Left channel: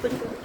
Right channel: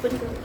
Open करो।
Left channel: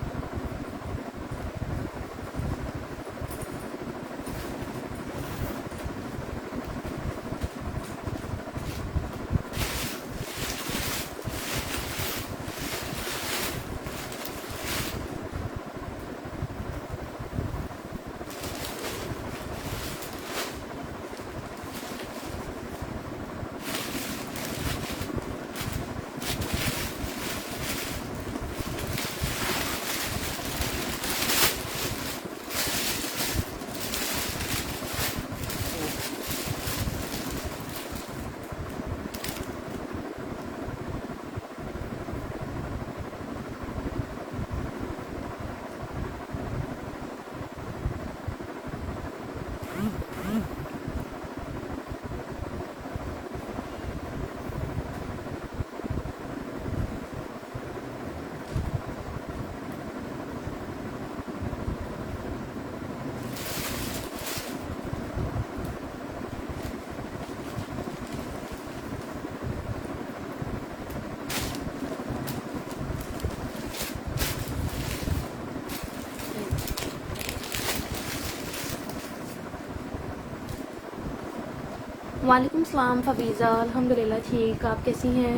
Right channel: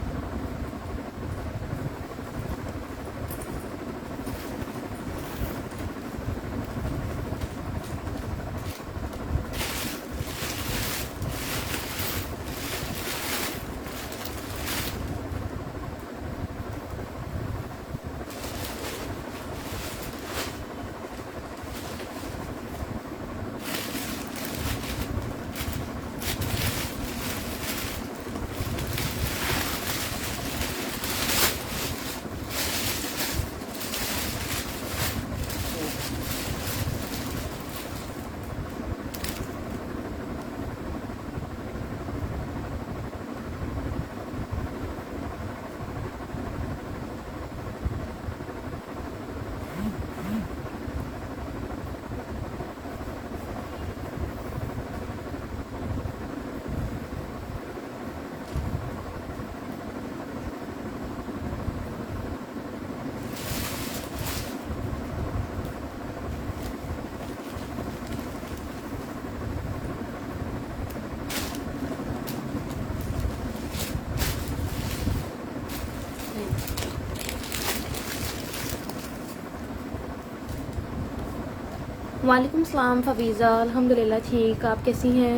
वालेकुम सलाम फबीज़ा, अल्हम्दुलिल्लाह ठीक। आप कैसी हैं?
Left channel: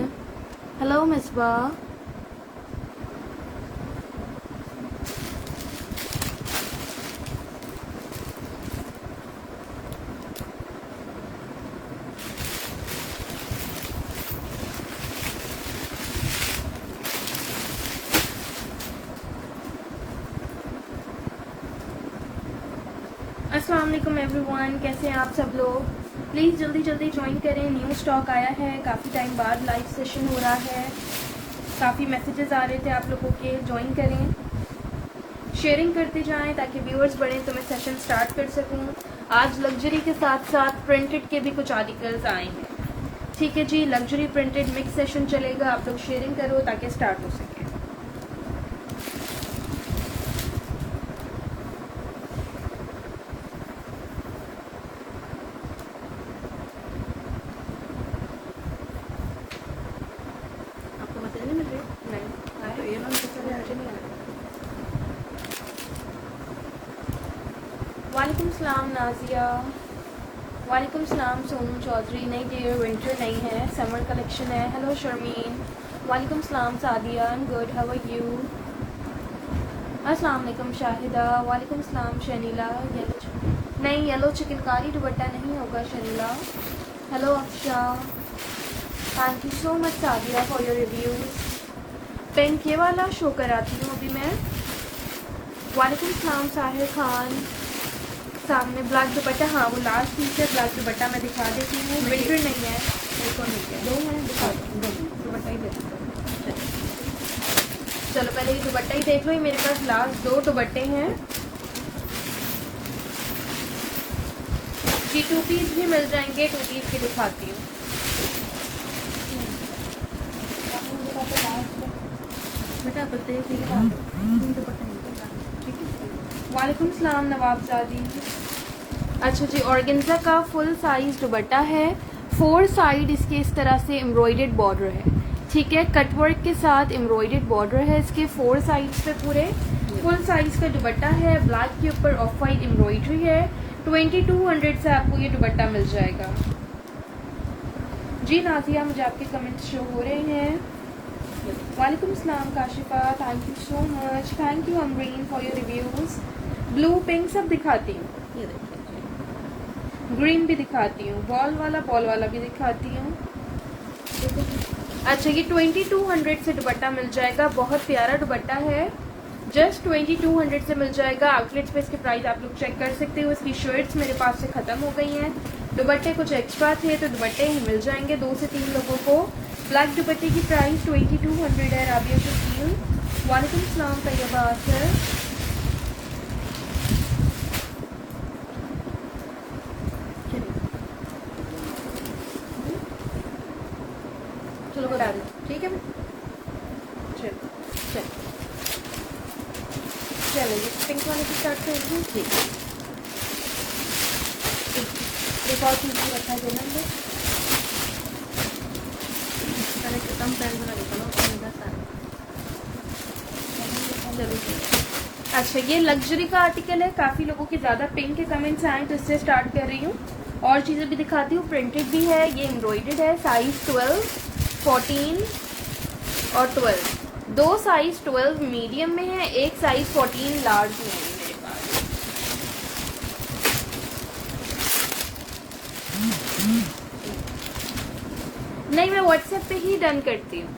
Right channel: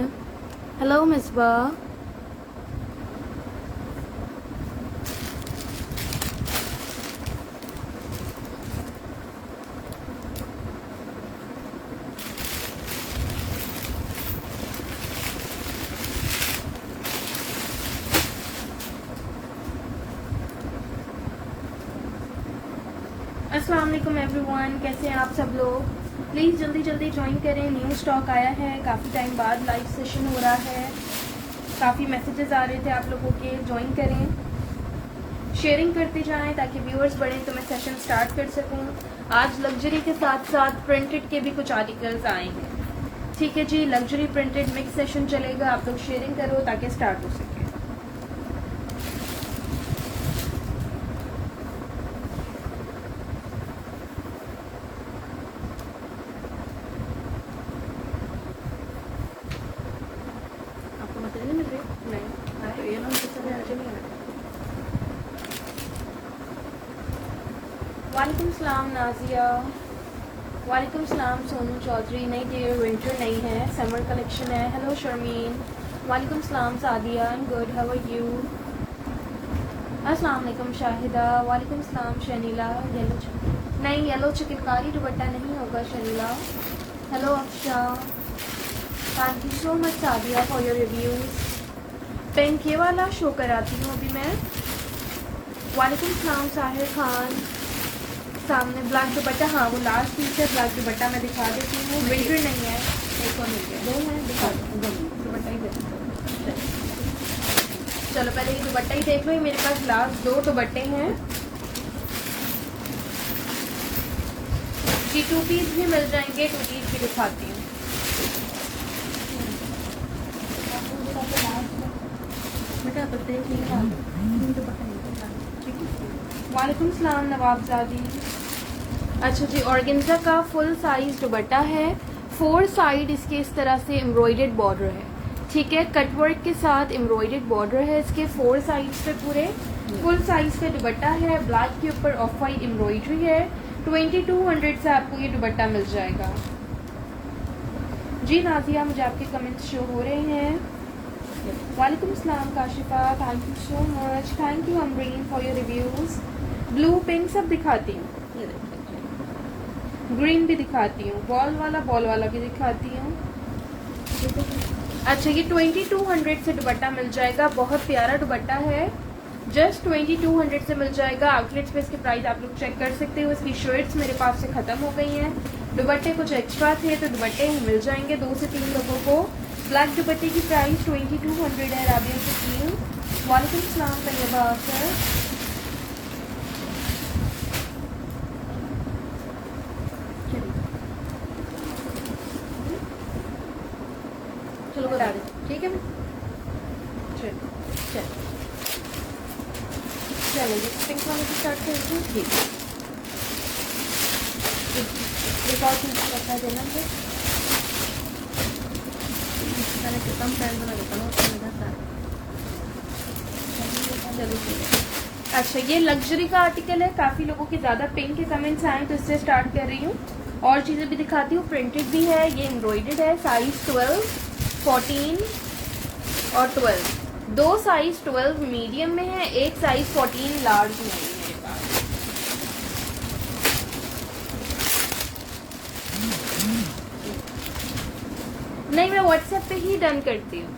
हेलो मिसबा। अस्सलाम वालेकुम एवरीवन, कैसे हैं आप सब लोग? प्लीज़ जल्दी जल्दी ज्वाइन करें। न्यू स्टॉक आया है, काफ़ी टाइम बाद लाइव सेशन हो रहा है। काफ़ी मैसेजेस आ रहे थे आप लोगों के, ज्वाइन करें, शेयरिंग करते जाएं ताकि व्यूअर्स बढ़ें तो मैं सेशन स्टार्ट कर सकूं। आज लग्जरी के साथ साथ प्रिंटेड के भी कुछ आर्टिकल्स आए हैं। ठीक है जी, लग्जरी प्रिंटेड मिक्स सेशन चलेगा। आप लोग शेयरिंग करो ताकि स्टार्ट हो सके। वालेकुम सलाम नाजिया। वालेकुम सलाम सोनू चौधरी। नहीं डियर, विंटर नहीं है, समर कलेक्शन है। हेलो शर्मीन। वालेकुम सलाम Sadia. And good, how are you? अस्सलाम वालेकुम शाहिदा। वालेकुम सलाम शनीला। नहीं, येलो चिकनकारी दुपट्टा नहीं होगा Shanila. Hello अक्षा। Thank you so much Sadia for your review. Pink ये वाला शो कराती हूँ अभी मैं। वालेकुम सलाम साहिर खान। सामने ब्लैक दुपट्टा, हाँ वो लास्ट पीस है। ब्लैक दुपट्टा मैं दिखा देती हूँ, ब्लेजर नहीं है। एक और दो मिनट दिखा दुपट्टा ही देख। चलो पहले ये दुपट्टा ही देख लो। मेरे पास लास्ट दो दुपट्टे हैं जी। 2 पीस भी मिल जाएंगे, 2 पीस भी दिखाती हूँ। वालेकुम सलाम नवाबजादी। अच्छा जी, ऑर्गेन्जा का फुल साइज दुपट्टा है। 4 साइड इसके इस तरह से एम्ब्रॉयडर्ड बॉर्डर है। ठीक है, कटवर्क के साथ एम्ब्रॉयडर्ड बॉर्डर है इसके 4 साइड्स पे। पूरे फुल साइज का दुपट्टा है। ब्लैक के ऊपर ऑफ वाइट एम्ब्रॉयडरी है। 2200 से आपको ये दुपट्टा मिल जाएगा जी। नाजिया, मुझे आपके कमेंट्स शो हो रहे हैं। वालेकुम सलाम Kashifa, thank you so much. Thank you Amreen for your reviews. Blue pink सब दिखाती हूँ, ग्रीन भी दिखाती हूँ, बॉल वाला भी दिखाती हूँ। अच्छा, ये 2200 से दुपट्टा मिल जाएगा। बहुत प्यारा दुपट्टा है, जस्ट 2200 से मिल जाएगा। आउटलेट्स पे इसके प्राइस आप लोग चेक कर सकते हो। इसकी शर्ट्स मेरे पास से खत्म हो गई हैं। दुपट्टे कुछ एक्स्ट्रा थे तो दुपट्टे ही मिल जाएंगे 2 से 3 लोगों को। ब्लैक दुपट्टे की प्राइस 2200 है। राबिया से वालेकुम सलाम तैयबा आखिर। चलो बता दो, ठीक है ना? चलो चलो चलो पिंक वाले की स्टार्ट करेंगे। ठीक है, एक और चीज रखा देंगे। कम प्राइस वाला देखा लो, अच्छा, ये लग्जरी का आर्टिकल है, काफी लोगों के ज्यादा पिंक के कमेंट्स आए तो इससे स्टार्ट कर रही हूँ। और चीजें भी दिखाती हूँ, प्रिंटेड भी है, ये एम्ब्रॉयडर्ड है, साइज 12, 14 और 12, दो साइज 12 मीडियम में है, एक साइज 14 लार्ज में है मेरे पास। नहीं, मैं व्हाट्सएप पे ही डन करती हूँ।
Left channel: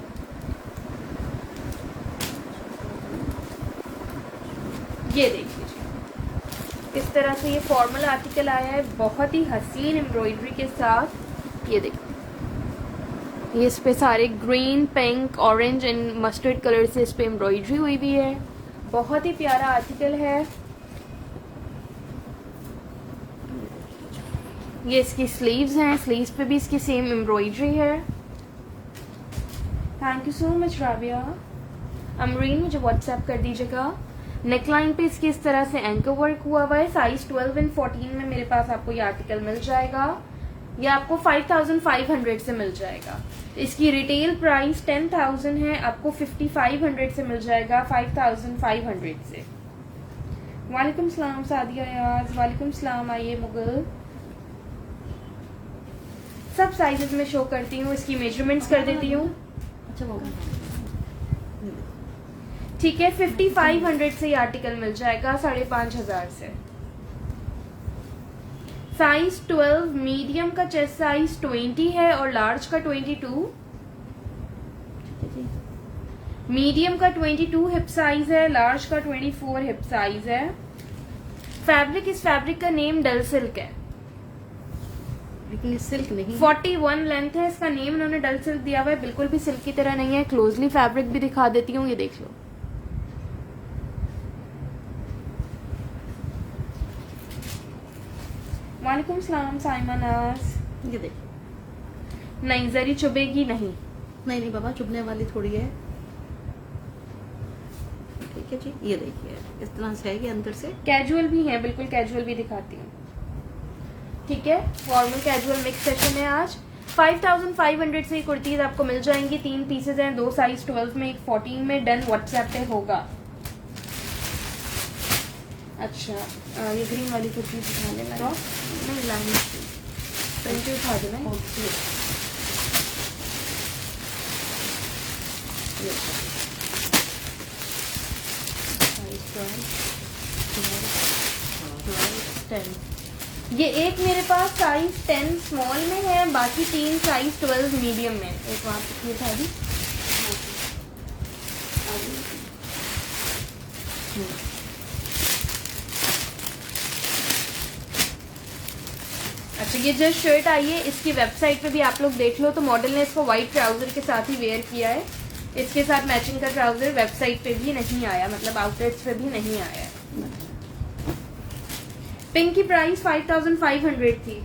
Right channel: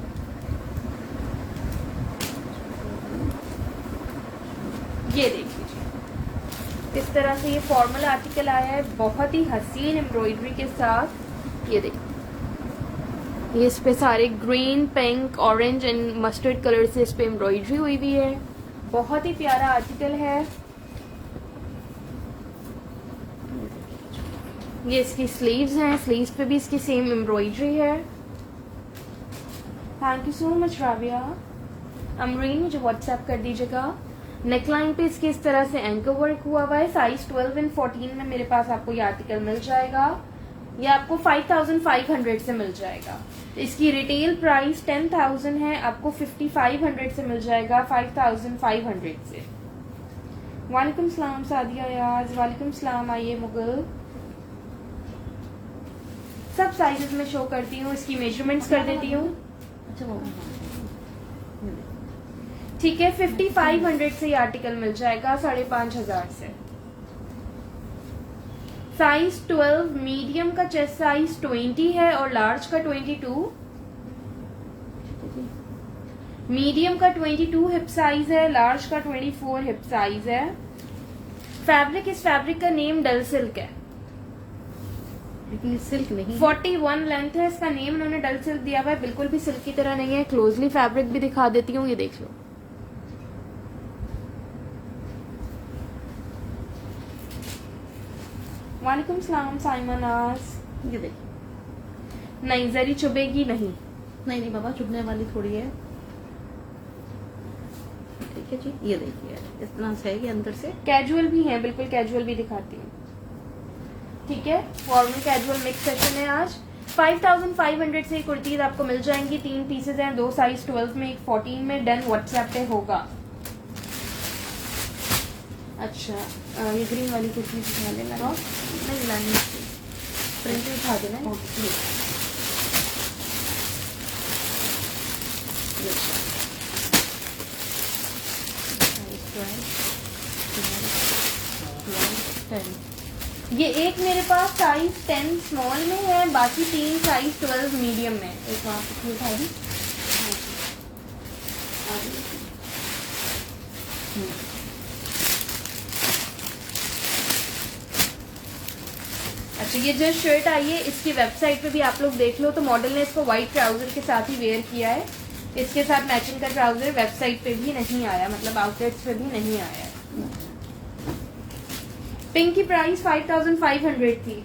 ये देख लीजिए, इस तरह से ये फॉर्मल आर्टिकल आया है, बहुत ही हसीन एम्ब्रॉयडरी के साथ। ये देखिए, ये इस पे सारे green, pink, orange and mustard colour से इस पे एम्ब्रॉयडरी हुई हुई है। बहुत ही प्यारा आर्टिकल है। ये इसकी स्लीव्स हैं, स्लीव्स पे भी इसकी सेम एम्ब्रॉयडरी है। Thank you so much Rabia. Amreen, मुझे व्हाट्सएप कर दीजिएगा। नेकलाइन पे इसके इस तरह से एंकर वर्क हुआ हुआ है, साइज 12 एंड 14 में मेरे पास आपको ये आर्टिकल मिल जाएगा। ये आपको 5500 से मिल जाएगा। इसकी रिटेल प्राइस 10,000 है, आपको 5500 से मिल जाएगा 5500 से। वालेकुम सलाम सादिया याज, वालेकुम सलाम। आइए मुगल, सब साइजेस में शो करती हूँ, इसकी मेजरमेंट्स कर देती हूँ। अच्छा, वो ठीक है, 5500 से ये आर्टिकल मिल जाएगा, 5500 से। साइज 12 मीडियम का चेस्ट साइज 20 है और लार्ज का 22। मीडियम का 22 हिप साइज है, लार्ज का 24 हिप साइज है। फैब्रिक, इस फैब्रिक का नेम डल सिल्क है, लेकिन सिल्क नहीं। 41 लेंथ है, इसका नेम इन्होंने डल सिल्क दिया हुआ है, बिल्कुल भी सिल्क की तरह नहीं है। क्लोजली फैब्रिक भी दिखा देती हूँ, ये देख लो। वालेकुम सलाम साइमन आस। ये देखिए, नहीं, जरी चुभेगी नहीं। नहीं बाबा, चुभने वाली थोड़ी है। ठीक है जी, ये देखिए, इतना सा है ये अंदर से। कैजुअल भी है, बिल्कुल कैजुअल भी दिखाती हूँ। ठीक है, फॉर्मल कैजुअल मिक्स सेशन है आज। 5500 से कुर्तीज आपको मिल जाएंगी। 3 पीसेज हैं, 2 साइज 12 में, एक 14 में। डन व्हाट्सएप पे होगा। अच्छा, ये ग्रीन वाली कुर्ती दिखा देना, प्रिंट उठा देना। ये एक मेरे पास साइज 10 स्मॉल में है, बाकी 3 साइज 12 मीडियम में। एक वहां पे था दी। अच्छा, ये जो शर्ट आई है, इसकी वेबसाइट पे भी आप लोग देख लो तो मॉडल ने इसको व्हाइट ट्राउजर के साथ ही वेयर किया है। इसके साथ मैचिंग का ट्राउजर वेबसाइट पे भी नहीं आया, मतलब आउटलेट्स पे भी नहीं आया। पिंक की प्राइस 5500 थी।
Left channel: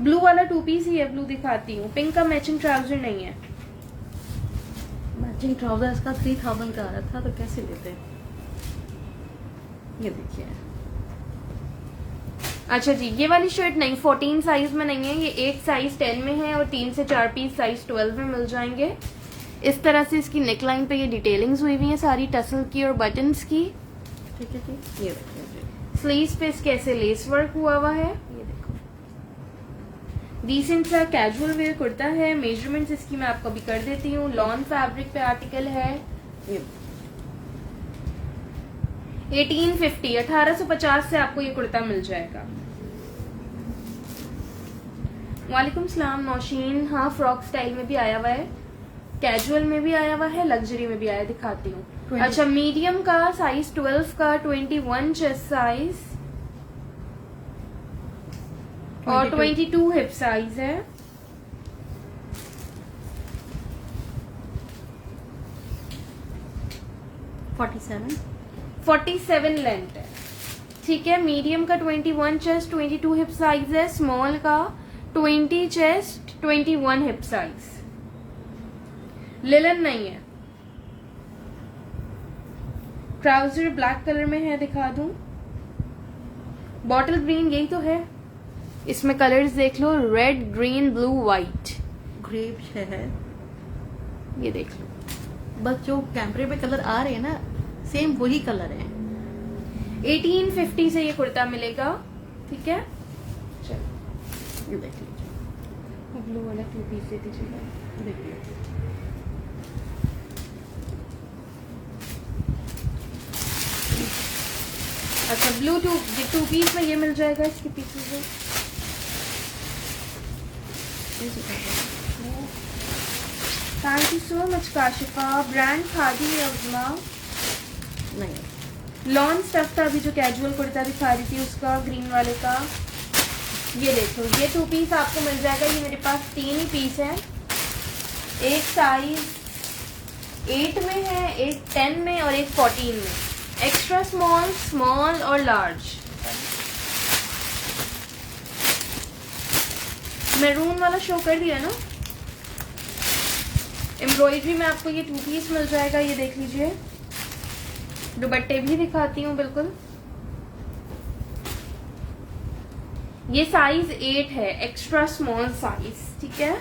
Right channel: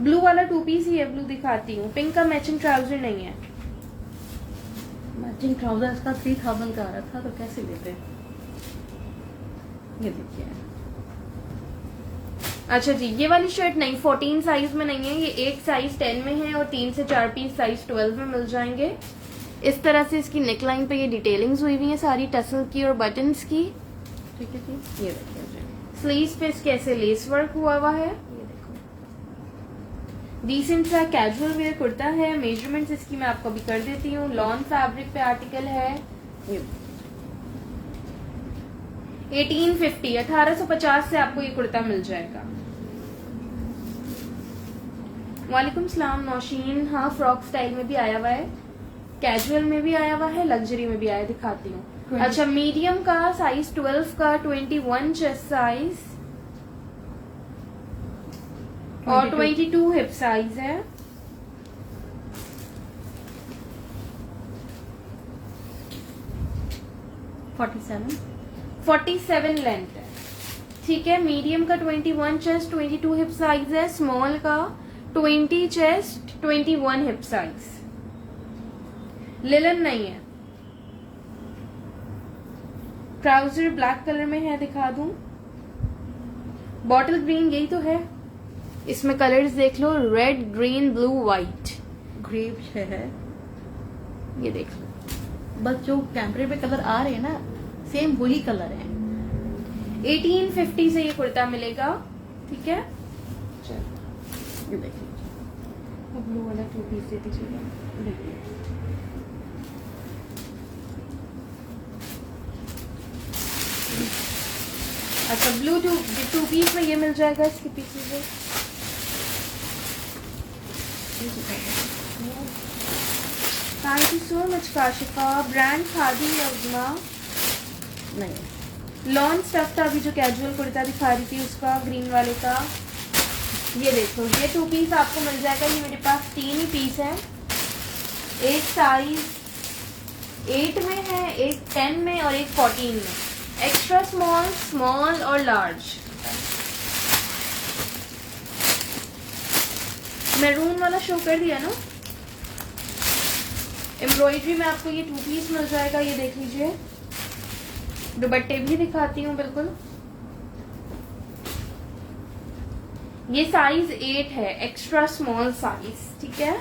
ब्लू वाला 2 पीस ही है, ब्लू दिखाती हूँ। पिंक का मैचिंग ट्राउजर नहीं है। मैचिंग ट्राउजर इसका 3000 का आ रहा था, तो कैसे लेते? ये देखिए। अच्छा जी, ये वाली शर्ट नहीं, 14 साइज में नहीं है, ये एक साइज 10 में है और 3 से 4 पीस साइज 12 में मिल जाएंगे। इस तरह से इसकी नेकलाइन पे ये डिटेलिंग्स हुई हुई है सारी, टसल की और बटन्स की। ठीक है जी, ये देखिए। स्लीव्स पे इसके ऐसे लेस वर्क हुआ हुआ है। ये देखो, डिसेंट सा कैजुअल वेयर कुर्ता है। मेजरमेंट्स इसकी मैं आपको भी कर देती हूँ। लॉन फैब्रिक पे आर्टिकल है। 1850, 1850 से आपको ये कुर्ता मिल जाएगा। वालेकुम सलाम नौशीन। हाँ, फ्रॉक स्टाइल में भी आया हुआ है, कैजुअल में भी आया हुआ है, लग्जरी में भी आया, दिखाती हूँ। अच्छा, मीडियम का साइज 12 का 21 चेस्ट साइज और 22 हिप साइज है। 47 लेंथ है। ठीक है, मीडियम का 21 चेस्ट, 22 हिप साइज है। स्मॉल का 20 चेस्ट, 21 हिप साइज। लिलन नहीं है। ट्राउजर ब्लैक कलर में है, दिखा दूं। बॉटल ग्रीन यही तो है। इसमें कलर्स देख लो, red, green, blue, white. Grape है। ये देख लो, बस जो कैमरे पे कलर आ रहे हैं ना, सेम वही कलर है। 1850 से ये कुर्ता मिलेगा, ठीक है। चलो ये देखिए, ब्लू वाला 2 पीस दे दीजिएगा। देखिए अच्छा, ब्लू 2 पीस में ये मिल जाएगा इसके पीछे से। Thank you so much Kashifa. Brand Khaadi योजना नहीं, लॉन्ग स्टफ का भी जो कैजुअल कुर्ता दिखा रही थी उसका, ग्रीन वाले का, ये देखो ये 2 पीस आपको मिल जाएगा। ये मेरे पास 3 ही पीस है। एक साइज 8 में है, एक 10 में और एक 14 में। एक्स्ट्रा स्मॉल, स्मॉल और लार्ज। मैरून वाला शो कर दिया ना। एम्ब्रॉयडरी में आपको ये 2 पीस मिल जाएगा, ये देख लीजिए। दुपट्टे भी दिखाती हूँ बिल्कुल। ये साइज 8 है, एक्स्ट्रा स्मॉल साइज, ठीक है।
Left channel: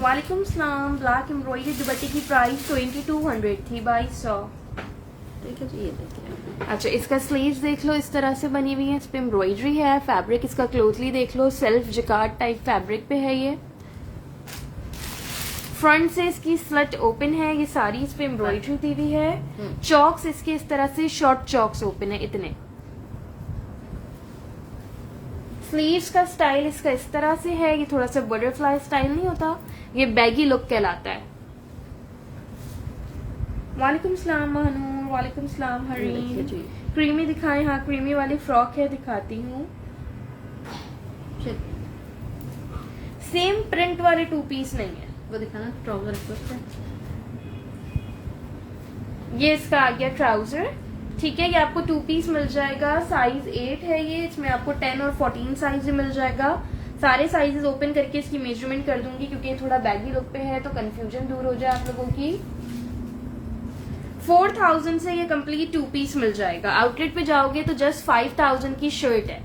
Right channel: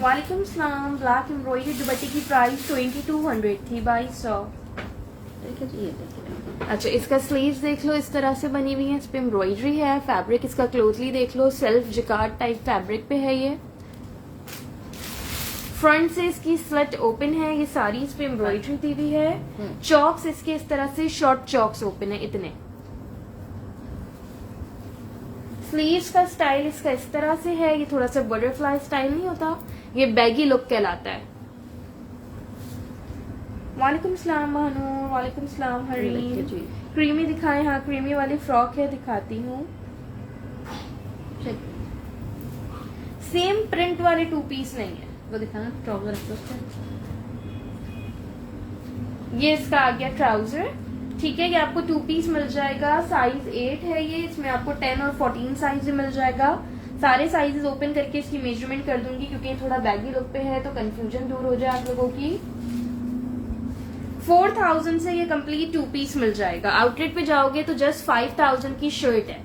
वालेकुम सलाम। ब्लैक एम्ब्रॉयडरी दुपट्टे की प्राइस 2200 थी, 2200। ये देखिए, अच्छा, इसका स्लीव्स देख लो, इस तरह से बनी हुई है, इस पे एम्ब्रॉयडरी है। फैब्रिक इसका क्लोजली देख लो, सेल्फ जिकार्ड टाइप फैब्रिक पे है ये। फ्रंट से इसकी स्लट ओपन है, ये सारी इस पे एम्ब्रॉयडरी दी हुई है। चॉक्स इसके इस तरह से शॉर्ट चॉक्स ओपन है इतने। स्लीव्स का स्टाइल इसका इस तरह से है, ये थोड़ा सा बटरफ्लाई स्टाइल नहीं होता, ये बैगी लुक कहलाता है। वालेकुम सलाम महानूर। वालेकुम सलाम हरीम। क्रीमी दिखाएं? हाँ, क्रीमी वाली फ्रॉक है, दिखाती हूँ। सेम प्रिंट वाले 2 पीस नहीं है, वो दिखाना ट्राउजर पे। ये इसका आ गया ट्राउजर, ठीक है। ये आपको 2 पीस मिल जाएगा, साइज 8 है ये। इसमें आपको 10 और 14 साइज मिल जाएगा। सारे साइजेस ओपन करके इसकी मेजरमेंट कर दूंगी, क्योंकि ये थोड़ा बैगी लुक पे है तो कंफ्यूजन दूर हो जाए आप लोगों की। 4000 से ये कंप्लीट 2 पीस मिल जाएगा। आउटलेट पे जाओगे तो जस्ट 5000 की शर्ट है,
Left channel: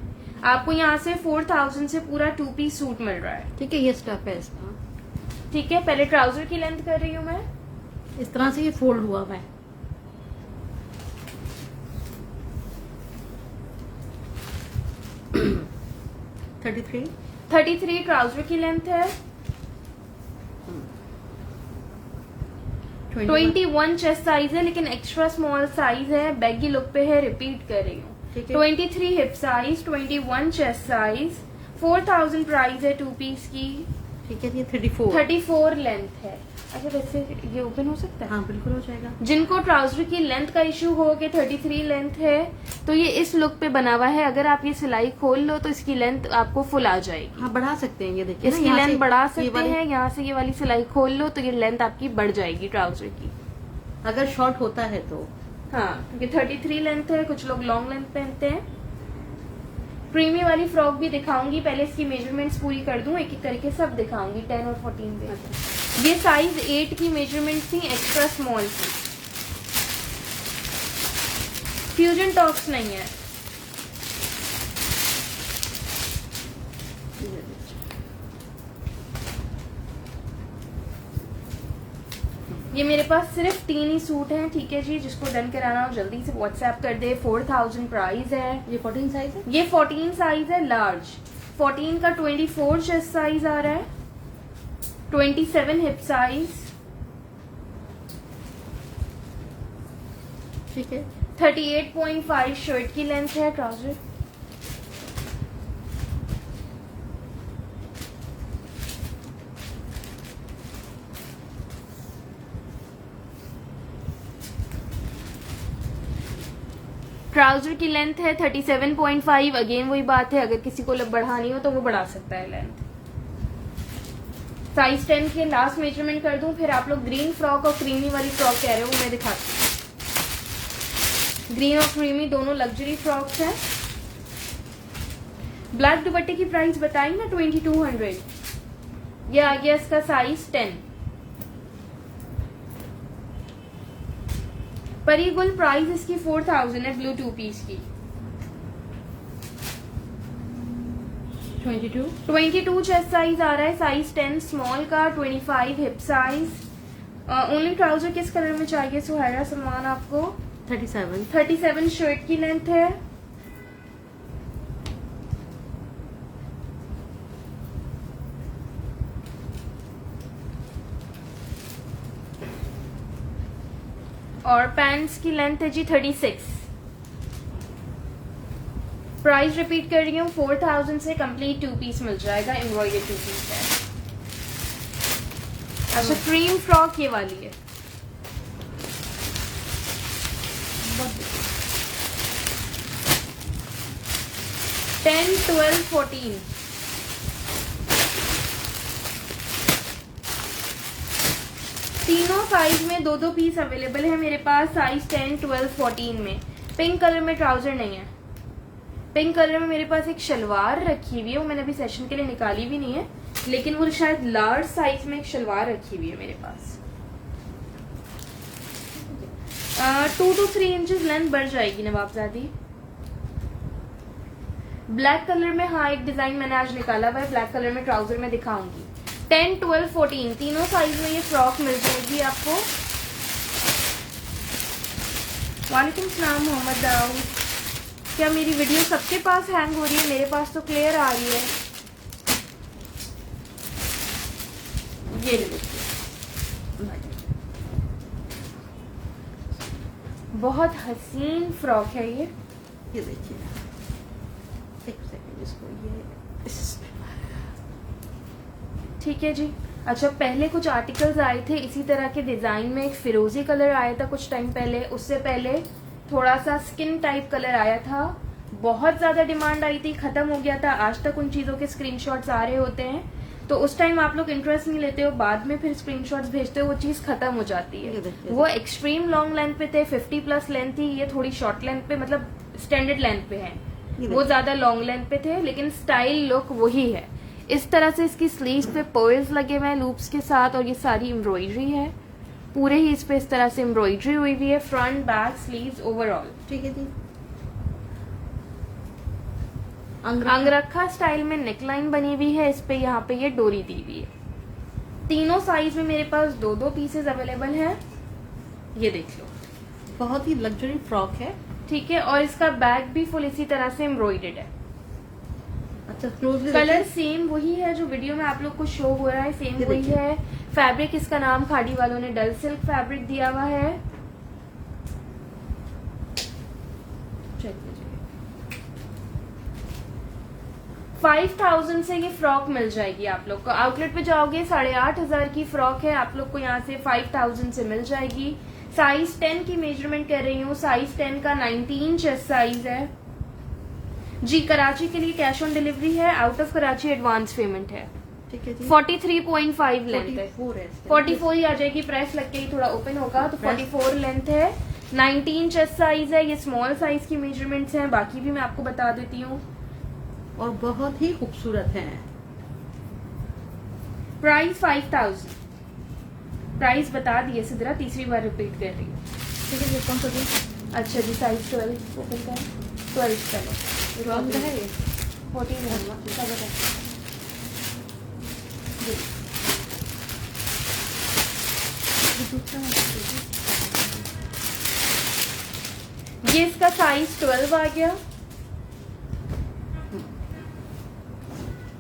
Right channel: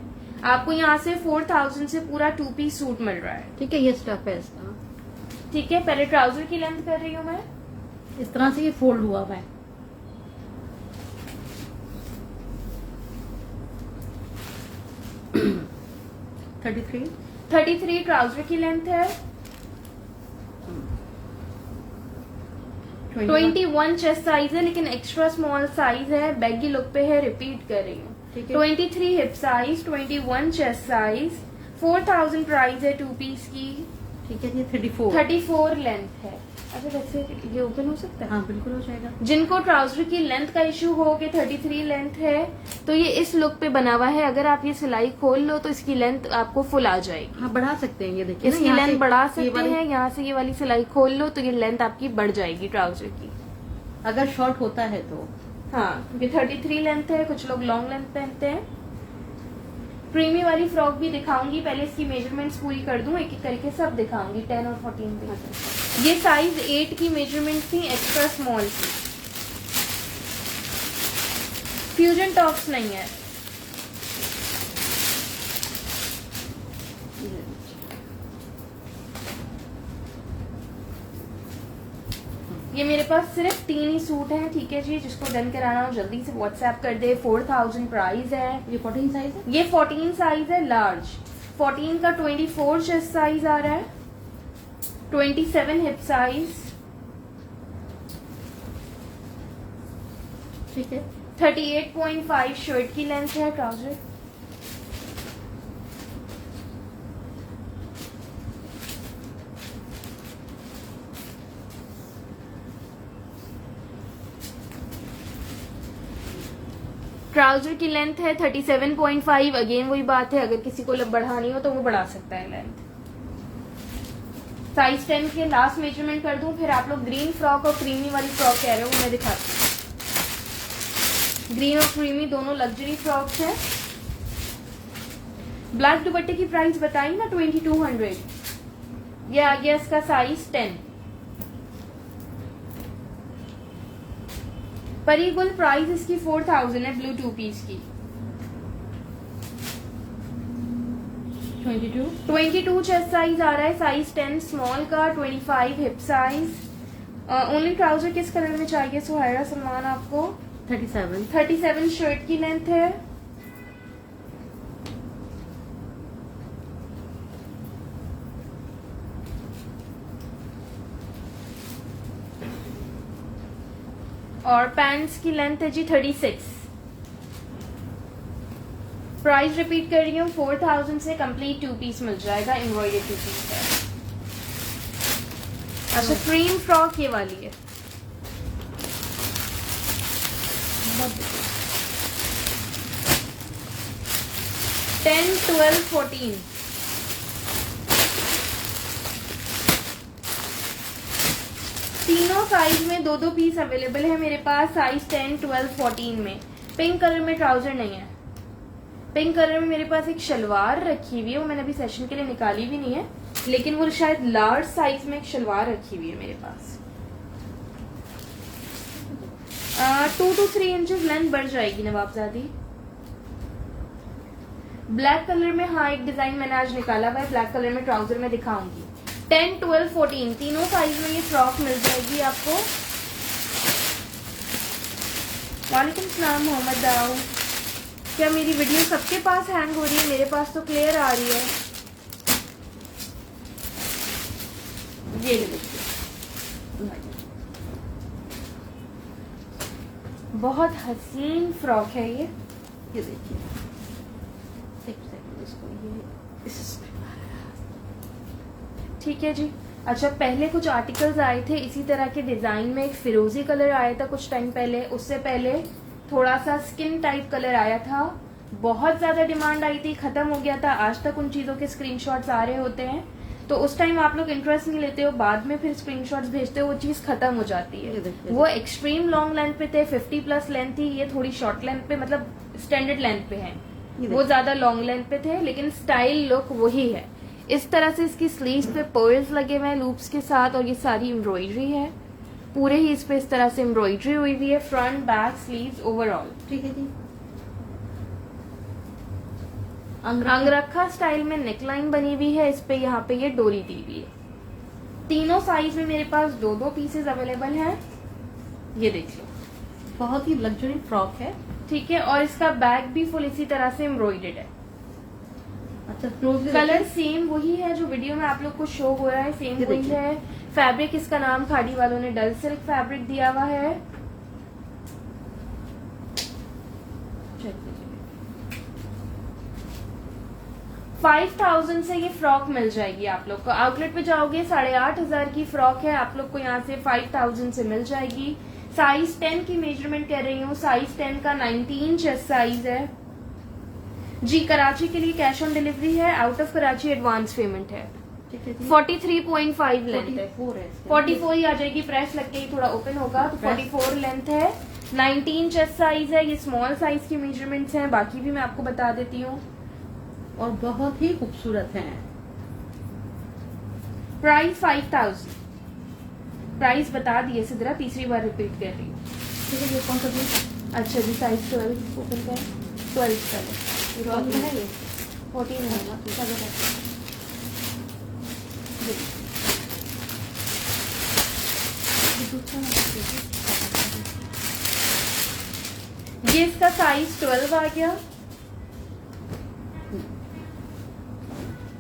आपको यहाँ से 4000 से पूरा 2 पीस सूट मिल रहा है, ठीक है। ये स्टफ है इसका, ठीक है। पहले ट्राउजर की लेंथ कर रही हूँ मैं। इस तरह से ये फोल्ड हुआ हुआ है। थर्टी 33 ट्राउजर की लेंथ है। 21 चेस्ट साइज है, लेकिन एक्स्ट्रा स्मॉल साइज है, बैगी लुक पे है, रिपीट कर रही हूँ। ठीक है। 23 hip size, 21 chest size, 4000 price है 2 पीस की। ठीक है। ये 34 34 लेंथ है। अच्छा, वैसे ये ओपन हो सकता है? हाँ, बिल्कुल हो जाएगा। जिनको ट्राउजर की लेंथ का इश्यू हो कि 33 लेंथ है, तो ये इस लुक पे बना हुआ है। अगर आप ये सिलाई खोल लो तो इसकी लेंथ आपको फुल आ जाएगी। हाँ, बढ़ा सकते हैं। ये देखिए, इसकी लेंथ बढ़ा सकते हैं, यहाँ से ये वाली सिलाई खोल लो तो ये लेंथ आपकी बढ़ जाएगी ट्राउजर की, अगर शॉर्ट होता है तो। हाँ, ये 33 लेंथ है। कुछ लोग लॉन्ग लेंथ पहनते हैं। क्रीमी वाली फ्रॉक भी दिखाऊंगी, पहले इसकी मेजरमेंट्स पूरी कर दूं, एक एक करके सब दिखाऊंगी। 10 और 14 पे। ये साइज 8 की मेजरमेंट थी, एक्स्ट्रा स्मॉल थी। फ्यूजन टॉप्स नहीं है। ये मेरे पास सिर्फ 3 ही सूट हैं, ठीक है जी। जिसको डन कराना हो जल्दी से व्हाट्सएप कर दे। 4000 प्राइस है। ये 14 साइज है। ये 14 साइज है, लार्ज। 14 का 24 चेस्ट साइज आ रहा है, 27 हिप साइज, ठीक है। 38.5 शर्ट की लेंथ है। ट्राउजर ट्राउजर की लेंथ है 37.5। अगेन वही बात है, अगर किसी को बढ़ानी हो तो वो बढ़ा सकता है लेंथ। साइज 10 के लास्ट मेजरमेंट कर दूं, फिर आप लोग ग्रीन फ्रॉक और क्रीमी वाली फ्रॉक कह रहे हो, मैं दिखाती हूँ। ग्रीन और क्रीमी दोनों लग्जरी फ्रॉक्स हैं। ब्लैक दुपट्टे की प्राइस बताई ना 2200। ये आ गया इसका साइज 10। परी गुल प्राइस इसकी 4000 है, ब्लू 2 पीस की। 22 22 चेस्ट साइज आ रहा है, साइज 10 स्मॉल का, 25 हिप साइज। ओनली ट्राउजर किस कलर में चाहिए सुहायरा सलमान आपको? 37 37 शर्ट की लेंथ है। और पैंट्स की लेंथ है जी 36। प्राइस रिपीट कर रही हूँ, 4000 से कंप्लीट 2 पीस मिल जाएगा, एम्ब्रॉयडरी 2 पीस है। अच्छा क्रीम फ्रॉक ये वाली है, टेन 12 14 तीनों साइज में 2-2 पीस अवेलेबल है मेरे पास, साइज 10 12 14 में। पिंक कलर में ट्राउजर नहीं है, पिंक कलर में मेरे पास एक शलवार रखी हुई है, वो मैंने अभी सेशन के लिए निकाली भी नहीं है, लेकिन वो शायद लार्ज साइज में एक शलवार रखी हुई है मेरे पास। 2 to 3 इंचेस लेंथ बढ़ जाएगी नवाबजादी। ब्लैक कलर में हाँ एक डिजाइन मैंने आज निकाला हुआ है, ब्लैक कलर में ट्राउजर में दिखाऊंगी। 10 12 14 तीनों साइज में ये फ्रॉक मिल जाएगी आपको। वालेकुम सलाम मोहम्मद दाऊद। क्या मेरी वीडियो सबके पास हैंग हो रही है? मेरे पास तो क्लियर आ रही है। ये देखिए बहुत हसीन फ्रॉक है ये देखिए, एक सेकंड इसको ये ठीक है जी। अच्छा पहले कुछ आर्टिकल्स आए थे इसी तरह के डिजाइन में, एक फिरोजी कलर आया था कुछ टाइम पहले, उससे पहले थोड़ा सा स्किन टाइप कलर आया था, बहुत ज्यादा डिमांड आई थी, खत्म हो गया था। आज तक उन चीजों के स्क्रीनशॉट्स आ रहे होते हैं, तो उस टाइम आप लोग इंटरेस्ट नहीं लेते हो, बाद में फिर स्क्रीनशॉट्स भेजते हो, वो चीज खत्म हो जाती है। वो एक्सट्रीम लॉन्ग लेंथ पे थे, 50+ लेंथ थी, ये थोड़ी शॉर्ट लेंथ पे मतलब स्टैंडर्ड लेंथ पे है, वो ज्यादा लॉन्ग लेंथ पे थे, लेकिन स्टाइल लुक वही है। इस तरह से इसकी स्लीव्स पे पर्ल्स लगे हुए हैं लूप्स के साथ, और ये सारी एम्ब्रॉयडरी है, पूरे ही इस पे इस तरह से एम्ब्रॉयडरी हुई हुई है, फ्रंट बैक स्लीव्स ओवरऑल। ठीक है जी। अंगरखा स्टाइल में नेकलाइन बनी हुई है, इस पे यहाँ पे ये डोरी दी हुई है। तीनों साइज में मेरे पास 2-2 पीसेज अवेलेबल हैं, ये देख लो, बहुत ही लग्जरी फ्रॉक है। ठीक है। और इसका बैक भी फुल इसी तरह से एम्ब्रॉयडेड है। अच्छा क्लोजली कलर सेम वही है जो वीडियो में आप लोग को शो हो रहा है, सेम ये वही देखिए। है। फैब्रिक इसका नाम खाड़ी वालों ने डल सिल्क फैब्रिक दिया हुआ है। चेक कीजिए, 5000 से ये फ्रॉक मिल जाएगी आप लोग को। आउटलेट पे जाओगे 8500 की फ्रॉक है, आप लोग को यहाँ से 5000 से मिल जाएगी। साइज 10 की मेजरमेंट कर रही हूँ, साइज 10 का 19 चेस्ट साइज है जी। कराची के लिए कैश ऑन डिलीवरी है, out of Karachi advance payment है। ठीक है जी। 43.5 लेंथ है, 44 है इसका। 44 ही आ जाएगी, प्रेस लग के ही थोड़ा ओपन होगा, तो 44 लेंथ है। 19 चेस्ट साइज है, ये स्मॉल साइज की मेजरमेंट्स हैं, बाकी भी मैं आपको बता देती हूँ। और बहुत ही खूबसूरत है। प्राइस 5000, प्राइस बता दिए सिद्रा, तीसरी बार रिपीट कर रही हूँ। ठीक है, ये कौन सा जी? अच्छा जी, साइज 12 को कितना है? 12 चलो, कौन सा है ये? 14 रहेगा, चलो रखो। ये इसका साइज 12 आ गया।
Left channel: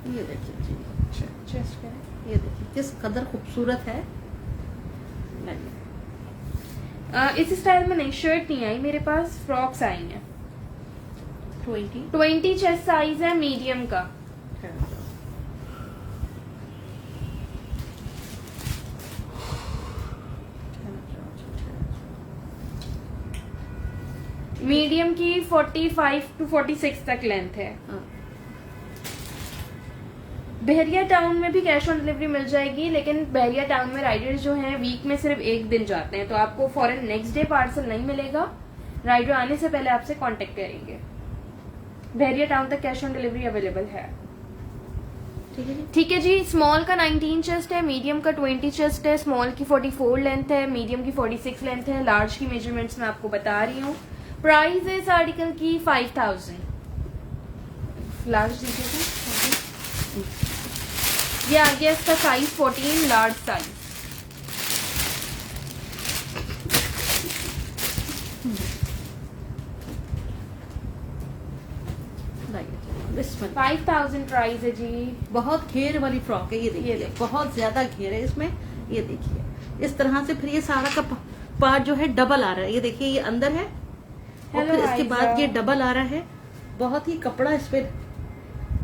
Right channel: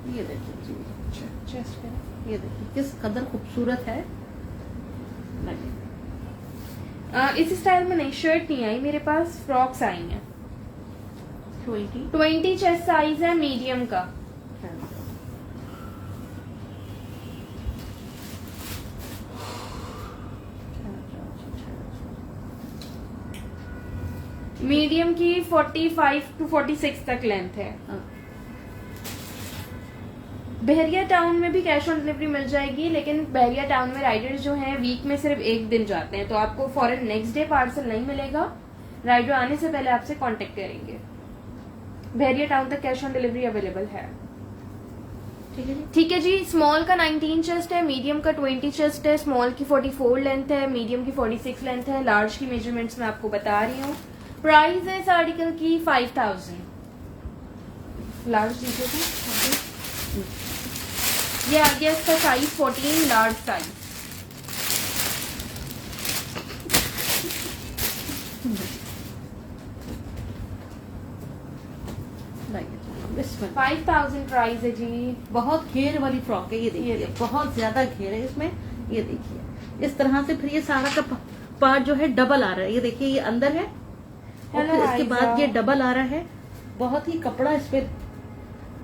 ये देखिए जी, चेस्ट पे ये देखिए किस कदर खूबसूरत है। इस स्टाइल में नहीं, शर्ट नहीं आई मेरे पास, फ्रॉक्स आई हैं। 20 चेस्ट साइज है, मीडियम का। मीडियम की 45 to 46 तक लेंथ है। बहरिया टाउन में भी कैश ऑन डिलीवरी मिल जाएगी, लेकिन बहरिया टाउन में राइडर्स जो हैं वीक में सिर्फ एक दिन जाते हैं, तो आपको फौरन नेक्स्ट डे पार्सल नहीं मिलेगा, राइडर आने से पहले आपसे कांटेक्ट करेंगे। बहरिया टाउन तक कैश ऑन डिलीवरी अवेलेबल है। ठीक है जी। स्मॉल का 19 चेस्ट है, मीडियम का 20 चेस्ट है, स्मॉल की 44 लेंथ है, मीडियम की 46 लेंथ है, लार्ज की मेजरमेंट्स मैं आपको बता रही हूँ। प्राइस है इस आर्टिकल की 5000। लार्ज दीजिएगा। ये आ गया इसका साइज 14 लार्ज साइज। इसमें 5000 प्राइस है जी। बहुत घेर वाली फ्रॉक है, ये देखिए, देखिए। बहुत ज्यादा घेर है इसमें। ये देखिए इस तरह से, फिर ये सारा का पार्ट जो है डबल आ रहा है। ये देखिए ये अंदर है और हेलो फिर इसके बाद आयशा। ये डबल आ रहा है। बहुत ही कपड़ा इस पे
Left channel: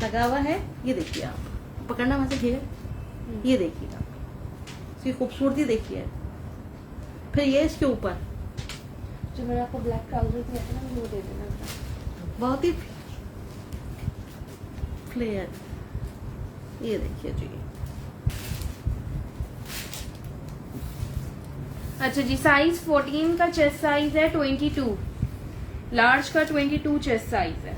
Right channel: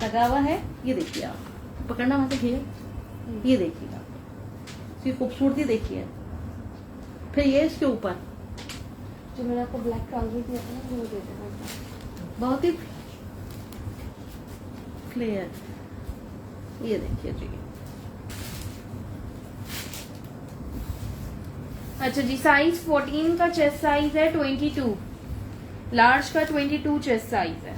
लगा हुआ है। ये देखिए आप पकड़ना वहां से घेर, ये देखिए आप इसकी खूबसूरती देखिए। फिर ये इसके ऊपर जो मैंने आपको ब्लैक ट्राउजर दिया था ना, वो दे देना। बहुत ही क्लियर, ये देखिए जी। अच्छा जी, साइज 14 का चेस्ट साइज है, 22 लार्ज का 22 चेस्ट साइज है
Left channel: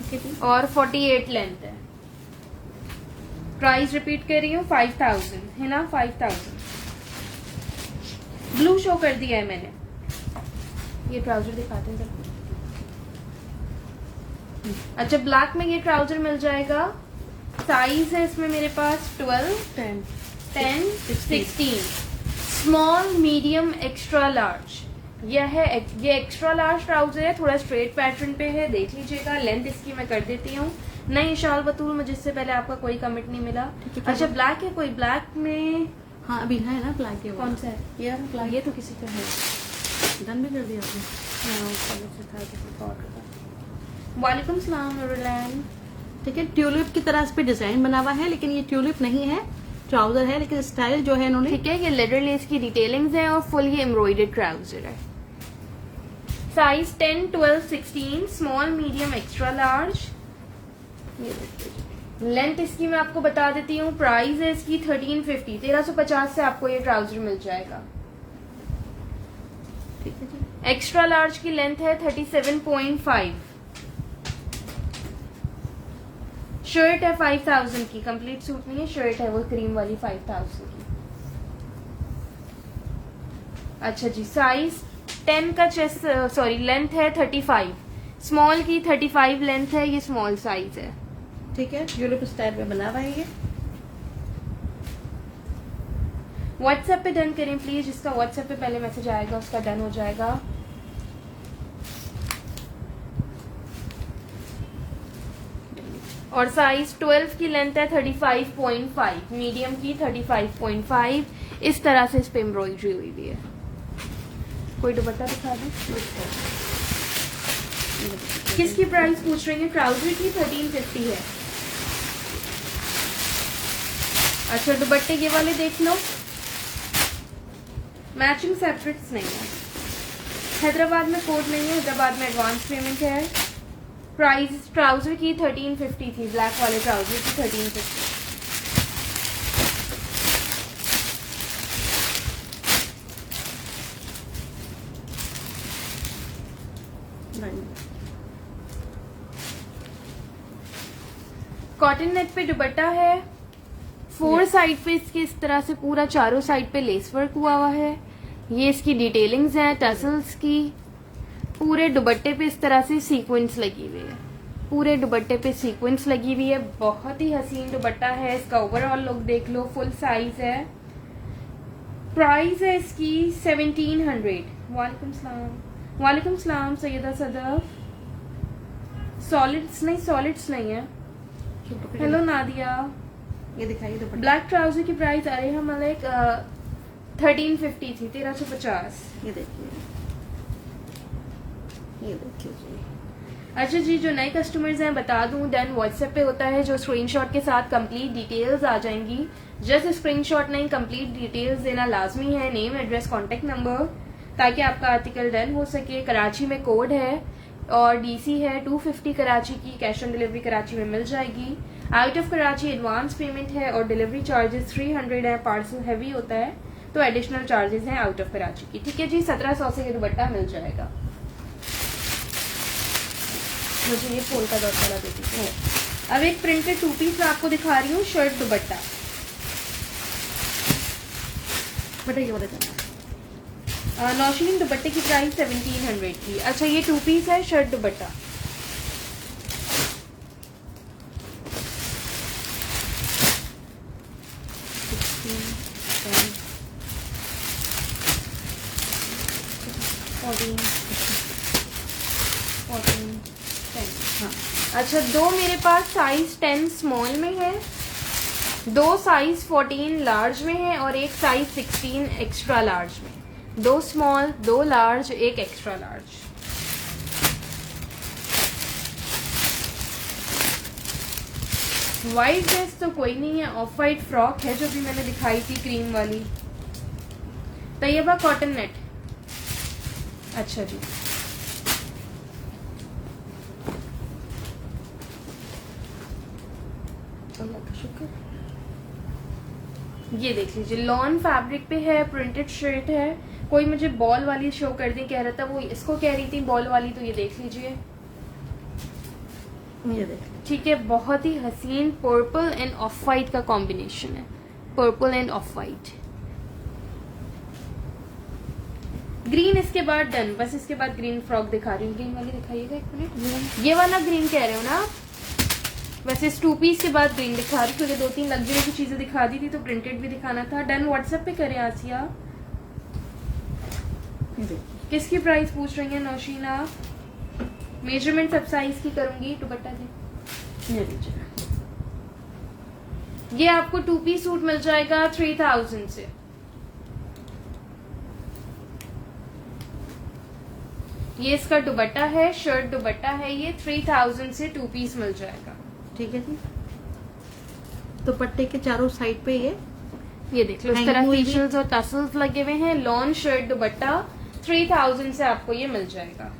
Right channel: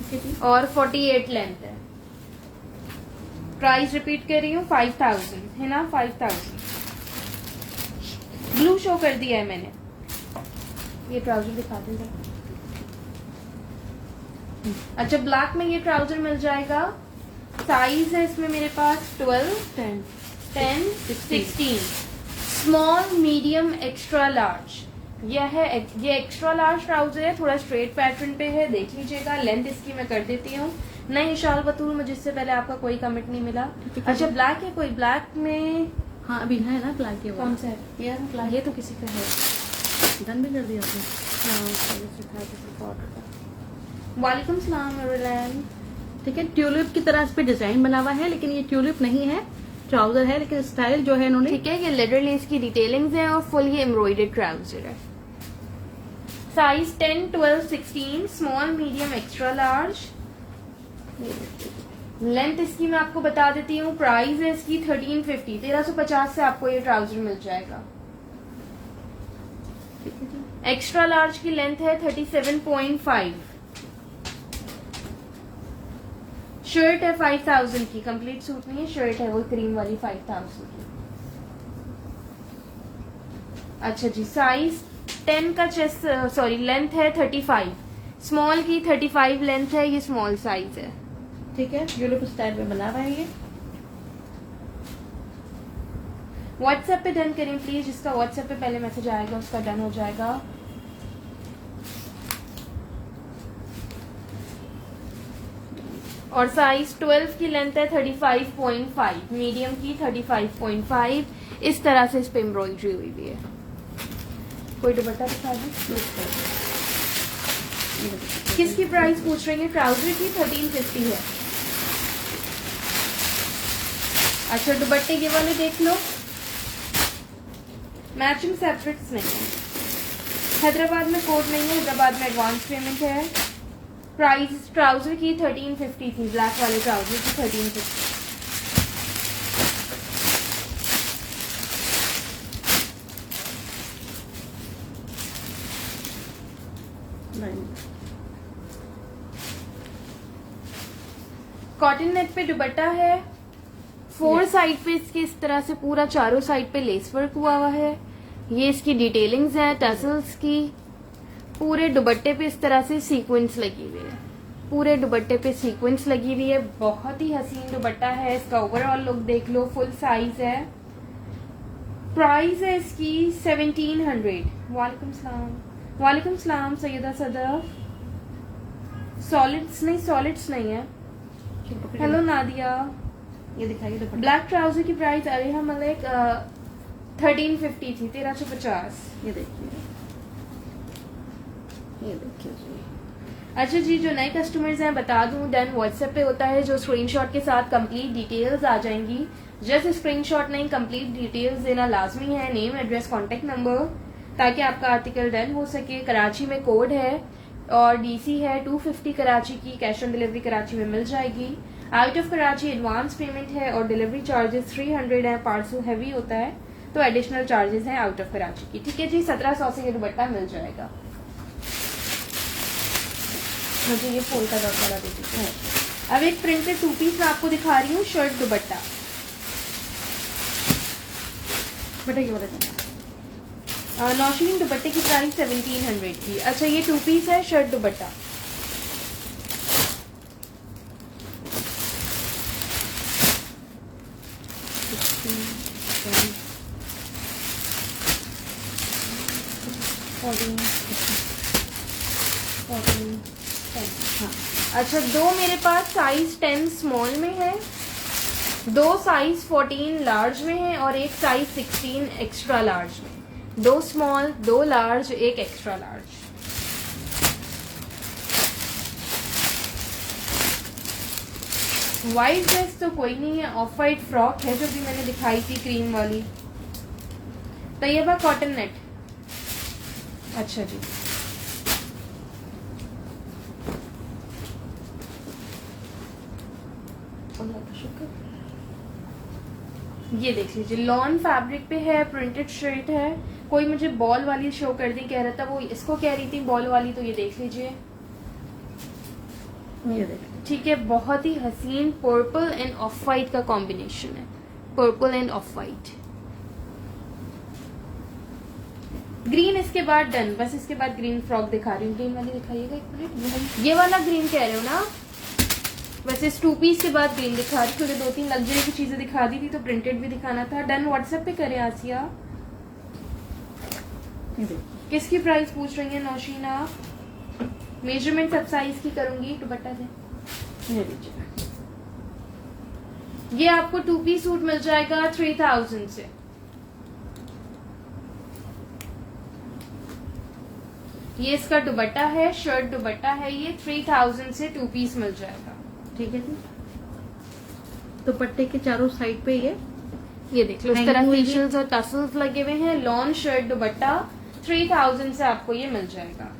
ठीक है जी। और 48 लेंथ है। प्राइस रिपीट कर रही हूँ, 5000 है ना, 5000। ब्लू शो कर दिया है मैंने। ये ट्राउजर दिखाते हैं। अच्छा, ब्लैक में ये ट्राउजर मिल जाएगा। साइज है इसमें मेरे पास 12, 10, 16, स्मॉल, मीडियम, एक्स्ट्रा लार्ज। ये एक्स्ट्रा लार्ज ट्राउजर है, थोड़ा स्ट्रेट पैटर्न पे है, देख लीजिएगा। लेंथ इसकी मैं कर देती हूँ। नहीं शाल बतूल, मुझे इससे पहले आपका कोई कमेंट नहीं मिला। अच्छा, ब्लैक है कोई? ब्लैक में हाँ अभी है ना ब्लैक के कौन सा है? यार ब्लैक ये तो किसी का है। डन भी कर दिया आपने। वालेकुम सलाम नूरुलैन। ठीक है, ट्यूलिप की तरह इस पे डिजाइन बना हुआ है, लेकिन ये ट्यूलिप नहीं है, ट्राउजर है, लेकिन स्टाइल जो है इन्होंने ठीक है, ये लेदर लेस की डिटेलिंग्स है और फुल ये एम्ब्रॉयडर्ड ट्राउजर है। Size 10, 12, 16, small, medium, extra large. Length इसकी मैं आपको बता देती हूँ। प्राइस है इसकी 1350, 1350 से आपको ये ट्राउजर मिल जाएगा। ठीक है जी। एक्स्ट्रा लार्ज की लेंथ है 37.5। शर्ट है 5000 की, कंप्लीट सूट नहीं है, शर्ट है वो क्रीम वाली 5000 की। अच्छा जी, साइज 10 का चेस्ट, सॉरी लेंथ है 35, स्मॉल की 35 लेंथ है, ये स्मॉल साइज है। ठीक है, ट्यूलिप स्टाइल में बना रहे हैं। व्हाट्सएप पे डन करें प्लीज, जिसका व्हाट्सएप पे पहले मैसेज आएगा उसका डन हो जाएगा। और साइज 12 की लेंथ है 35.5, मीडियम की 35.5। इस तरह से इस पे एम्ब्रॉयडरी हुई हुई है। कोई दुपट्टा दिखा दो। किसकी प्राइस पूछ रही है? ट्राउजर की 1350 है। अच्छा, दुपट्टे ये वाले देख लो, मैचिंग सेपरेट्स नहीं है। हैदराबाद में कोड नहीं है, हैदराबाद में एडवांस पेमेंट है। प्राइस ट्राउजर की 1350 थी, ब्लैक वाले ट्राउजर की 1350। कॉटन नेट पे दुपट्टा है, 4 साइड पे इसके इस तरह से पूरा चारों साइड पे लेस वर्क हुआ है। ये इसकी डिटेलिंग्स है टसल्स की। पूरे दुपट्टे पे इस तरह से सीक्वेंस लगी हुई है, पूरे दुपट्टे पे सीक्वेंस लगी हुई है। बहुत ही हसीन दुपट्टा है। इसका ओवरऑल लुक देख लो, फुल साइज है। प्राइस है इसकी 1700। वालेकुम सलाम, वालेकुम सलाम सैयदा सदफ। सॉलिड्स नहीं है। हेलो नादिया। ये दिखाइए दुपट्टा। ब्लैक ट्राउजर की प्राइस आ रही है मलिक 1350 थी, 1350। ये देखिए, ये देखिए जी। अच्छा जी, जो नए कस्टमर्स हैं बता दूं, देन व्हाट्सएप पे होता है जो स्क्रीनशॉट के साथ कंप्लीट डिटेल्स आ जाएंगी। जस्ट स्क्रीनशॉट नहीं, कंप्लीट डिटेल्स देना लाजमी है, नेम, एड्रेस, कॉन्टेक्ट नंबर, ताकि आपका आर्टिकल डन हो सके। कराची में कोड है और डीसी है 250 कराची की। कैश ऑन डिलीवरी कराची में मिल जाएगी। Out of Karachi advance payment है और डिलीवरी चार्जेस 300 है। पार्सल हैवी होता है तो एडिशनल चार्जेस हैं आउट ऑफ कराची की। ठीक है जी, 1700 से ये दुपट्टा मिल जाएगा। मुझे ये फूल का दुपट्टा दे दीजिए। अब एक प्रिंटेड 2 पीस मैं आपको दिखा रही हूँ, शर्ट दुपट्टा। बताइए वो देखना। नौशीन दुपट्टे की प्राइस 1700 की। अच्छा, ये 2 पीस है शर्ट दुपट्टा। 16, 10, 14, 10। हाँ, अच्छा, दो मेरे पास साइज 10 स्मॉल में है, दो साइज 14 लार्ज में है और एक साइज 16 एक्स्ट्रा लार्ज में। दो स्मॉल, दो लार्ज, एक एक्स्ट्रा लार्ज। व्हाइट ड्रेस तो कोई नहीं है, ऑफ वाइट फ्रॉक है जो भी मैंने दिखाई थी क्रीम वाली। Tayyaba cotton net. अच्छा जी, अल्लाह का शुक्र। ये देख लीजिए, लॉन फैब्रिक पे है, प्रिंटेड शर्ट है। कोई मुझे बॉल वाली शो कर दी, कह रहा था वो इसको कह रही थी बॉल वाली, तो ये देख लीजिए। ये देखिए, ठीक है, बहुत ही हसीन पर्पल एंड ऑफ वाइट का कॉम्बिनेशन है, purple end of white. Green इसके बाद डन, बस इसके बाद ग्रीन फ्रॉक दिखा रही हूँ। ग्रीन वाली दिखाइएगा एक मिनट। ये वाला ग्रीन कह रहे हो ना? वैसे इस 2 पीस के बाद ग्रीन दिखा रही, क्योंकि 2-3 लग्जरी की चीजें दिखा दी थी तो प्रिंटेड भी दिखाना था। डन, व्हाट्सएप पे करें आसिया। ये देखिए, किसकी प्राइस पूछ रही है नौशीना? मेजरमेंट सब साइज की करूंगी। दुपट्टा दे। ये लीजिए, ये आपको 2 पीस सूट मिल जाएगा 3000 से। ये इसका दुपट्टा है, शर्ट दुपट्टा है, ये 3000 से 2 पीस मिल जाएगा। ठीक है जी। दुपट्टे के चारों साइड पे ये देखिए, उस तरह Hanging हुई फेशियल्स और टसल्स लगे हुए हैं। लॉन शर्ट दुपट्टा 3000 से आपको ये मिल जाएगा।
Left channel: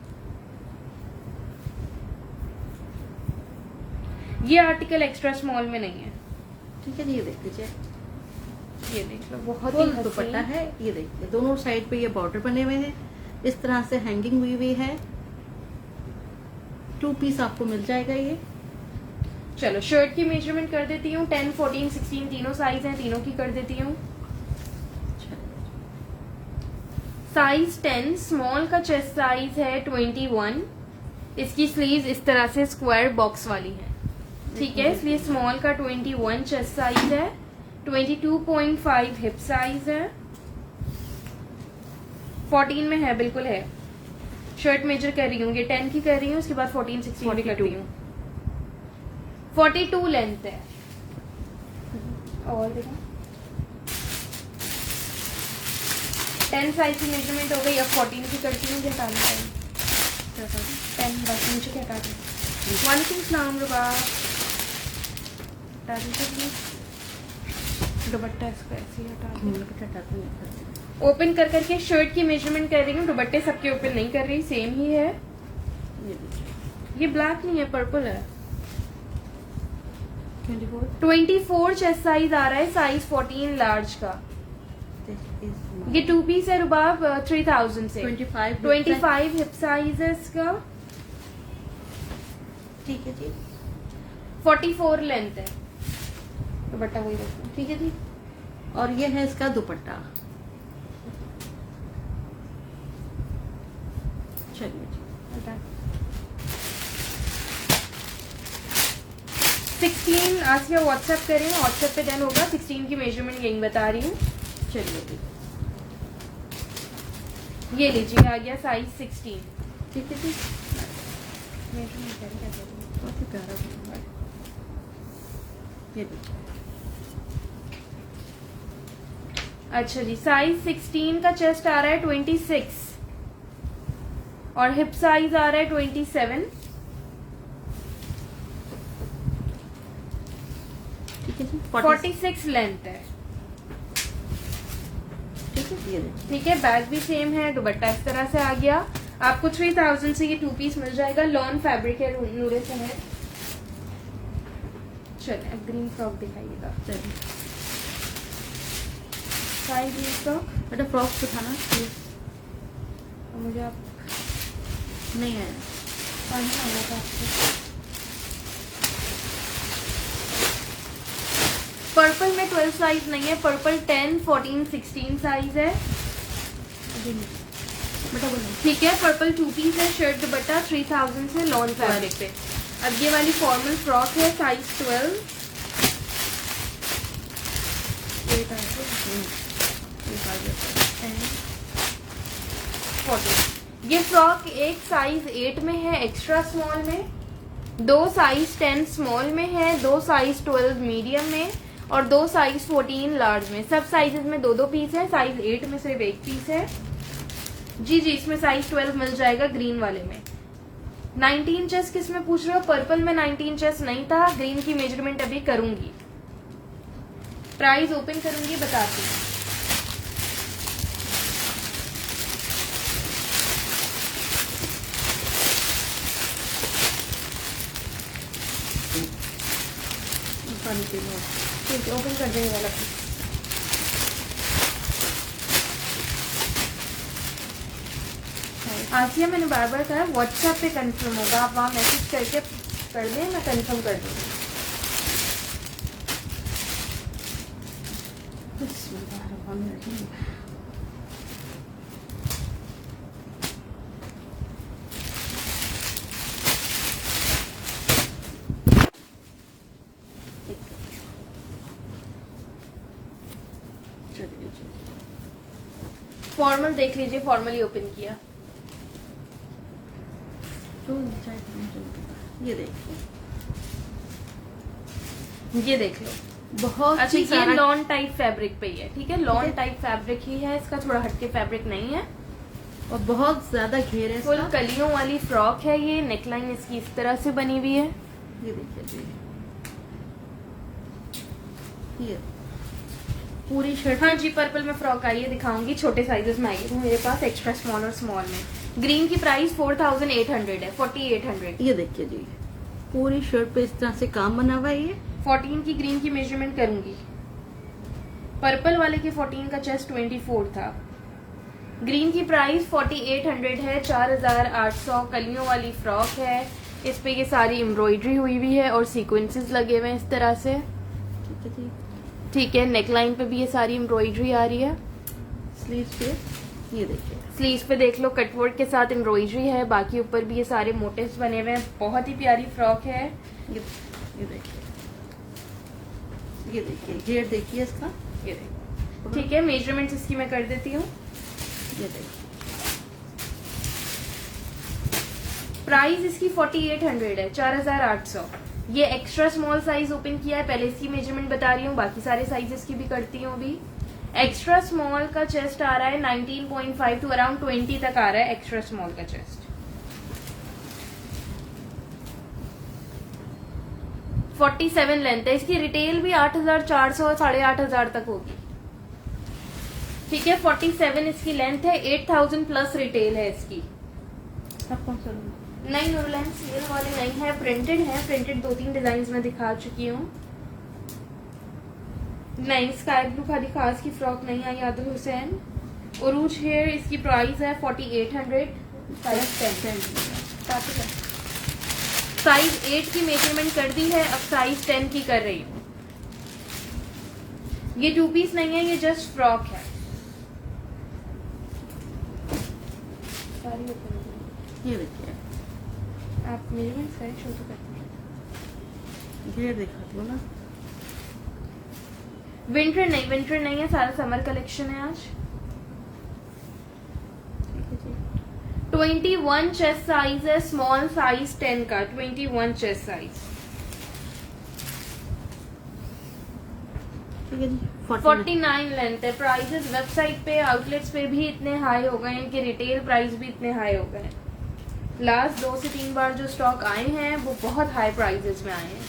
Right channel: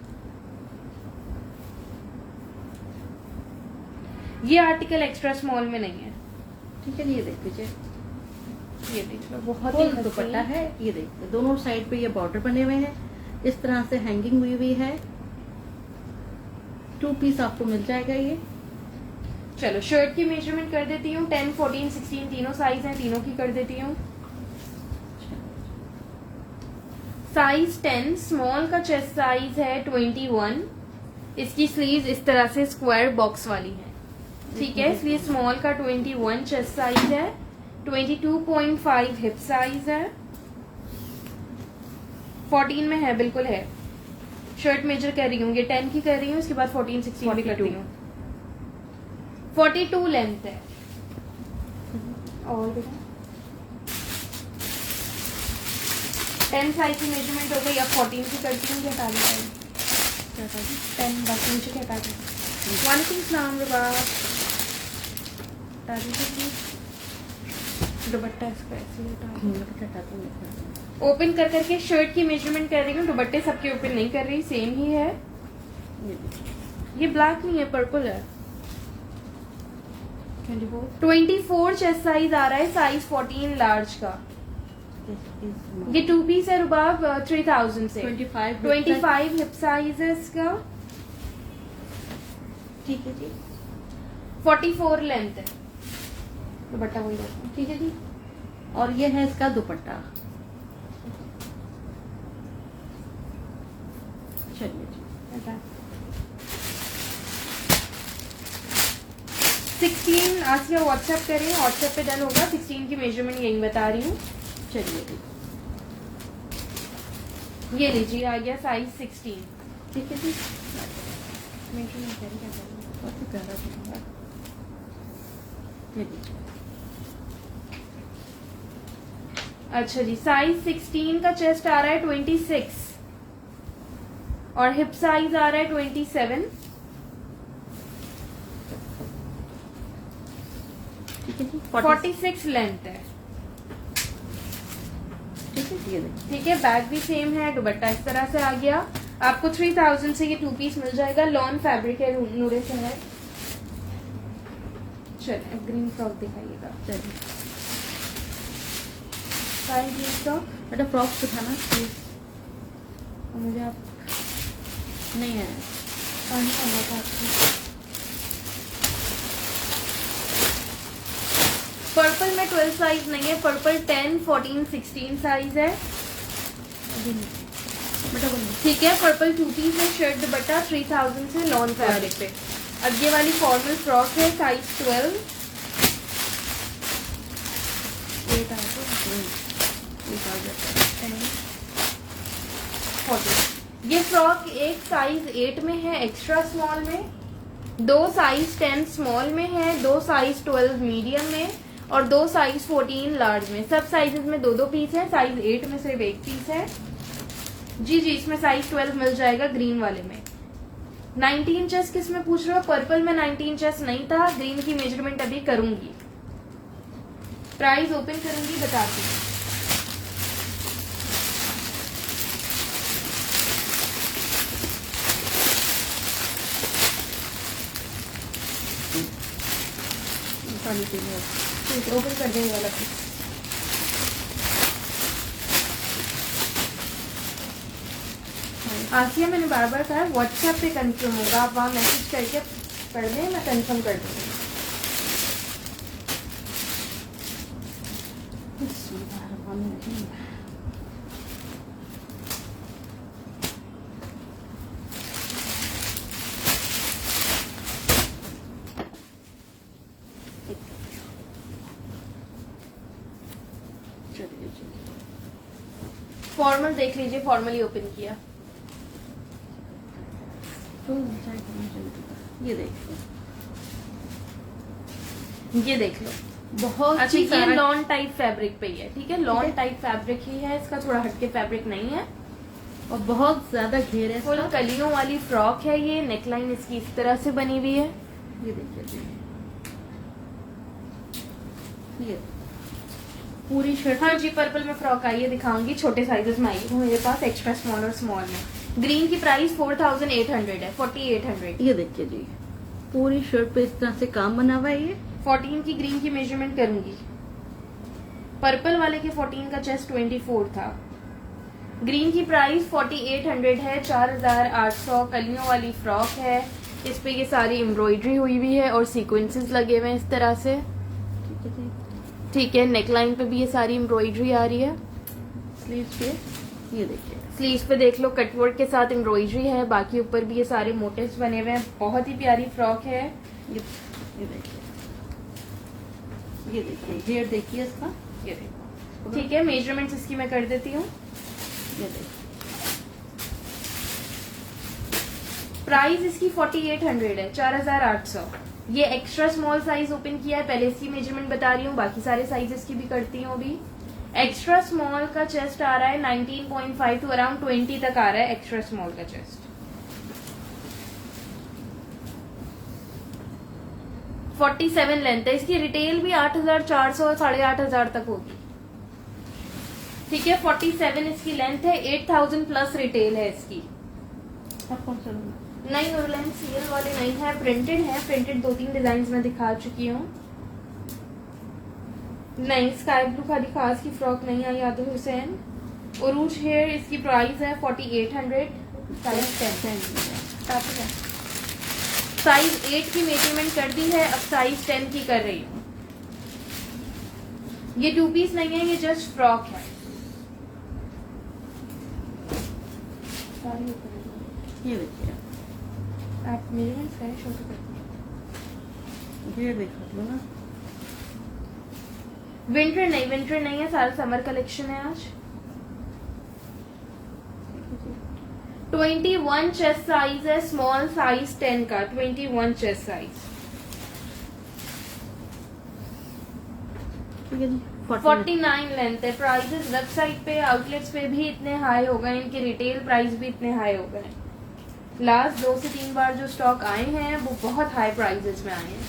ये आर्टिकल एक्स्ट्रा स्मॉल में नहीं है। ठीक है, ये देख लीजिए, ये देखिए, बहुत ही फुल हसीन। दुपट्टा है। ये देखिए, दोनों साइड पे ये बॉर्डर बने हुए हैं, इस तरह से हैंगिंग हुई हुई है। 2 पीस आपको मिल जाएगा ये। चलो, शर्ट की मेजरमेंट कर देती हूँ। 10, 14, 16 तीनों साइज हैं, तीनों की कर देती हूँ। साइज 10 स्मॉल का चेस्ट साइज है 21। इसकी स्लीव इस तरह से स्क्वायर बॉक्स वाली है, ठीक है। इसलिए स्मॉल का 21 चेस्ट साइज है, 22.5 हिप साइज है, 14 में है, बिल्कुल है। शर्ट मेजर कर रही हूँ, ये 10 की कर रही हूँ, उसके बाद 14, 16 भी कर रही हूँ। 42 लेंथ है। और देखो, 10 साइज की मेजरमेंट हो गई। अब 14 की करती हूँ, क्या 10 बस नीचे क्या काटी। वालेकुम सलाम रुबा। दुपट्टा इसका ओपन कर करके शर्ट की मेजरमेंट कर रही हूँ, दुपट्टे सबके ओपन नहीं कर रही, सेम ही है। ये ब्लैक नहीं है, पर्पल है। 24 चेस्ट साइज आ रहा है, साइज 14 लार्ज का। ये 2 पीस है रुबाब, 3000 से। 25 हिप साइज है इसका। ठीक है जी, 44 लेंथ है। दुपट्टा वही रखना, ठीक है जी। और ये है इसका दुपट्टा। चलिए जी, 16 आसिया व्हाट्सएप करें, व्हाट्सएप पे डन होगा। 16 की मेजरमेंट यही बता रही हूँ। चलिए जी, ये लीजिए, आ गया साइज 16। ठीक है जी। मेजरमेंट करें, बहुत ही प्यारा है। ये देखिए, अच्छा जी, साइज 16 का चेस्ट आ रहा है 26 और हिप साइज आ रहा है 27। ठीक है जी। 46 लेंथ है, ठीक है, ये देखिए, ठीक है। बैग भी सेम है, दुपट्टा इस तरह से आ गया। आपको 3000 से ये 2 पीस मिल जाएगा। लॉन फैब्रिक है, नूरे से है। चलिए, अब ग्रीन फ्रॉक दिखाइएगा। चलिए साइज इसका बेटा फ्रॉक दिखाना प्लीज। मुझे आप नहीं है, आना था आपको। पर्पल में 12 साइज नहीं है, पर्पल 10, 14, 16 साइज है, बेटा बोलिए। ठीक है। पर्पल 2 पीस है, शर्ट दुपट्टा 3000 से लॉन फैब्रिक पे। अब ये वाली फॉर्मल फ्रॉक है, साइज 12। ये फ्रॉक एक साइज 8 में है एक्स्ट्रा स्मॉल में, 2 साइज 10 स्मॉल में है, 2 साइज 12 मीडियम में और 2 साइज 14 लार्ज में। सब साइजेस में 2-2 पीस है, साइज 8 में सिर्फ 1 पीस है। जी जी, इसमें साइज 12 मिल जाएगा ग्रीन वाले में। 19 चेस्ट किस में पूछ रहे हो? पर्पल में 19 चेस्ट नहीं था, ग्रीन की मेजरमेंट अभी करूंगी, प्राइस ओपन करूंगी, बताती हूँ। पानी पी लो। ठीक है, ओपन कर देंगे वाला। आसिया, मैंने बार बार कहा है व्हाट्सएप पे कंफर्म होगा, आप वहाँ मैसेज करके कर दें, मैं कंफर्म कर दूंगी। फॉर्मल देख लीजिए, फॉर्मली ओपन किया। ये देखिए, ये देख लो, बहुत अच्छा, ही ये सारा लॉन टाइप फैब्रिक पे ही है, ठीक है, लॉन टाइप फैब्रिक ही है इसका, थोड़ा हटके फैब्रिक नहीं है और बहुत ज्यादा घेर है फुल इसका। कलियों वाली फ्रॉक है ये, नेकलाइन इसकी इस तरह से बनी हुई है। ये देखिए, ये पूरी शर्ट। हाँ जी, पर्पल में फ्रॉक आई है, दिखाऊंगी, छोटे साइजेस में आई है मेरे पास, एक्स्ट्रा स्मॉल और स्मॉल में। ग्रीन की प्राइस 4800 है, 4800। ये देखिए जी, पूरी शर्ट पे इस तरह से काम बना हुआ है। ये 14 की ग्रीन की मेजरमेंट करूंगी। पर्पल वाले के 14 का चेस्ट 24 था। ग्रीन की प्राइस 4800 है, 4800। कलियों वाली फ्रॉक है, इस पे ये सारी एम्ब्रॉयडरी हुई हुई है और सीक्वेंसेस लगे हुए हैं इस तरह से, ठीक है। नेकलाइन पे भी ये सारी एम्ब्रॉयडरी आ रही है। स्लीव्स पे ये देखिए, स्लीव्स पे देख लो कटवर्क के साथ एम्ब्रॉयडरी है, बाकी ऊपर भी ये सारे मोटिव्स बने हुए हैं। बहुत ही प्यारी फ्रॉक है। ये देखिए, ये देखिए, घेर देखिए इसका। ये देखो, ठीक है, मेजरमेंट्स इसकी मैं कर देती हूँ। ये देखिए, प्राइस इसकी 4800 है, 4800। ये एक्स्ट्रा स्मॉल साइज ओपन किया है, पहले इसकी मेजरमेंट बता रही हूँ, बाकी सारे साइजेस की भी करती हूँ अभी। एक्स्ट्रा स्मॉल का चेस्ट आ रहा है 19.5 टू अराउंड 20 तक आ रहा है एक्स्ट्रा स्मॉल का चेस्ट। 47 लेंथ है इसकी, रिटेल भी 8400 8500 तक होगी, ठीक है। 47 इसकी लेंथ है, 8000 प्लस रिटेल है इसकी। अब कौन सा लूँ? नहीं, रूलन सीरियल वाले नहीं है, प्रिंटेड है। प्रिंटेड 2-3 डिजाइन में दिखा चुकी हूँ। नहीं, स्काई ब्लू का दिखा, इसकी फ्रॉक नहीं आई। यादव हुसैन उरूज हेयर, इसकी प्राइस है 4800। साइज 8 की मेजरमेंट कर दी है, अब साइज 10 की कर रही हूँ। ये 2 पीस नहीं है, ये जस्ट फ्रॉक है। ये देखिए, आप मेजरमेंट करें, छोटे करते हैं। ये देखिए ना, विंटर नहीं है, सारा समर कलेक्शन है आज। 21 चेस्ट साइज है, स्मॉल साइज 10 का, 21 चेस्ट साइज। ठीक है जी, 49 लेंथ है। प्राइसेस वेबसाइट पे, आउटलेट्स पे भी इतने हाई हो गए, इनके रिटेल प्राइस भी इतने हाई हो गए। लास्ट 2 से 3 बार जो स्टॉक आए हैं वो बहुत हाई प्राइसेस में आए हैं।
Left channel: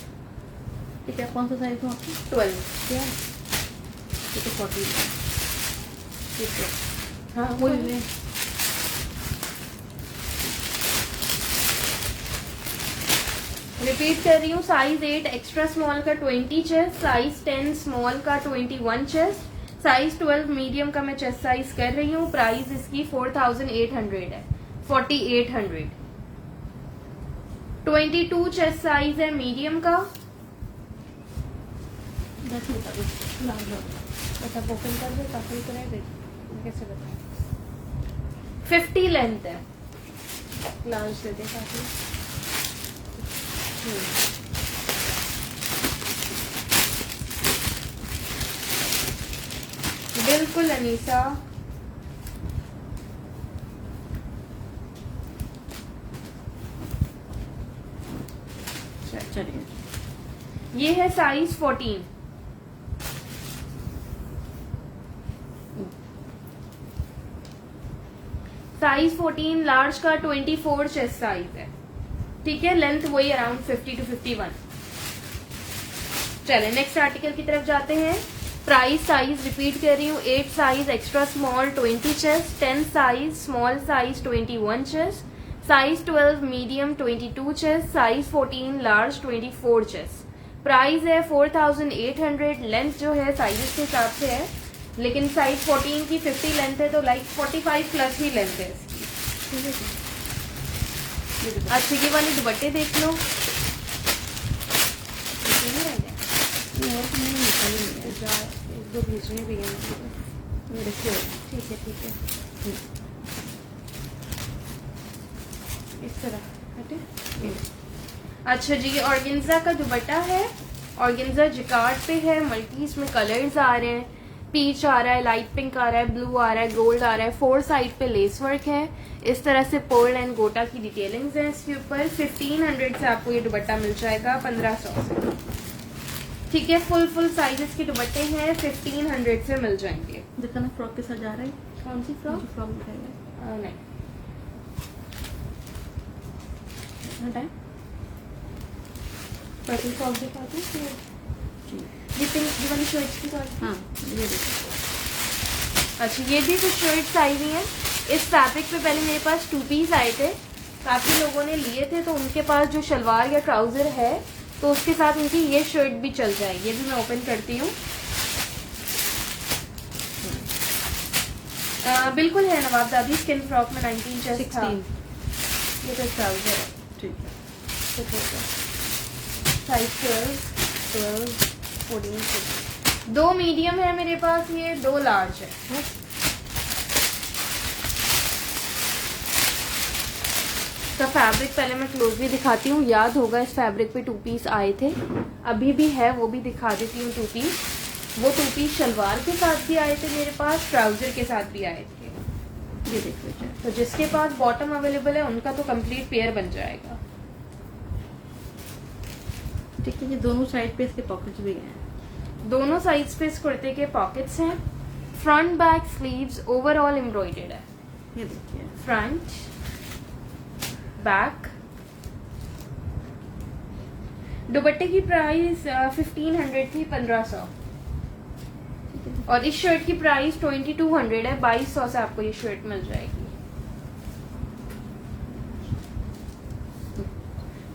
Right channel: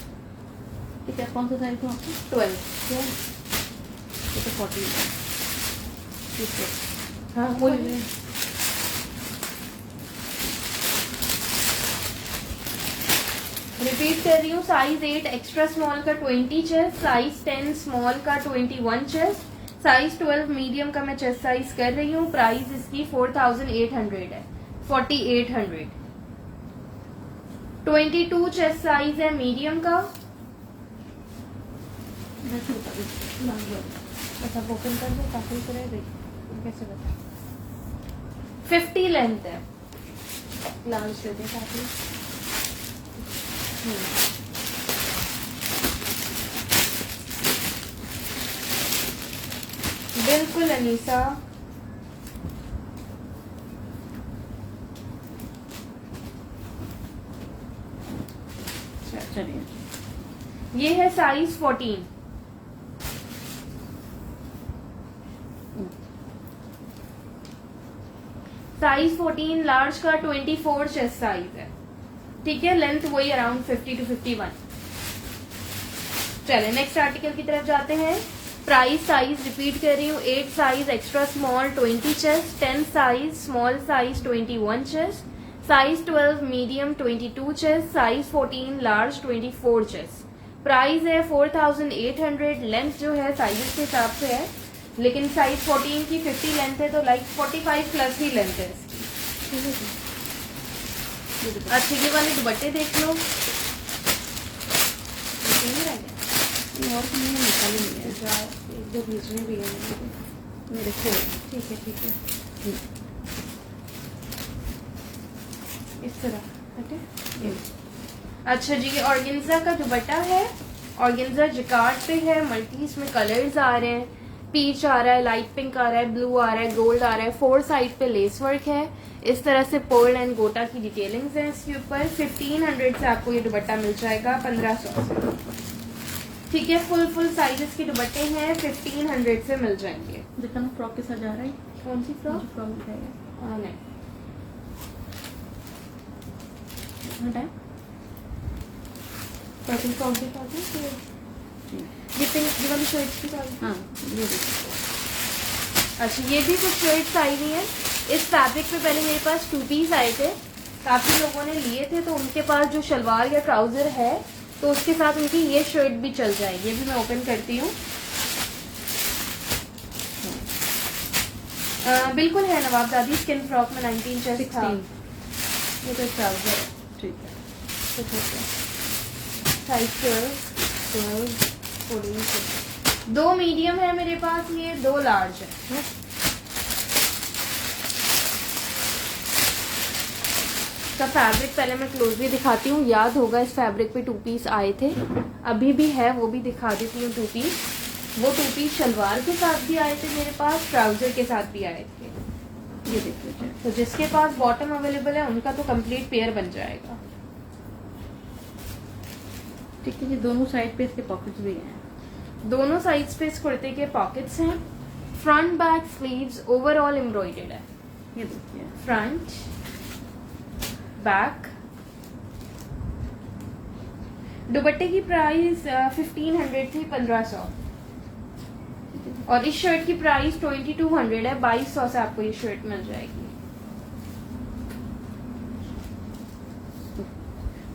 ठीक है, कौन सा साइज है आपका? 12। ये तो 40 है। ये तो हाँ, वही है। रिपीट कर रही हूँ, साइज 8 एक्स्ट्रा स्मॉल का 20 चेस्ट, साइज 10 स्मॉल का 21 चेस्ट, साइज 12 मीडियम का मैं चेस्ट साइज कर रही हूँ। प्राइस इसकी 4800 है, 4800। 22 चेस्ट साइज है मीडियम का। बता, ओपन कर दो, काफी तरह कैसे बता। 50 लेंथ है, लाल से दे काफी। बिल्कुल अनीसा। चलिए ये है साइज 14। साइज 14 लार्ज का 24 चेस्ट साइज है। ठीक है, लेंथ वही अराउंड 50 to 51। चले नेक्स्ट आर्टिकल की तरफ जाते हैं। प्राइस साइज रिपीट कर रही हूँ, 8 size extra small 20 chest, 10 size small size 21 chest, size 12 medium 22 chest, size 14 large 24 chest. Price है 4800। लेंथ जो है साइज के हिसाब से है, लेकिन साइज 14 की 50 लेंथ है तो लाइक 45 प्लस ही लेंथ है इसकी। अच्छा ये वाले दुपट्टे देख लो। और नहीं निकाले नहीं है, एक दो भेजने भी है मुझे। ये रखे हुए। ठीक है ठीक है, इस तरह हटे। अच्छा जी, ये ऑर्गेन्जा का दुपट्टा है। ऑर्गेन्जा जिकार्ड पे है, मल्टी इसमें कलर्स आ रहे हैं, पीच आ रहा है, लाइट पिंक आ रहा है, ब्लू आ रहा है, गोल्ड आ रहा है। 4 साइड पे लेस वर्क है। इस तरह से पर्ल एंड गोटा की डिटेलिंग्स है इसके ऊपर। 1500 से आपको ये दुपट्टा मिल जाएगा 1500 से। ठीक है, फुल साइजेस के दुपट्टे हैं, 1500 से मिल जाएंगे। दिखाना फ्रॉक के साथ जा रहा है। कौन सी फ्रॉक? फ्रॉक दिखाएगा नहीं, टाइम। कॉटन फ्रॉक दिखाती हूँ। ये पिंक वाली शर्ट की बात। हाँ ये देखिए। अच्छा ये भी कुछ शर्ट्स आई हुई है इस फैब्रिक पे। पहले मेरे पास 2 पीस आए थे, काफी लोगों ने लिए थे, तो उनके पास जो शलवार या ट्राउजर है तो उसके साथ इनकी ये शर्ट भी चल जाएगी। ये भी मैं ओपन करती हूँ। बिल्कुल है नवाबजादी स्किन फ्रॉक में 19 चेस्ट था। 16। ये तो ट्राउजर है। ठीक है। साइज 12, 14। 2 मीडियम है मेरे पास, ये 2 लार्ज है। का फैब्रिक पहले मैं क्लोजली दिखाती हूँ। याद होगा इस फैब्रिक पे 2 पीस आए थे, अभी भी है, वो भी दिखा देती हूँ 2 पीस। वो 2 पीस शलवार के साथ भी आए थे मेरे पास, ट्राउजर के साथ भी आए थे। ये देखिए। तो जिसके पास बॉटम अवेलेबल है उनका तो कंप्लीट पेयर बन जाएगा। ठीक है, ये दोनों साइड पे इसके पॉकेट्स भी हैं। दोनों साइड्स पे इस कुर्ते के पॉकेट्स हैं। Front back sleeves overall embroidered है। ये देखिए। Front back. दुपट्टे की प्राइस 1500 थी, 1500। और इस शर्ट की प्राइस 2200 है, 2200 से आपको ये शर्ट मिल जाएगी।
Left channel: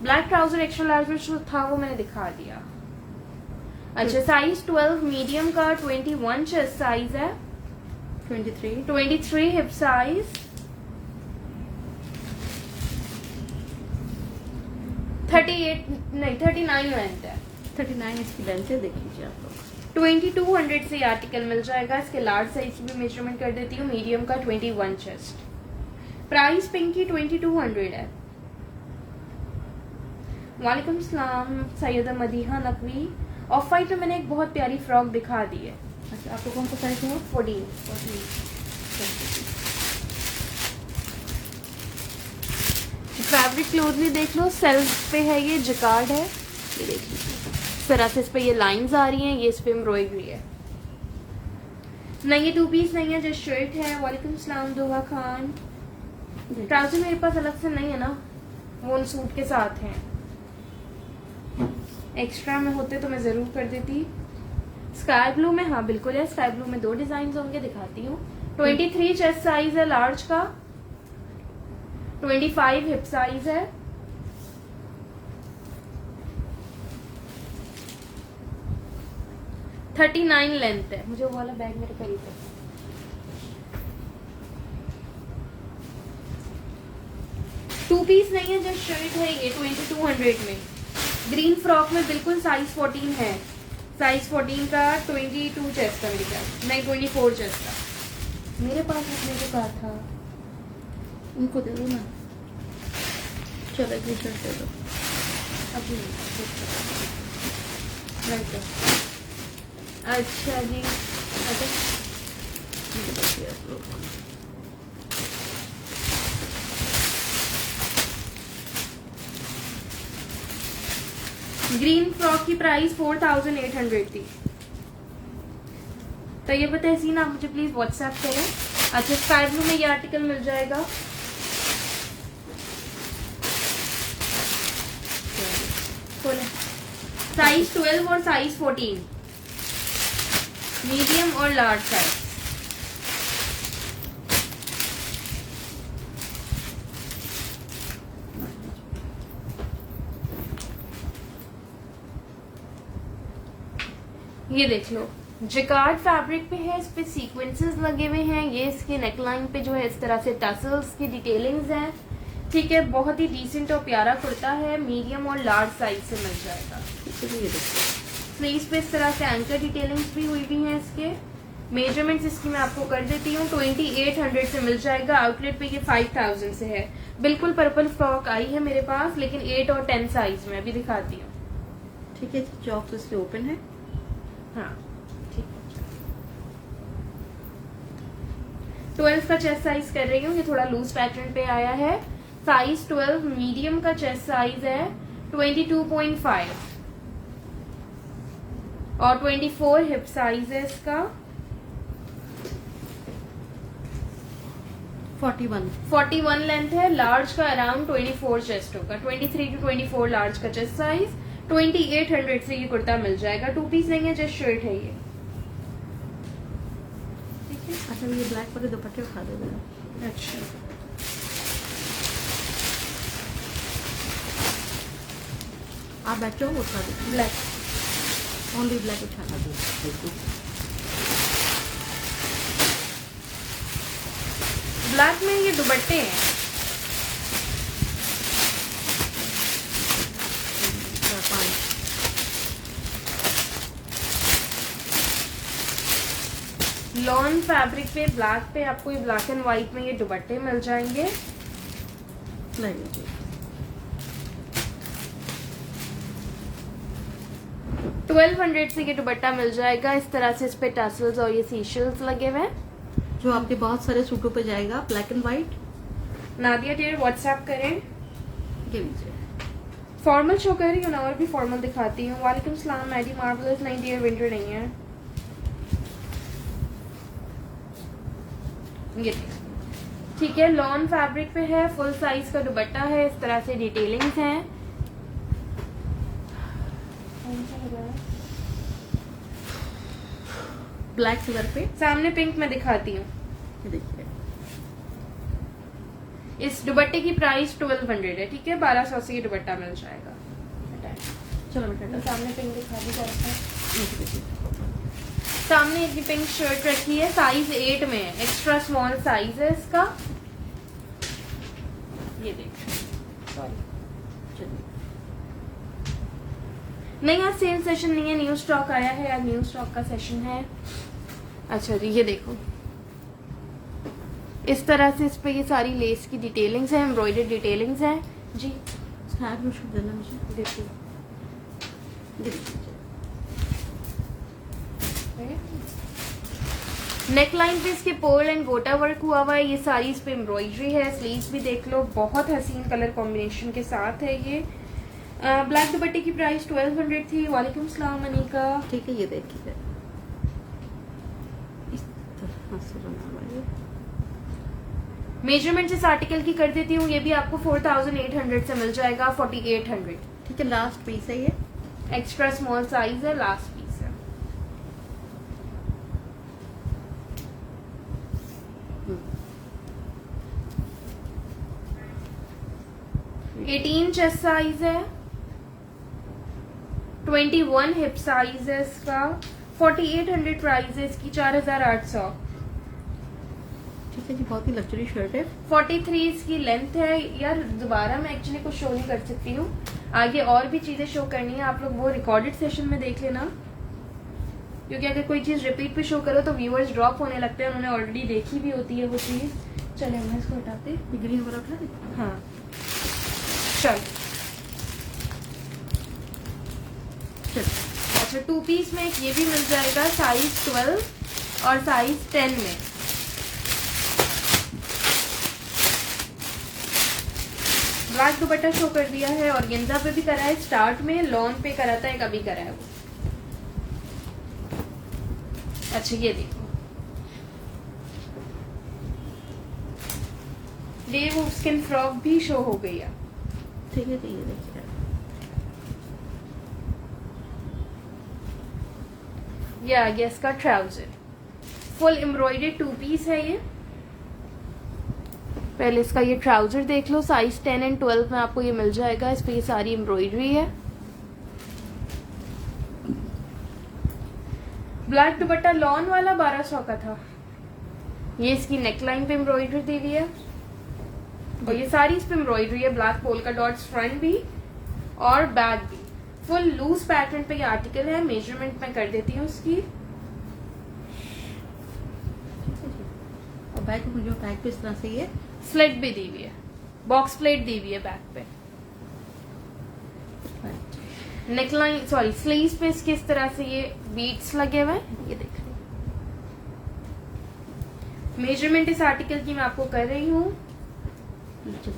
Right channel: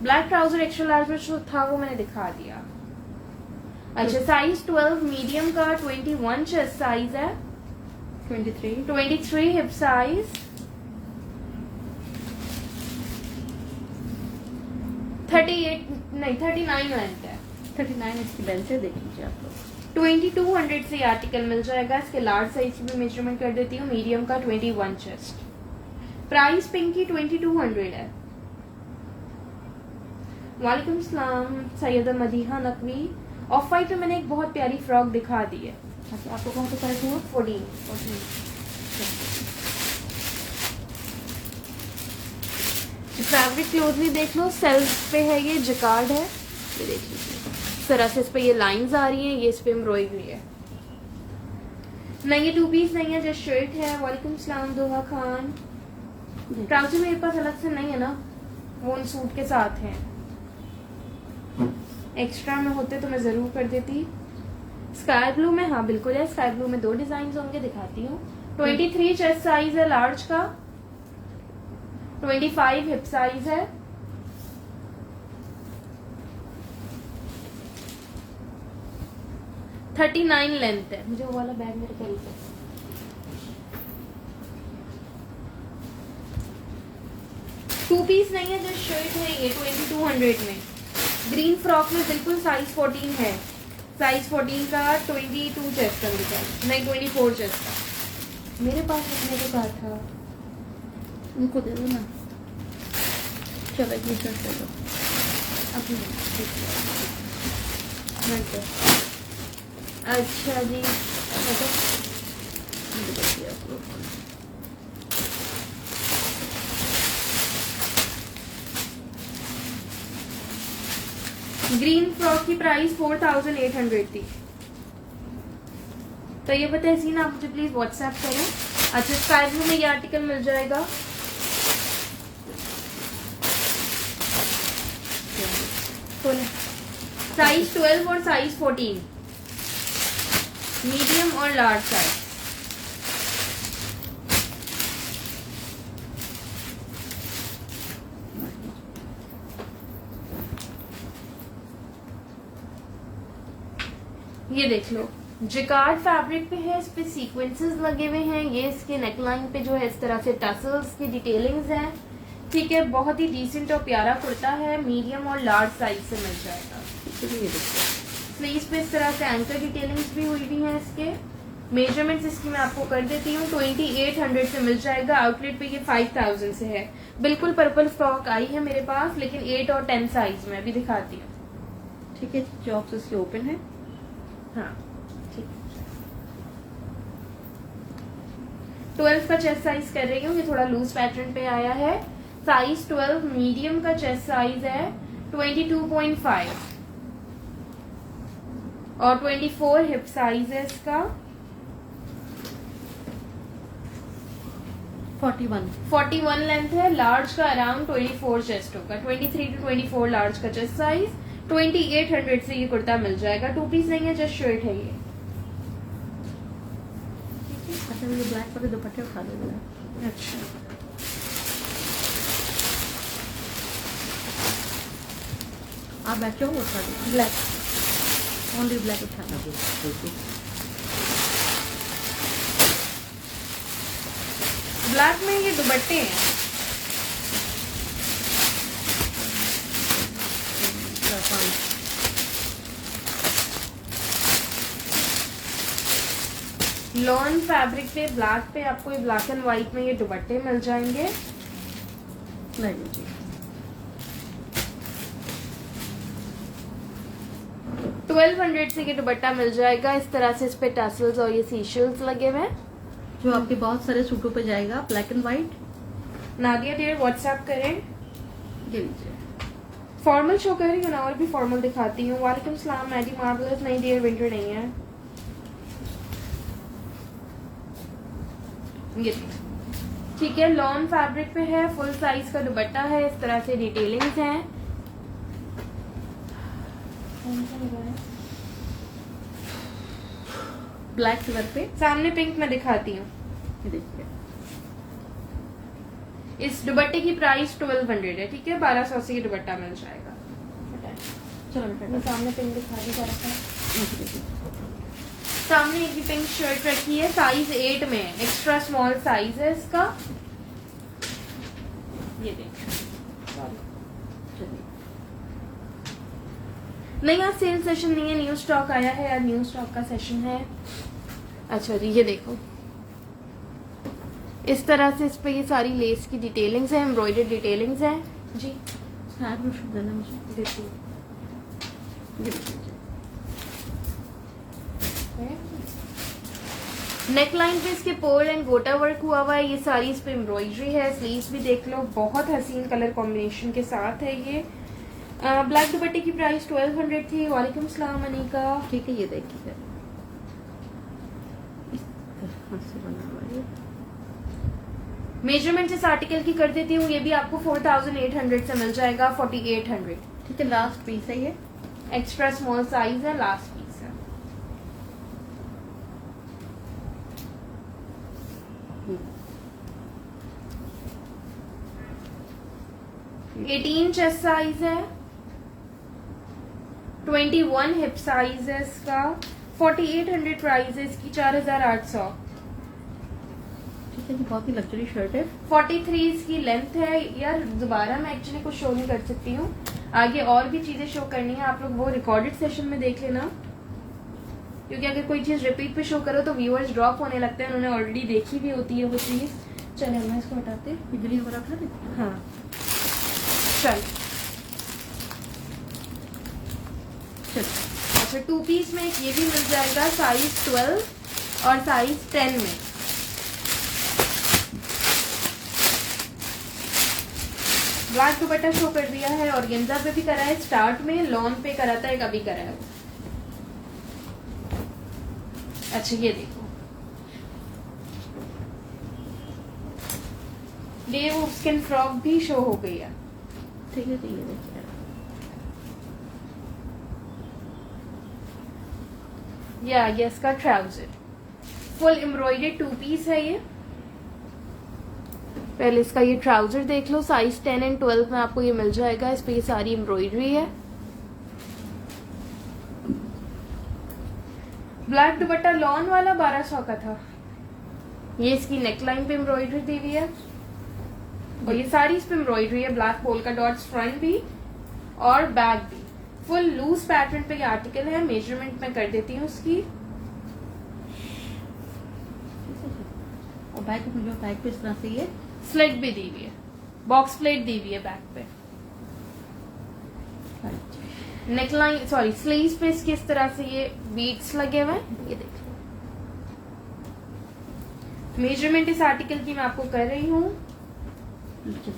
ब्लैक ट्राउजर एक्स्ट्रा लार्ज में जो था वो मैंने दिखा दिया। अच्छा साइज 12 मीडियम का 21 चेस्ट साइज है, 23 हिप साइज, 38 नहीं 39 लेंथ है। 39 इसकी लेंथ है, देख लीजिए आप लोग। 2200 से आर्टिकल मिल जाएगा। इसके लार्ज साइज की भी मेजरमेंट कर देती हूँ। मीडियम का 21 चेस्ट। प्राइस पिंक की 2200 है। वालेकुम सलाम सैयदा मदीहा नकवी। ऑफ वाइट में मैंने एक बहुत प्यारी फ्रॉक दिखा दी है। अच्छा आपको कौन सा साइज है? 14। फैब्रिक क्लोजली देख लो, सेल्फ पे है, ये जिकार्ड है। ये देख लीजिए, इस तरह से इस पे ये लाइंस आ रही हैं, ये इस पे एम्ब्रॉयडरी है। नहीं ये 2 पीस नहीं है, जो शर्ट है। वालेकुम सलाम दोहा खान। ट्राउजर मेरे पास अलग से नहीं है ना, वो उन सूट के साथ है। एक्स्ट्रा में होते तो मैं जरूर कर देती। स्काई ब्लू में, हाँ बिल्कुल है, स्काई ब्लू में 2 डिजाइन होंगे, दिखाती हूँ। 23 चेस्ट साइज है लार्ज का, 25 हिप साइज है, 39 लेंथ है। मुझे वो वाला बैग मेरे करीब है। टू पीस नहीं है, जो शर्ट है ये 2200 में। ग्रीन फ्रॉक में बिल्कुल साइज 14 है। साइज 14 का 22 चेस्ट का मिलता है, नहीं 24 चेस्ट का मेरे पास रखने के साथ था। उनको दे दो ना। चलो ये शर्ट दे दो। अभी अच्छा जी, ये देखिए आप लोग। ग्रीन फ्रॉक की प्राइस 4800 थी। तो ये बताए सीन, आप मुझे प्लीज व्हाट्सएप करें। अच्छा, स्काई ब्लू में ये आर्टिकल मिल जाएगा। साइज 12 और साइज 14, मीडियम और लार्ज साइज। ये देख लो, जिकार्ड फैब्रिक पे है, इस पे सीक्वेंसेस लगे हुए हैं। ये इसके नेकलाइन पे जो है इस तरह से टसल्स की डिटेलिंग्स हैं। ठीक है, बहुत ही डिसेंट और प्यारा कुर्ता है, मीडियम और लार्ज साइज से मिल जाएगा। ये देखिए, स्लीव्स पे इस तरह से एंकर डिटेलिंग्स भी हुई हैं। इसके मेजरमेंट्स इसकी मैं आपको कर देती हूँ। 2800 से मिल जाएगा। आउटलेट पे ये 5000 से है। बिल्कुल पर्पल स्टॉक आई है मेरे पास, लेकिन 8 और 10 साइज में। अभी दिखाती हूँ। ठीक है, जॉब्स इसके ओपन है। हाँ ठीक है। 12 का चेस्ट साइज कर रही हूँ। ये थोड़ा लूज पैटर्न पे आया है। साइज 12 मीडियम का चेस्ट साइज है 22.5 और 24 हिप साइज है इसका। 41 लेंथ है। लार्ज का अराउंड 24 चेस्ट होगा। 23 to 24 लार्ज का चेस्ट साइज। 2800 से ये कुर्ता मिल जाएगा। 2 पीस नहीं है, जस्ट शर्ट है ये। अच्छा, ये ब्लैक वाले दुपट्टे उठा दो जरा। अच्छा, आप बैठो, वो उठा दो। ब्लैक ओनली ब्लैक उठा दो। ब्लैक में ये दुपट्टे हैं। लॉन फैब्रिक पे ब्लैक पे आपको ये ब्लैक एंड व्हाइट में ये दुपट्टे मिल जाएंगे। ले लीजिए। 1200 से ये दुपट्टा मिल जाएगा। इस तरह से इस पे टसल्स और ये सीशल्स लगे हुए हैं। जो आपके बहुत सारे सूटों पे जाएगा, black and white. Nadia dear WhatsApp करें। दे लीजिए। फॉर्मल शो कर रही हूँ ना, और भी फॉर्मल दिखाती हूँ। वालेकुम सलाम मैडी मार्वलस। नहीं डियर, विंटर नहीं है ये। ठीक है, लॉन फैब्रिक पे है। फुल साइज का दुपट्टा है। इस तरह से डिटेलिंग्स हैं। ब्लैक से करके सामने पिंक में दिखाती हूँ। देखिए। इस दुपट्टे की प्राइस 1200 है। ठीक है, 1200 से ये दुपट्टा मिल जाएगा। चलो मैं बेटा, सामने पिंक दिखा दी जरा सा। देखिए। सामने एक पिंक शर्ट रखी है, साइज 8 में। एक्स्ट्रा स्मॉल साइज है इसका। ये देखो, नहीं आज सेल सेशन नहीं है, न्यू स्टॉक आया है यार, न्यू स्टॉक का सेशन है। अच्छा जी, ये देखो, इस तरह से इस पे ये सारी लेस की डिटेलिंग्स है, एम्ब्रॉयडर्ड डिटेलिंग्स है जी। हाथ में शूट देना मुझे। देखिए, नेकलाइन पे इसके पर्ल एंड गोटा वर्क हुआ हुआ है। ये सारी इस पे एम्ब्रॉयडरी है। स्लीव्स भी देख लो, बहुत हसीन कलर कॉम्बिनेशन के साथ है ये। ब्लैक दुपट्टे की प्राइस 1200 थी। वालेकुम सलाम अनीका। ठीक है, ये देखिए, इस तरह से बना हुआ है। मेजरमेंट इस आर्टिकल की कर देती हूँ। ये भी आपको 4800 से मिल जाएगा। 4800। ठीक है, लास्ट पीस है ये। एक्स्ट्रा स्मॉल साइज है, लास्ट पीस है। हम्म। 18 चेस्ट साइज है। 21 हिप साइज है इसका। 4800 प्राइस है इसकी। 4800। ठीक है जी, बहुत ही लग्जरी शर्ट है। 43 इसकी लेंथ है यार। दोबारा मैं एक्चुअली कुछ शो नहीं कर सकती हूँ, आगे और भी चीजें शो करनी है। आप लोग वो रिकॉर्डेड सेशन में देख लेना, क्योंकि अगर कोई चीज रिपीट पे शो करो तो व्यूअर्स ड्रॉप होने लगते हैं। उन्होंने ऑलरेडी देखी भी होती है वो चीज। चले मैं इसको हटाते। बिजली हमारा था। हाँ चल। अच्छा, 2 पीस में एक ये भी मिल जाएगा, साइज 12 और साइज 10 में। ब्लैक दुपट्टा शो कर दिया है, और गेंजा पे भी करा है, स्टार्ट में लॉन पे करा था, एक अभी करा है। अच्छा ये देखो, डेव स्किन फ्रॉक भी शो हो गई है। ठीक है, ये देखिए ये आ गया इसका ट्राउजर, फुल एम्ब्रॉयडरी 2 पीस है ये। पहले इसका ये ट्राउजर देख लो, साइज 10 एंड 12 में आपको ये मिल जाएगा। इस पे ये सारी एम्ब्रॉयडरी है। ब्लैक दुपट्टा लॉन वाला 1200 का था। ये इसकी नेकलाइन पे एम्ब्रॉयडरी दी हुई है, और ये सारी इस पे एम्ब्रॉयडरी है। ब्लैक पोल्का डॉट्स फ्रंट भी और बैक भी। फुल लूज पैटर्न पे ये आर्टिकल है। मेजरमेंट मैं कर देती हूँ इसकी। और बैक जो बैक पे इस तरह से ये स्लिट भी दी हुई है, बॉक्स प्लेट दी हुई है बैक पे। नेकलाइन सॉरी स्लीव्स पे इसके इस तरह से ये बीट्स लगे हुए हैं। ये देखिए, मेजरमेंट इस आर्टिकल की मैं आपको कर रही हूँ।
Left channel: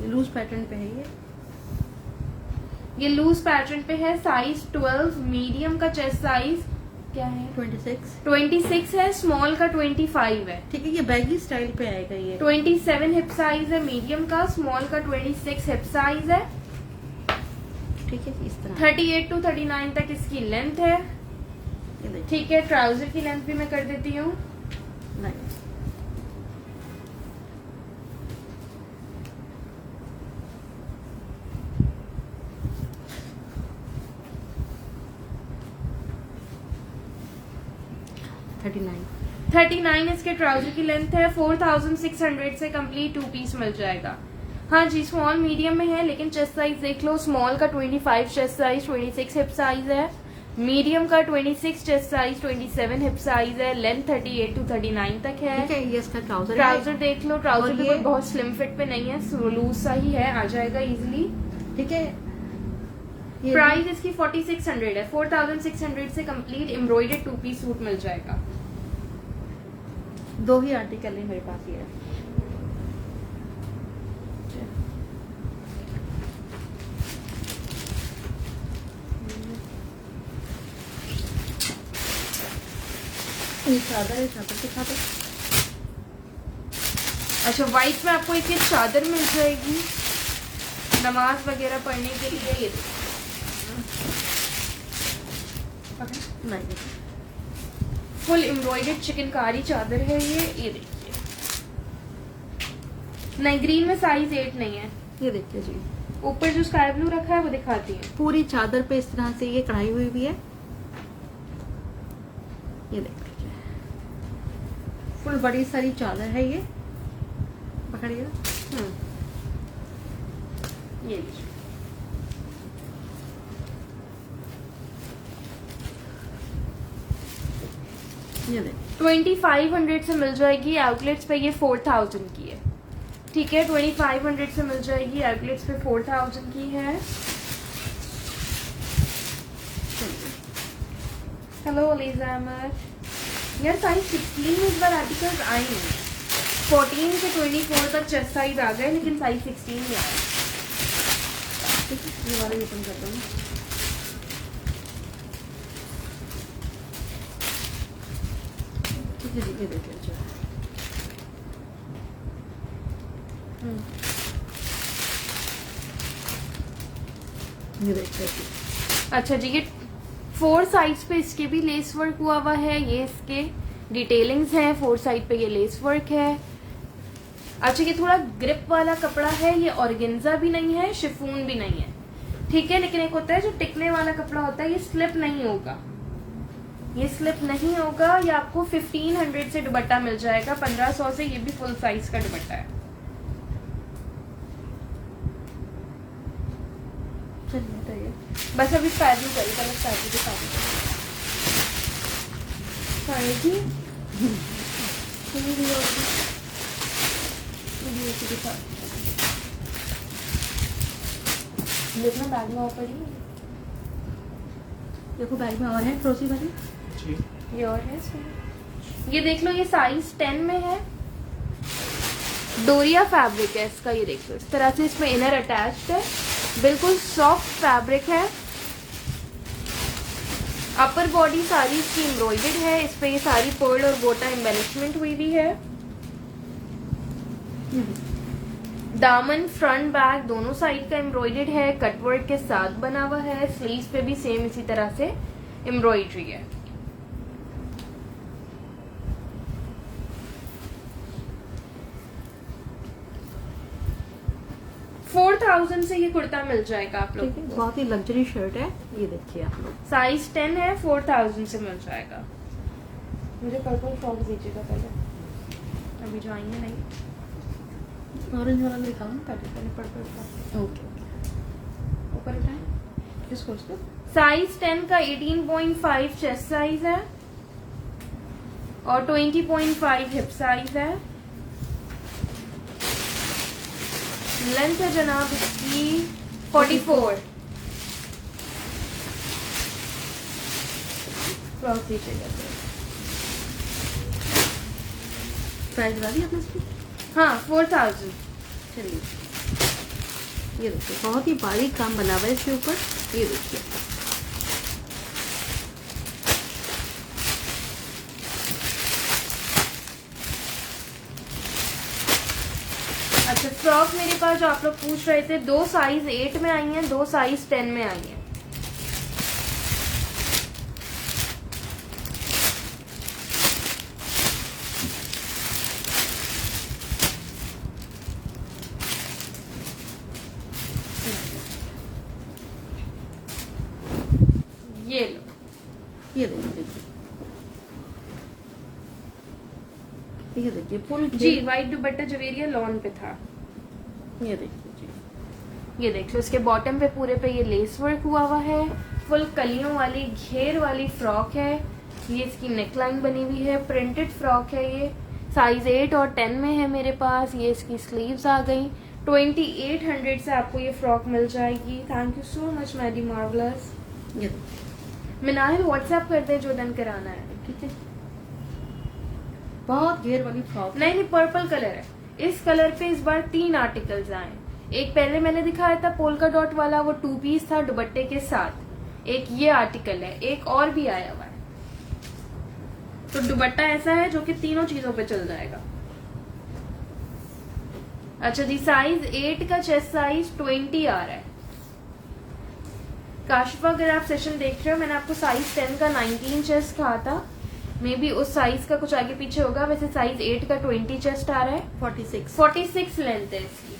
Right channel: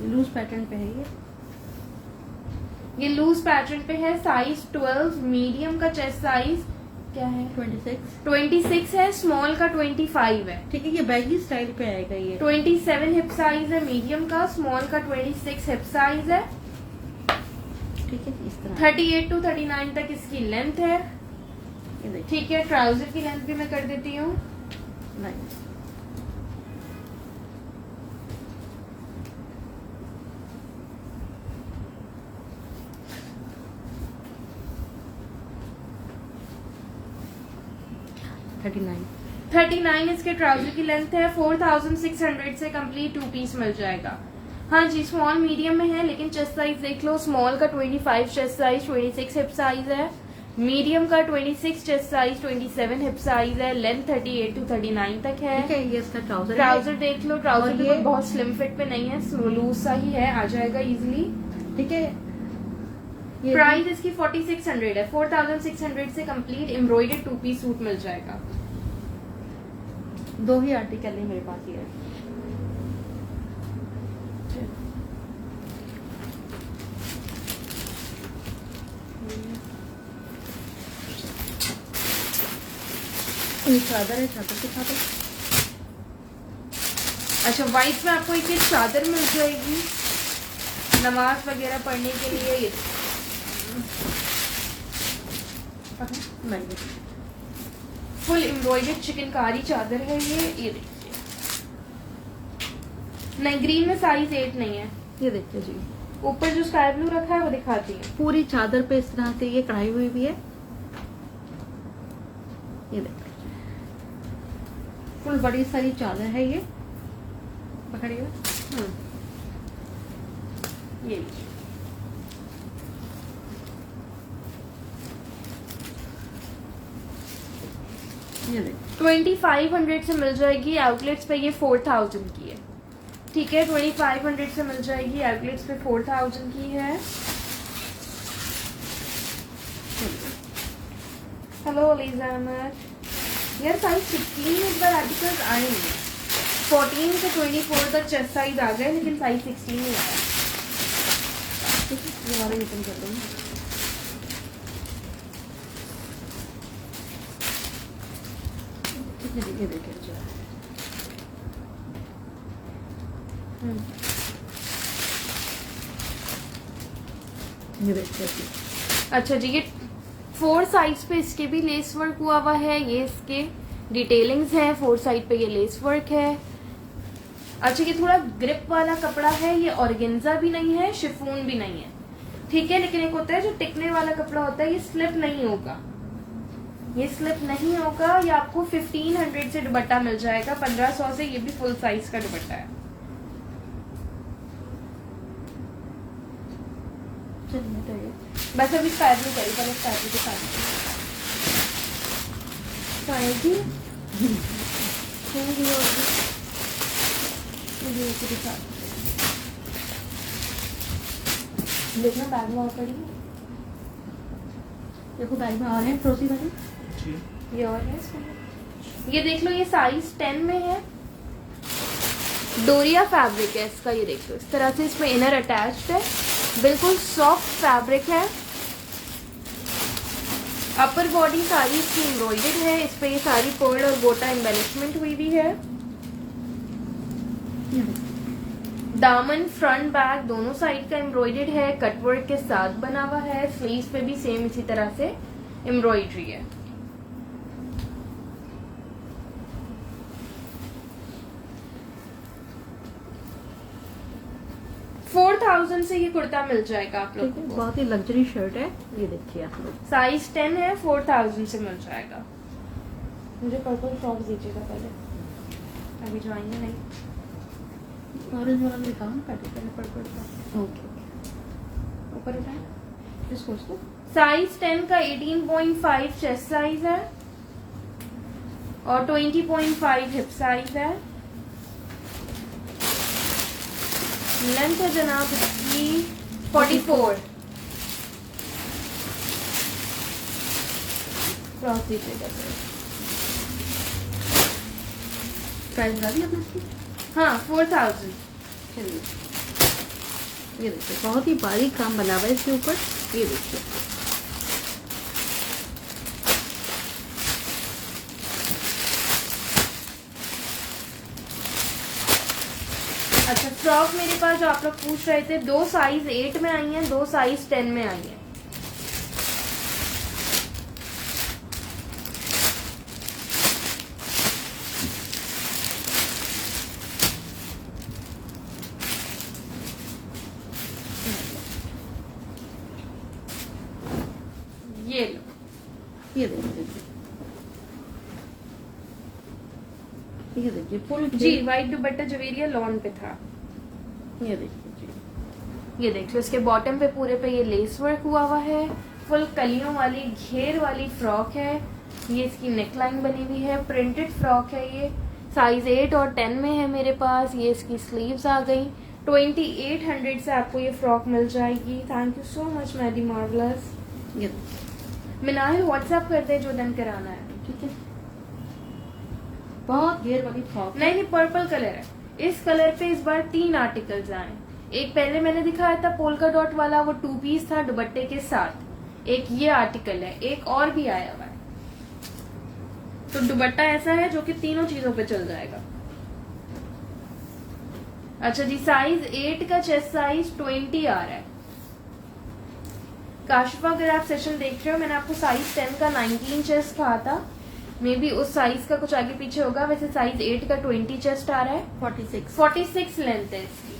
लूज पैटर्न पे है ये लूज पैटर्न पे है। साइज 12, मीडियम का चेस्ट साइज क्या है 26 है, स्मॉल का 25 है। ठीक है, ये बैगी स्टाइल पे आएगा ये। 27 हिप साइज है मीडियम का, स्मॉल का 26 हिप साइज है। ठीक है, इस तरह 38 to 39 तक इसकी लेंथ है। ये देखिए। ठीक है, ट्राउजर की लेंथ भी मैं कर देती हूँ। नहीं, $39 39 इसके ट्राउजर की लेंथ है। 4600 से कंप्लीट 2 पीस मिल जाएगा। हाँ जी, स्मॉल मीडियम में है, लेकिन चेस्ट साइज देख लो। स्मॉल का 25 चेस्ट साइज, 26 हिप साइज है। मीडियम का 26 चेस्ट साइज, 27 हिप साइज है। लेंथ 38 to 39 तक है। ठीक है, ये इसका ट्राउजर ट्राउजर देख लो, ट्राउजर और भी ये- कोई बहुत स्लिम फिट पे नहीं है, लूज सा ही है, आ जाएगा इजीली। ठीक है। ये प्राइस इसकी 4600 है। 4600 से कंप्लीट एम्ब्रॉयडर्ड 2 पीस सूट मिल जाएगा। 2 ही आर्टिकल है मेरे पास ये। ये चादर है, चादर के साथ अच्छा, व्हाइट में आपको एक चादर मिल जाएगी नमाज वगैरह पढ़ने के लिए। ये नहीं, फुल एम्ब्रॉयडर्ड चिकनकारी चादर है ये देखिए। नहीं, ग्रीन में साइज 8 नहीं है। ये देखिए जी, ऊपर जो स्काई ब्लू रखा है वो दिखाती है। पूरी चादर पे इस तरह से ये कढ़ाई हुई भी है। ये देखिए, फुल बड़ी सारी चादर है ये। पकड़िए। ये लीजिए। ये देखिए, 2500 से मिल जाएगी। आउटलेट्स पे ये 4000 की है। ठीक है, 2500 से मिल जाएगी। आउटलेट्स पे 4000 की है। हेलो अलीजा अहमद। यार साइज 16 में इस बार आर्टिकल्स आए हैं। 14 से 24 तक चेस्ट साइज आ गए, लेकिन साइज 16 नहीं आया। ठीक है, ये वाला ओपन कर दूंगी। ठीक है, ये देखिए जो है। ये देखिए। अच्छा जी, ये 4 साइज पे इसके भी लेस वर्क हुआ है। ये इसके डिटेलिंग्स है। 4 साइड पे ये लेस वर्क है। अच्छा, ये थोड़ा ग्रिप वाला कपड़ा है। ये ऑर्गेन्जा भी नहीं है, शिफॉन भी नहीं है। ठीक है, लेकिन एक होता है जो टिकने वाला कपड़ा होता है, ये स्लिप नहीं होगा। ये स्लिप नहीं होगा। ये आपको 1500 से दुपट्टा मिल जाएगा। 1500 से ये भी फुल साइज का दुपट्टा है। चलिए तो ये बस अभी स्टाइल नहीं करी, पहले स्टाइल के साथ देखना बैग में ऑफर ही देखो, बैग में और है फ्रोजी वाली। ये और है इसमें। ये देख लो, ये साइज 10 में है। डोरिया फैब्रिक है इसका, ये देखो इस तरह से इसमें इनर अटैच्ड है, बिल्कुल सॉफ्ट फैब्रिक है। अपर बॉडी सारी इसकी एम्ब्रॉयडर्ड है, इस पे ये सारी पर्ल और गोटा एम्बेलिशमेंट हुई हुई है। दामन फ्रंट बैक दोनों साइड का एम्ब्रॉयडर्ड है, कटवर्क के साथ बना हुआ है। स्लीव्स पे भी सेम इसी तरह से एम्ब्रॉयडरी है। $4,000 से ये कुर्ता मिल जाएगा आप लोग को। बहुत ही लग्जरी शर्ट है, ये देखिए आप लोग। साइज 10 है, 4,000 से मिल जाएगा। मुझे पर्पल फ्रॉक दीजिएगा पहले, अभी जो आएंगे नहीं। ऑरेंज वाला दिखाओ। काटे पहले पर्पल फ्रॉक, ओके ऊपर उठाएं। इसको साइज 10 का 18.5 चेस्ट साइज है और 20.5 हिप साइज है। लेंथ है जनाब इसकी 44। क्रॉस दीजिएगा प्राइस वाली है इसकी। हाँ 4,000। चलिए ये देखिए, बहुत ही बारीक काम बना हुआ है इसके ऊपर, ये देखिए। अच्छा, फ्रॉक मेरे पास जो आप लोग पूछ रहे थे, 2 साइज 8 में आई हैं, 2 साइज 10 में आई हैं। ये लो, ये देखिए, ये देखिए फुल जी व्हाइट दुपट्टा जवेरिया लॉन पे था। ये देखिए, ये देखिए उसके बॉटम पे पूरे पे ये लेस वर्क हुआ है। फुल कलियों वाली घेर वाली फ्रॉक है। ये इसकी नेकलाइन बनी हुई है, प्रिंटेड फ्रॉक है। ये साइज 8 और 10 में है मेरे पास। ये इसकी स्लीव्स आ गई। 2800 से आपको ये फ्रॉक मिल जाएगी। Thank you so much Maddy marvellous. ये देखिए, मिनाल व्हाट्सएप कर दे जो डन कराना है। ठीक है। बहुत घेर वाली फ्रॉक। नहीं, पर्पल कलर है। इस कलर पे इस बार 3 आर्टिकल्स आए। एक पहले मैंने दिखाया था पोल्का डॉट वाला, वो 2 पीस था दुपट्टे के साथ। एक ये आर्टिकल है, एक और भी आया हुआ है। तो दुपट्टा ऐसा है जो कि तीनों चीजों पे चल जाएगा। अच्छा जी, साइज 8 का चेस्ट साइज 20 आ रहा है। काशिफा, अगर आप सेशन देख रहे हो, मैंने आपको साइज 10 का 19 चेस्ट कहा था। मे बी उस साइज का कुछ आगे पीछे होगा। वैसे साइज 8 का 20 चेस्ट आ रहा है। 46 लेंथ है इसकी।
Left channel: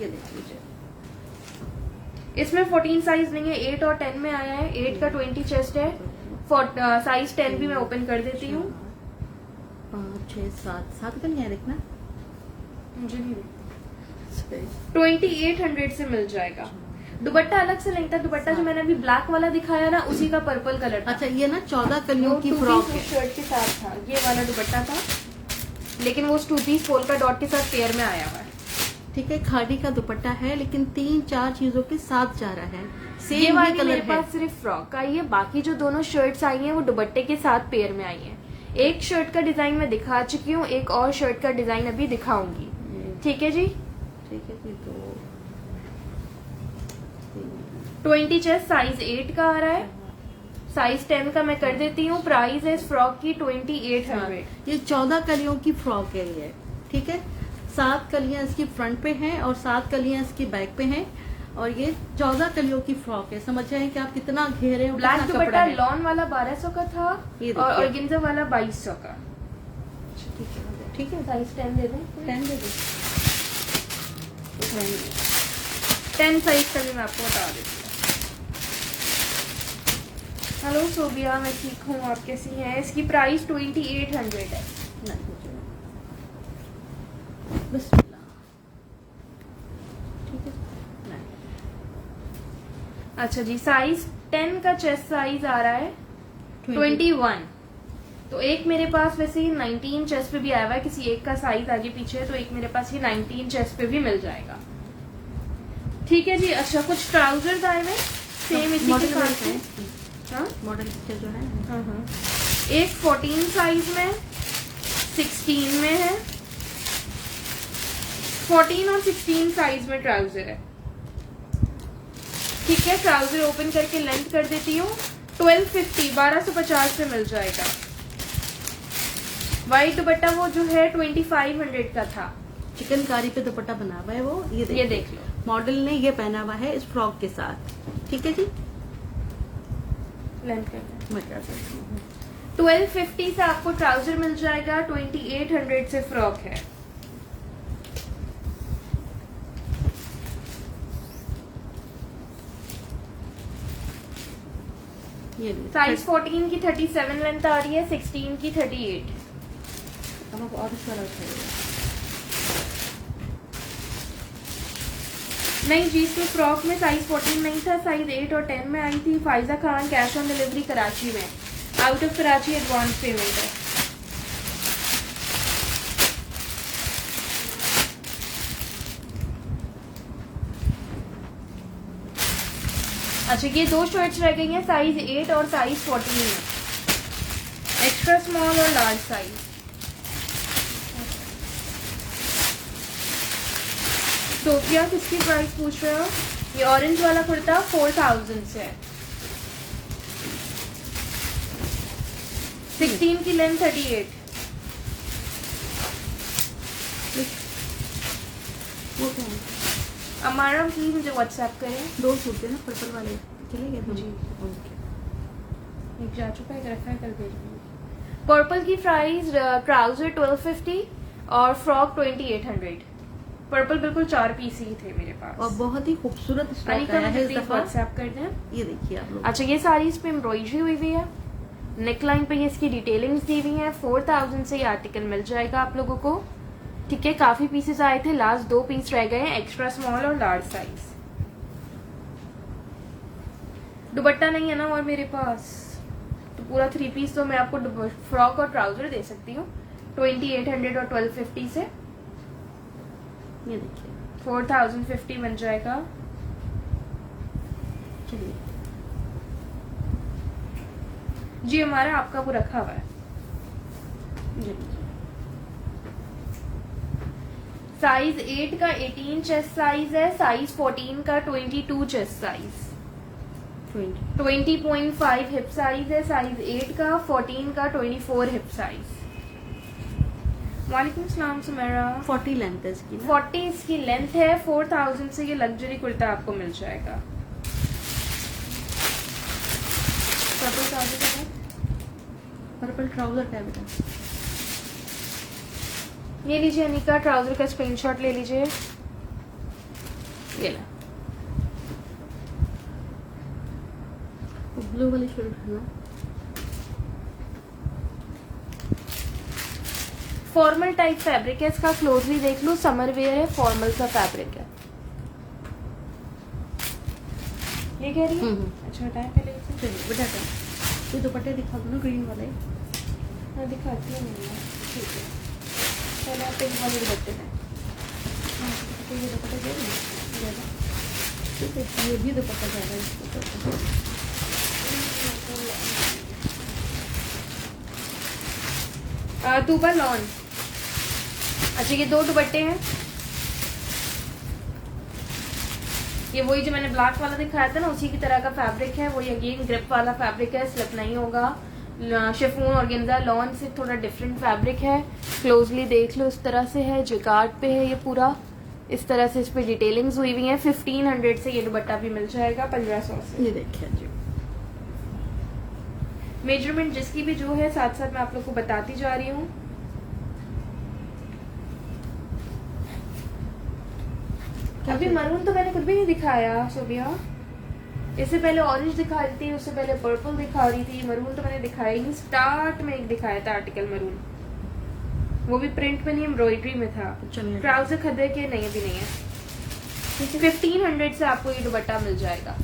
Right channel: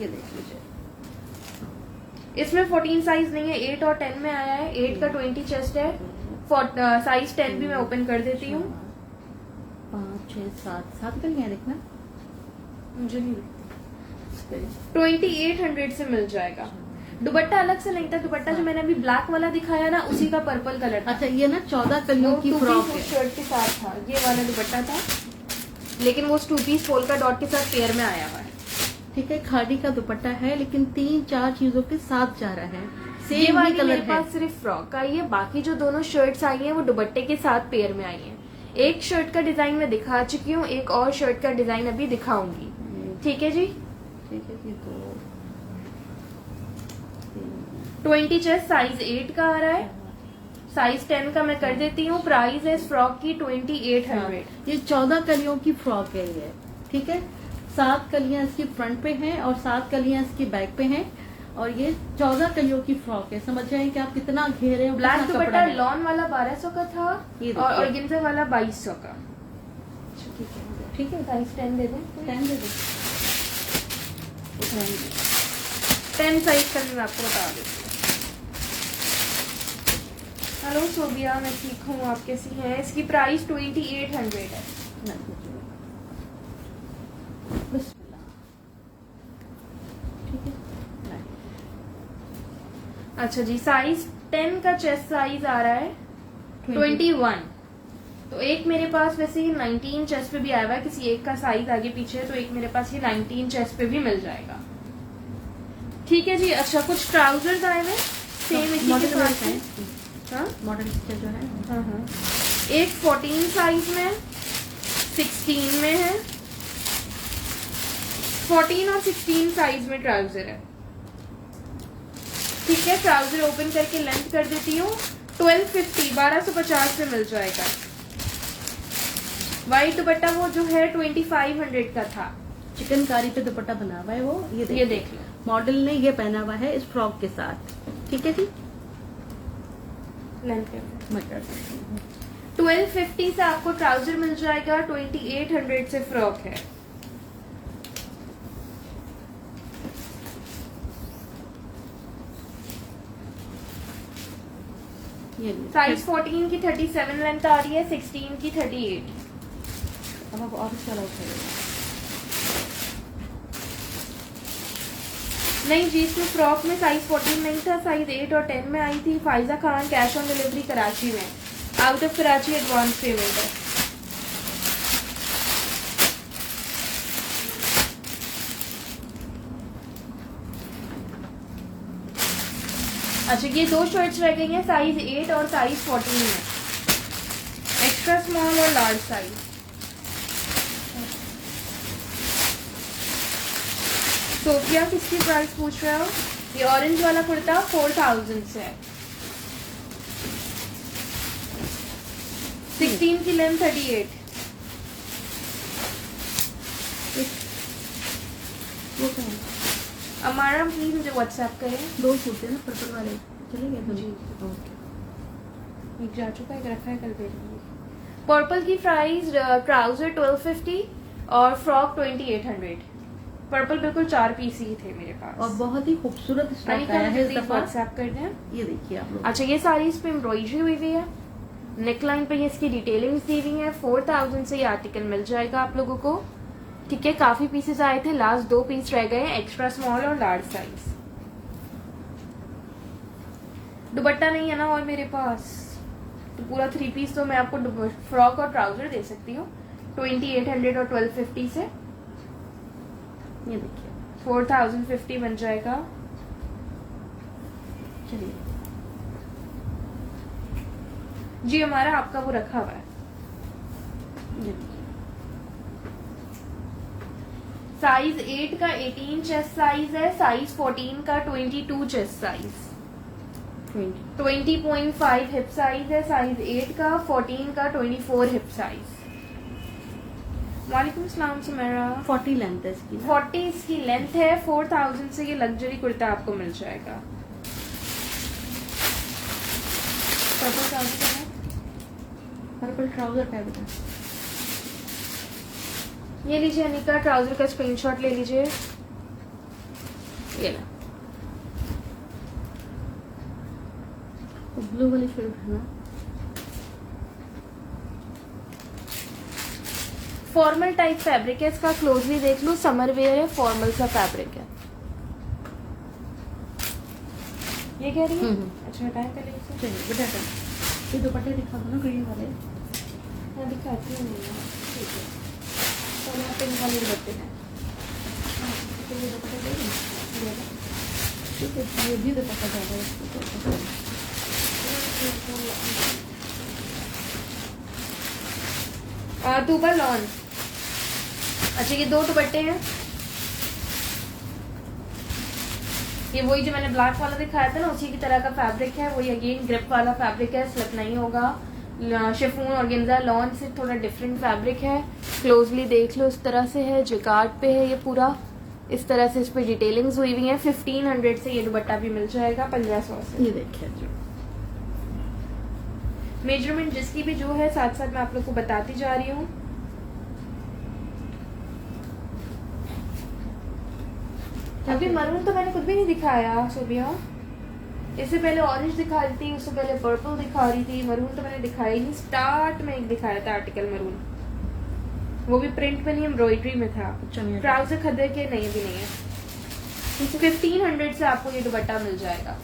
ये देख लीजिए, इसमें 14 साइज नहीं है, 8 और 10 में आया है। 8 का 20 चेस्ट है। साइज 10 भी मैं ओपन कर देती हूँ। 5 6 7 का नहीं है, देखना मुझे नहीं 2800 से मिल जाएगा। दुपट्टा अलग से लेंगे। दुपट्टा जो मैंने अभी ब्लैक वाला दिखाया ना, उसी का पर्पल कलर था। अच्छा, ये ना 14 कलियों की फ्रॉक है। शर्ट के साथ था, ये वाला दुपट्टा था, लेकिन वो 2 पीस पोल्का डॉट के साथ पेयर में आया हुआ है। ठीक है, खादी का दुपट्टा है, लेकिन 3-4 चीजों के साथ जा रहा है। ये सेम वाली ही कलर मेरे है। पास सिर्फ फ्रॉक आई है। बाकी जो दोनों शर्ट्स आई हैं वो दुपट्टे के साथ पेयर में आई हैं। एक शर्ट का डिजाइन मैं दिखा चुकी हूँ, एक और शर्ट का डिजाइन अभी दिखाऊंगी। ठीक है जी। ठीक है जी, तो 20 चेस्ट साइज 8 का आ रहा है। साइज 10 का मैं कर देती हूँ। प्राइस है इस फ्रॉक की 2800। ये 14 कलियों की फ्रॉक है ये। ठीक है, 7 कलियां इसकी फ्रंट पे हैं और 7 कलियां इसकी बैक पे हैं, और ये 14 कलियों की फ्रॉक है। समझ रहे हैं कि आप कितना घेरे हो, ब्लैक कितना दुपट्टा कपड़ा है। लॉन वाला 1200 का था ये देखिए। और ऑर्गेन्जा वाला 2200 का। ठीक है, साइज 10 दे दें। 10 दे दो। 10 साइज का मैं आपको बता देती हूँ। हेलो सोबिया, मैं ठीक हूँ, आप कैसी हैं? इसकी प्राइस 2800 है। बस ठीक है। अच्छा जी, साइज 10 का चेस्ट साइज आ रहा है 21। तो एक मेरे पास वैसे ही 19 चेस्ट पे भी आया हुआ है। किसी एक का साइज आगे पीछे है, तो एक मेरे पास ही 19 चेस्ट पे भी मिल जाएगा। ठीक है जी। अच्छा, कुछ ट्राउजर्स आए हुए सेम इसी के साथ हैं। हाँ? मॉडल जो है, एक 14 साइज में, 16 में है, 14 और 16 साइज में ट्राउजर है। ठीक है, ट्राउजर ओपन करके लेंथ कर देती हूँ। 1250 1250 में मिल जाएगा। वाइट दुपट्टा वो जो है 2500 का था। चिकनकारी पे दुपट्टा बना हुआ है वो, ये देख लो, मॉडल ने ये पहना हुआ है इस फ्रॉक के साथ। ठीक है जी, लेंथ कर दो। मैं कर सकती हूँ। 1250 से आपको ट्राउजर मिल जाएगा, 2800 से फ्रॉक है। ये भी साइज 14 की 37 लेंथ आ रही है, 16 की 38। अब आप और इसका अलग करेगा। नहीं जी, इसमें फ्रॉक में साइज 14 नहीं था, साइज 8 और 10 में आई थी। Faiza Khan, cash on delivery Karachi में, out of Karachi advance payment है। अच्छा, ये दो शर्ट्स रह गई हैं, साइज 8 और साइज 14 में, एक्स्ट्रा स्मॉल और लार्ज साइज। सोफिया किसकी प्राइस पूछ रहे हो? ये ऑरेंज वाला कुर्ता 4000 से है। 16 की लेंथ 38। वो क्या है? अमारा प्लीज मुझे व्हाट्सएप करें। दो सूट है ना पर्पल वाले, चले गए जी। ओके। एक जा चुका है, रखा है, कल भेजूंगी। पर्पल की प्राइस ट्राउजर 1250 और फ्रॉक 2800। पर्पल बिल्कुल 4 पीस ही थे मेरे पास। और बहुत ही खूबसूरत स्टॉक आया है इस दफा। व्हाट्सएप कर दें। ये देखिए आप लोग। अच्छा, ये सारी इस पे एम्ब्रॉयडरी हुई हुई है, नेकलाइन पे ये इसकी डिटेलिंग्स दी हुई है। 4000 से ये आर्टिकल मिल जाएगा आप लोगों को। ठीक है, काफी पीसेस आए थे, लास्ट 2 पीस रह गए हैं, एक्स्ट्रा स्मॉल और लार्ज साइज। दुपट्टा नहीं है ना और मेरे पास, तो पूरा 3 पीस तो मैं आपको फ्रॉक और ट्राउजर दे सकती हूँ 2800 और 1250 से। ये देखिए, 4050 बन जाएगा। चलिए जी, हमारा आपका वो रखा हुआ है। ये देखिए। साइज 8 का 18 चेस्ट साइज है, साइज 14 का 22 चेस्ट साइज, 20.5 हिप साइज है, साइज 8 का, 14 का 24 हिप साइज। वालेकुम सलाम सुमेरा। 40 लेंथ है इसकी। 40 इसकी लेंथ है। 4000 से ये लग्जरी कुर्ता आपको मिल जाएगा। पर्पल ट्राउजर का है बेटा। ये लीजिए अनिका, ट्राउजर का स्क्रीनशॉट ले लीजिए। ये ला, वो ब्लू वाली शर्ट है ना। फॉर्मल टाइप फैब्रिक है इसका, क्लोजली देख लो, समर वेयर है, फॉर्मल सा फैब्रिक है। ये कह रही है? अच्छा, बताएं पहले इसे। चलिए दुपट्टा, ये दुपट्टे दिखा दो ना वीडियो वाले। मैं दिखाती हूँ। ठीक है, चलो आप इन वाले दुपट्टे हैं। तो ये दुपट्टा दे दें। ठीक है, ये भी दुपट्टा ज्यादा है इसके। टूबर लॉन। अच्छा, ये 2 दुपट्टे हैं। ये वही जो मैंने ब्लैक वाला दिखाया था ना, उसी की तरह का फैब्रिक है। वही अगेन ग्रिप वाला फैब्रिक है, स्लिप नहीं होगा। शिफॉन और गेंजा लॉन से थोड़ा डिफरेंट फैब्रिक है। क्लोजली देख लो, इस तरह से है, जिकार्ड पे है ये पूरा। इस तरह से इस पे डिटेलिंग्स हुई हुई है। 1500 से ये दुपट्टा भी मिल जाएगा, 1500 से। ये देखिए जी, मेजरमेंट जिसकी भी जो है साथ साथ मैं आप लोग को बताती जा रही हूँ। अभी मरून तो मैंने कुछ भी नहीं दिखाया सोबिया। इससे पहले ऑरेंज दिखा रही थी, उससे पहले पर्पल दिखा रही थी, मरून तो मैंने दिखाया ही नहीं। स्टार्ट में एक दिखाया था आर्टिकल मरून, वो भी प्रिंट में नहीं, एम्ब्रॉयडरी में था। ट्राउजर खदे के नहीं भी नहीं है। 1500 से आपको ये दुपट्टा मिल जाएगा।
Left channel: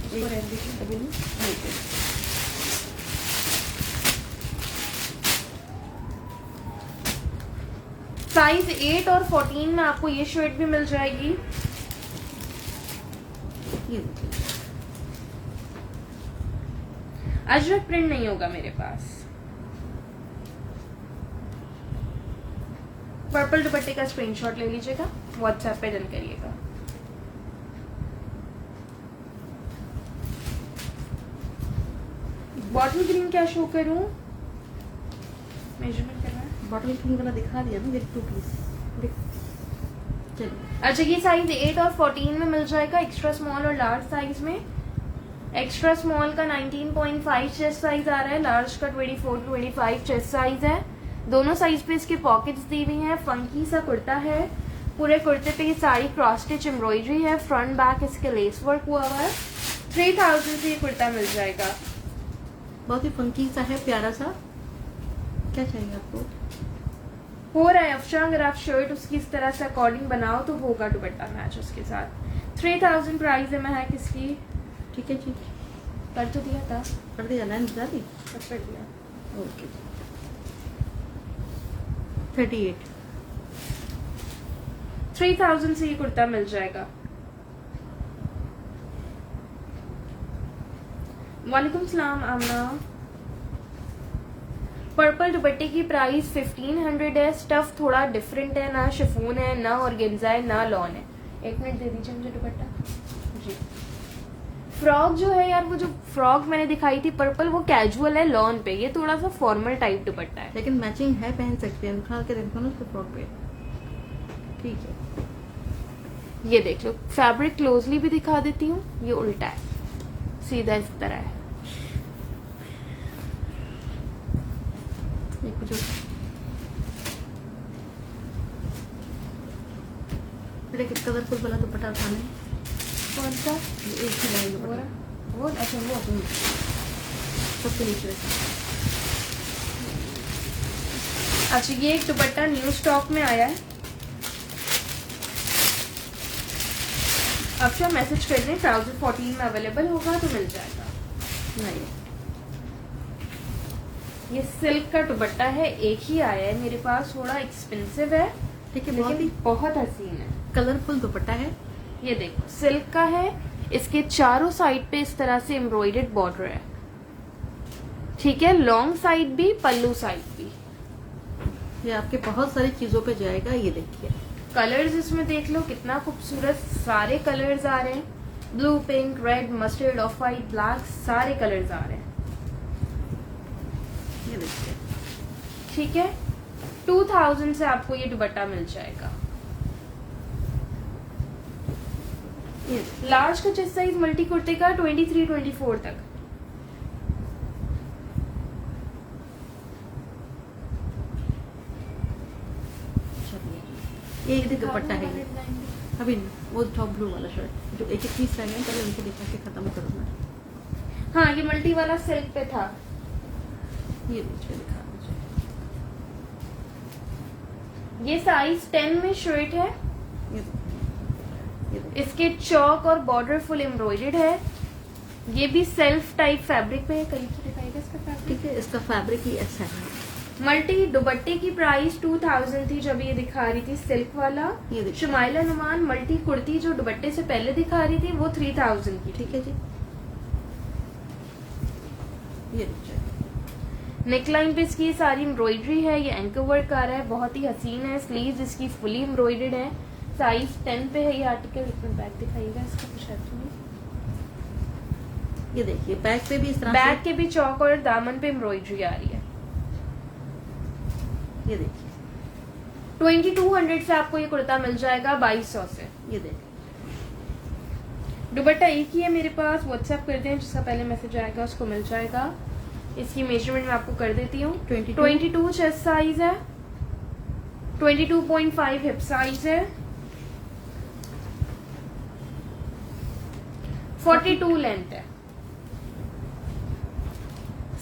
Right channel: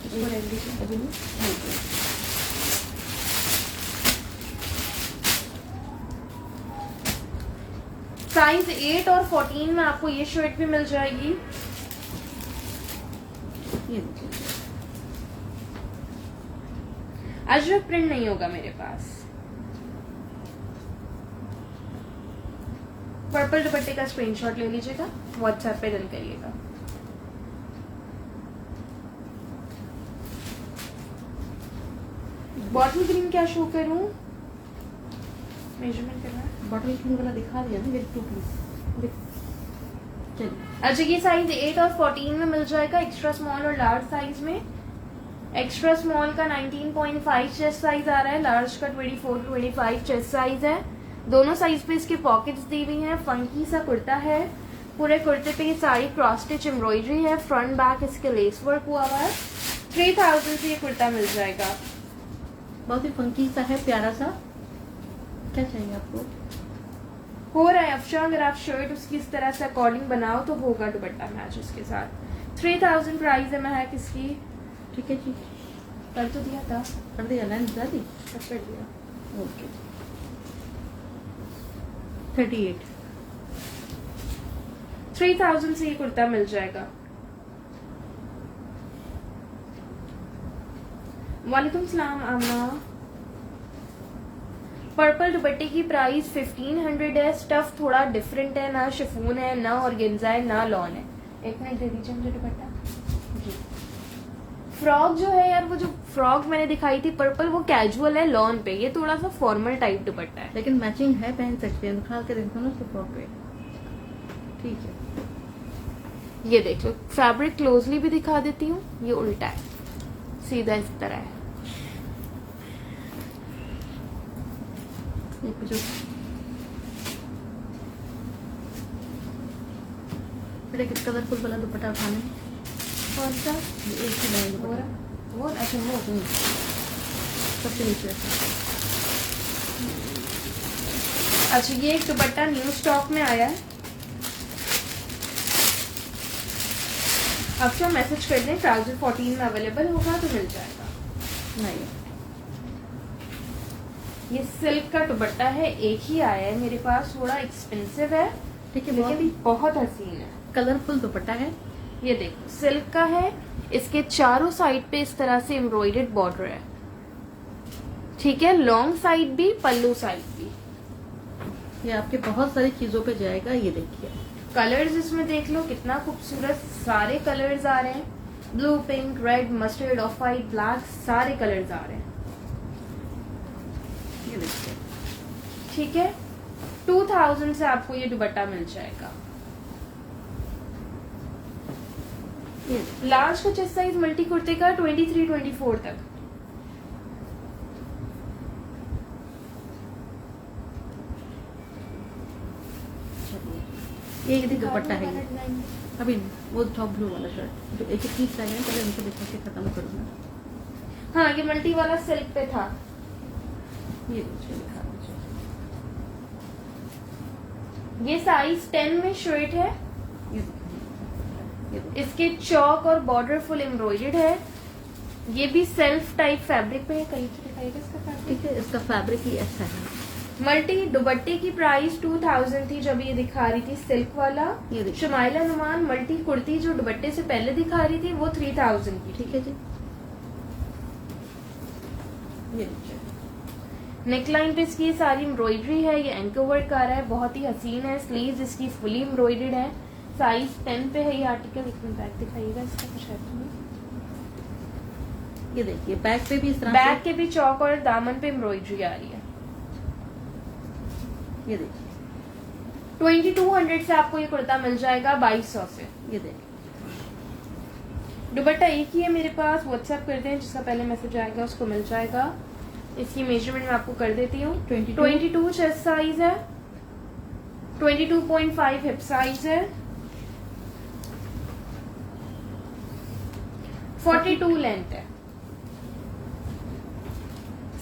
साइज 8 और 14 में आपको ये शर्ट भी मिल जाएगी। ये देखिए, अजरक प्रिंट नहीं होगा मेरे पास। पर्पल दुपट्टे का स्क्रीनशॉट ले लीजिएगा, व्हाट्सएप पे डन करिएगा। बॉटल ग्रीन क्या शो करूं? मेजरमेंट करना है। बॉटल ग्रीन वाला दिखा दिया ना, देख 2 पीस चलिए। अच्छा, ये साइज 8 और 14 में मिल जाएगा, एक्स्ट्रा स्मॉल और लार्ज साइज में। एक्स्ट्रा स्मॉल का 19.5 चेस्ट साइज आ रहा है, लार्ज का 24-25 चेस्ट साइज है। दोनों साइज पे इसकी पॉकेट्स दी हुई हैं। फंकी सा कुर्ता है, पूरे कुर्ते पे सारी क्रॉस स्टिच एम्ब्रॉयडरी है, फ्रंट बैक इसके लेस वर्क हुआ हुआ है। 3000 से ये कुर्ता मिल जाएगा। बहुत ही फंकी सा है, प्यारा सा। क्या चाहिए आपको? हो रहा है अफशा, अगर आप शर्ट उसकी इस तरह से अकॉर्डिंग बनाओ तो होगा दुपट्टा मैच उसके साथ। 3000 प्राइस है महक इसकी। ठीक है जी, कर तो दिया था, कर दिया ना, निकाल दी। कर दिया। ओके 38। 3000 से ये कुर्ता मिल जाएगा। वालेकुम सलाम आमना। पर्पल दुपट्टे की प्राइस 1500 है। स्टफ थोड़ा डिफरेंट है, ना शिफॉन है, ना ऑर्गेन्जा है, ना लॉन है। 1 मिनट दे दीजिए मुझे दुपट्टा जी। फ्रॉक जो है यार, वो जो फ्रॉक मैंने दिखाई थी पर्पल, वो कैजुअल है लॉन पे, ये थोड़ा सा फॉर्मल टाइप दुपट्टा है। लेकिन मैचिंग है, पहन सकते हैं। दिखा के रखो ना उसके फ्रॉक पे। ठीक है, ये देख लो, फैब्रिक क्लोजली भी दिखा देती हूँ। ये उल्टा है, सीधा इस तरह है। ये कुछ लेकिन कलरफुल वाला दुपट्टा उठाने। कौन सा? ये एक ही लाइन दुपट्टा, वो अच्छा वो सबसे नीचे ऐसा। अच्छा, ये एक दुपट्टा न्यू स्टॉक में आया है। अब जो मैसेज कर दें 1014 में अवेलेबल होगा तो मिल जाएगा। नहीं, ये सिल्क का दुपट्टा है, एक ही आया है मेरे पास, थोड़ा एक्सपेंसिव है ठीक है, बहुत ही लेकिन बहुत हसीन है। कलरफुल दुपट्टा है। ये देखो, सिल्क का है, इसके चारों साइड पे इस तरह से एम्ब्रॉयडर्ड बॉर्डर है। ठीक है, लॉन्ग साइड भी, पल्लू साइड भी। ये आपके बहुत सारी चीजों पे जाएगा। ये देखिए, कलर्स इसमें देख लो कितना खूबसूरत, सारे कलर्स आ रहे हैं। Blue, pink, red, mustard, of white, black, सारे कलर्स आ रहे हैं। ये देखिए, ठीक है, 2000 से आपको ये दुपट्टा मिल जाएगा। ये देखिए। लार्ज का चेस्ट साइज मल्टी कुर्ते का 23-24 तक। ये एक भी दुपट्टा है ये। अभी नहीं, वो टॉप ब्लू वाला शर्ट जो एक पीस कर रहे हैं, पहले उनको दिखा के खत्म करो ना। हाँ, ये मल्टी वाला सिल्क पे था। ये देखिए, दिखा दीजिए। ये साइज 10 में शर्ट है। ये देखिए, ये देखिए। इसके चौक और बॉर्डर फुल एम्ब्रॉयडर्ड है। ये भी सेल्फ टाइप फैब्रिक पे है। करीब से दिखाइएगा इसका फैब्रिक। ठीक है, इसका फैब्रिक ही ऐसा है। मल्टी दुपट्टे की प्राइस 2000 थी जब ये दिखा रही थी सिल्क वाला। ये देखिए। शुमाइला नुमान मल्टी कुर्ती जो दुपट्टे से पहले दिखा रही थी वो 3000 की। ठीक है जी, ये देखिए। नेकलाइन पे इसकी सारी एम्ब्रॉयडरी है, ये एंकर वर्क आ रहा है, बहुत ही हसीन है। स्लीव्स इसकी फुली एम्ब्रॉयडर्ड है। साइज 10 पे है ये आर्टिकल। एक मिनट बैक दिखाइएगा इसका कुछ है तो नहीं। ये देखिए, बैक पे भी इस तरह बैक के भी चौक और दामन पे एम्ब्रॉयडरी आ रही है। ये देखिए, 2200 से आपको ये कुर्ता मिल जाएगा 2200 से। ये देखिए। दुपट्टा एक ही है मेरे पास, व्हाट्सएप कर दें, जिसका पहले मैसेज आएगा उसको मिल जाएगा। इसकी मेजरमेंट मैं आपको कर देती हूँ। 22 चेस्ट साइज है, 22.5 हिप साइज है, 42 लेंथ है।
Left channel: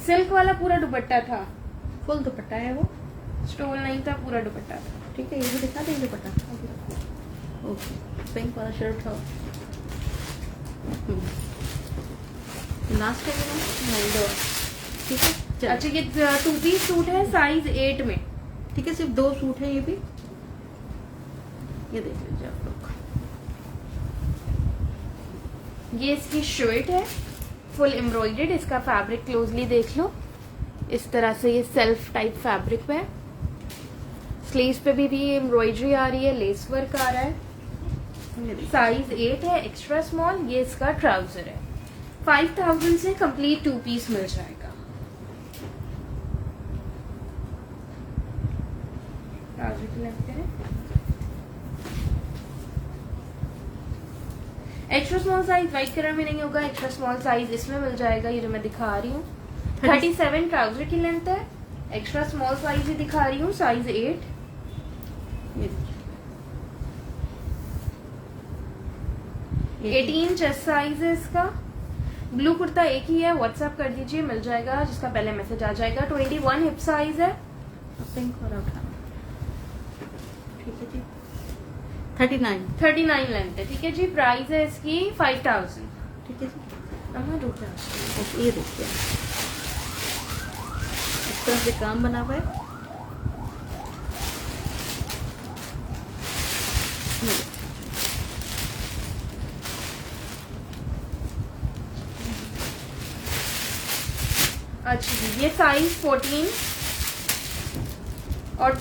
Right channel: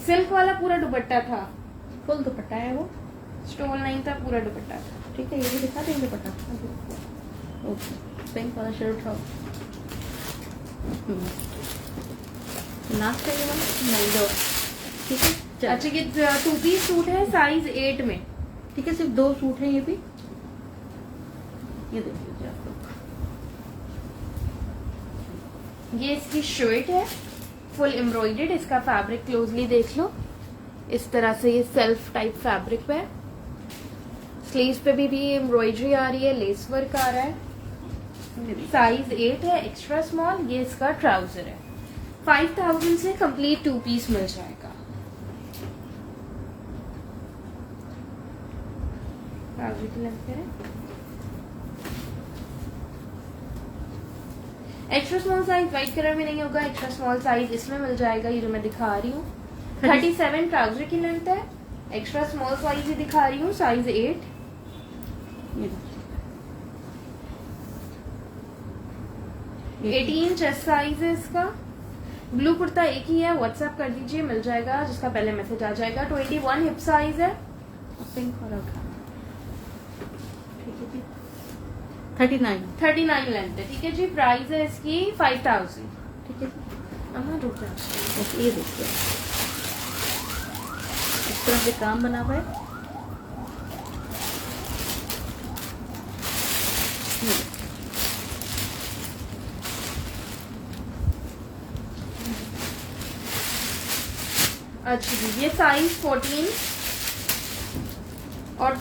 सिल्क वाला पूरा दुपट्टा था, फुल दुपट्टा है वो। स्टोन लाइन था, पूरा दुपट्टा था। ठीक है, ये भी दिखा देंगे दुपट्टा। ओके, पिंक वाला शर्ट था। लास्ट नहीं दो। ठीक है, चलो। अच्छा, ये 2 पीस सूट है साइज 8 में। ठीक है, सिर्फ 2 सूट है ये भी। ये देख लीजिए आप लोग। ये इसकी शर्ट है, फुल एम्ब्रॉयडर्ड। इसका फैब्रिक क्लोजली देख लो, इस तरह से ये सेल्फ टाइप फैब्रिक है। स्लीव्स पे भी एम्ब्रॉयडरी आ रही है, लेस वर्क आ रहा है। ये देखिए। साइज 8 है, एक्स्ट्रा स्मॉल। ये इसका ट्राउजर है। 5000 से कंप्लीट 2 पीस मिल जाएगा। ट्राउजर की लेंथ है। Extra small size white colour में नहीं होगा, एक्स्ट्रा स्मॉल साइज इसमें मिल जाएगा। ये जो मैं दिखा रही हूँ 37 ट्राउजर की लेंथ है। एक्स्ट्रा स्मॉल साइज ही दिखा रही हूँ, साइज 8। ये देखिए। 18 चेस्ट साइज है इसका। ब्लू कुर्ता एक ही है, व्हाट्सएप कर दीजिए, मिल जाएगा। जिसका पहले मैसेज आ जाएगा। 21 हिप साइज है। पिंक और ठीक है जी। 39 39 लेंथ है। ठीक है जी। प्राइस है इसकी 5000। ठीक है जी। अम्मा रुक जा। ओके, ये देखिए इस तरह से काम बना हुआ है। ये देखिए। अच्छा जी, ये साइज 14 और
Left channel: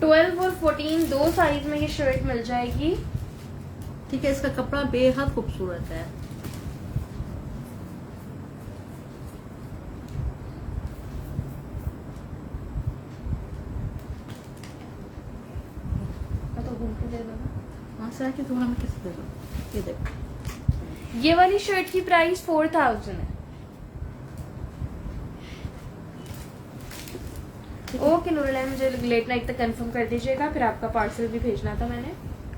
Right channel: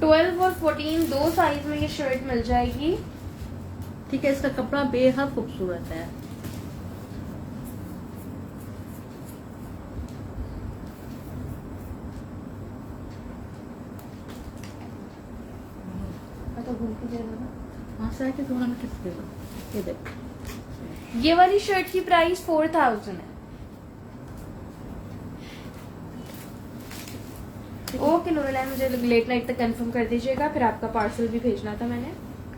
12 और 14 दो साइज में ये शर्ट मिल जाएगी। ठीक है, इसका कपड़ा बेहद खूबसूरत है। तो घूम के दे देना। वहां से आके तुम्हारा मैं किस दे दो। ये देखो। ये वाली शर्ट की प्राइस 4000 है। ओके नूरुल, मुझे लेट नाइट तक कंफर्म कर दीजिएगा, फिर आपका पार्सल भी भेजना था मैंने।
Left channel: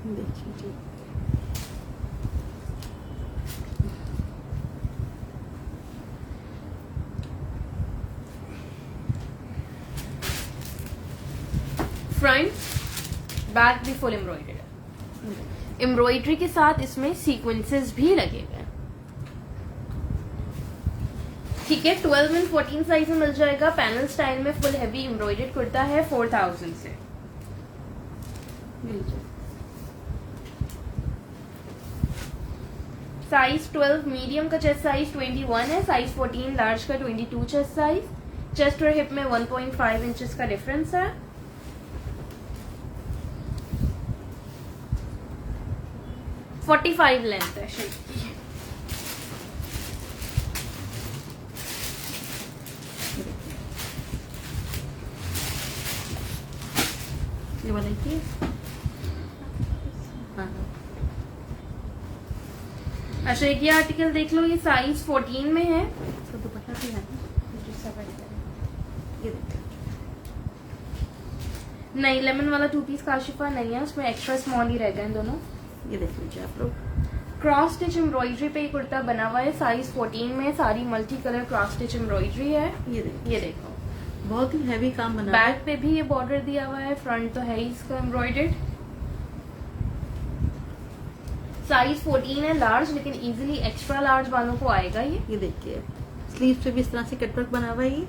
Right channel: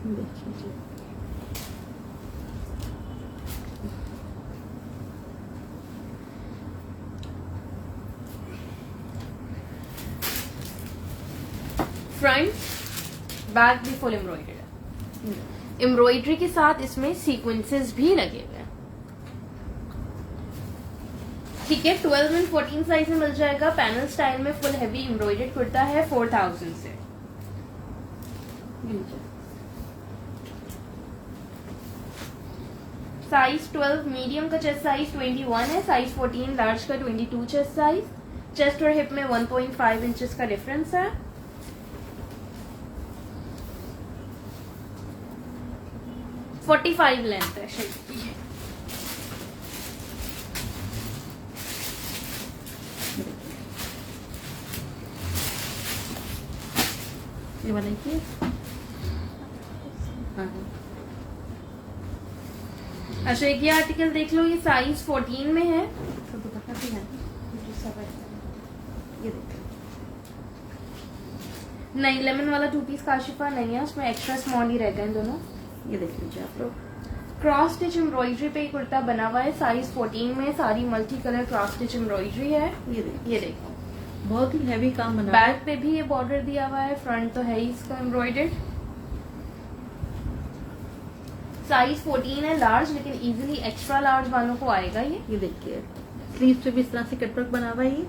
देखिए जी। फ्रंट बैक भी फुल एम्ब्रॉयडरी है। एम्ब्रॉयडरी के साथ इसमें सीक्वेंसेस भी लगे हुए हैं। ठीक है। 12 और 14 साइज में मिल जाएगा। पैनल स्टाइल में फुल हैवी एम्ब्रॉयडर्ड कुर्ता है 4000 से। साइज 12 मीडियम का चेस्ट साइज 21 है। साइज 14 लार्ज का 22 चेस्ट साइज। चेस्ट और हिप में 1.5 इंचेस का डिफरेंस है। - 45 लेंथ है शर्ट। ये वाले की अच्छा, एक ये आर्टिकल देख लो। ये साइज 14 में है। तो दुपट्टा भी है। ये देखिए। नहीं, लेमन वाला 2 पीस काशिफा नहीं है, उसमें एक्स्ट्रा स्मॉल ही रहते हैं दोनों। ये देखिए जी आप लोग। क्रॉस स्टिच एम्ब्रॉयडरी पे कुर्ता बना हुआ है। साइज 14 में। सारी multi colour cross stitch embroidery है। ये देखिए। ये देखो। बहुत ही हैवी काम बना हुआ है। बैक पे भी ये बॉर्डर दिया हुआ है। फ्रंट तो है ही इसका एम्ब्रॉयडर्ड। साइज 14 है लार्ज, लेकिन इजीली एक्स्ट्रा लार्ज वालों को आएगा ये। ये देखिए स्लीव पे भी इस तरह से कटवर्क बना हुआ है। ये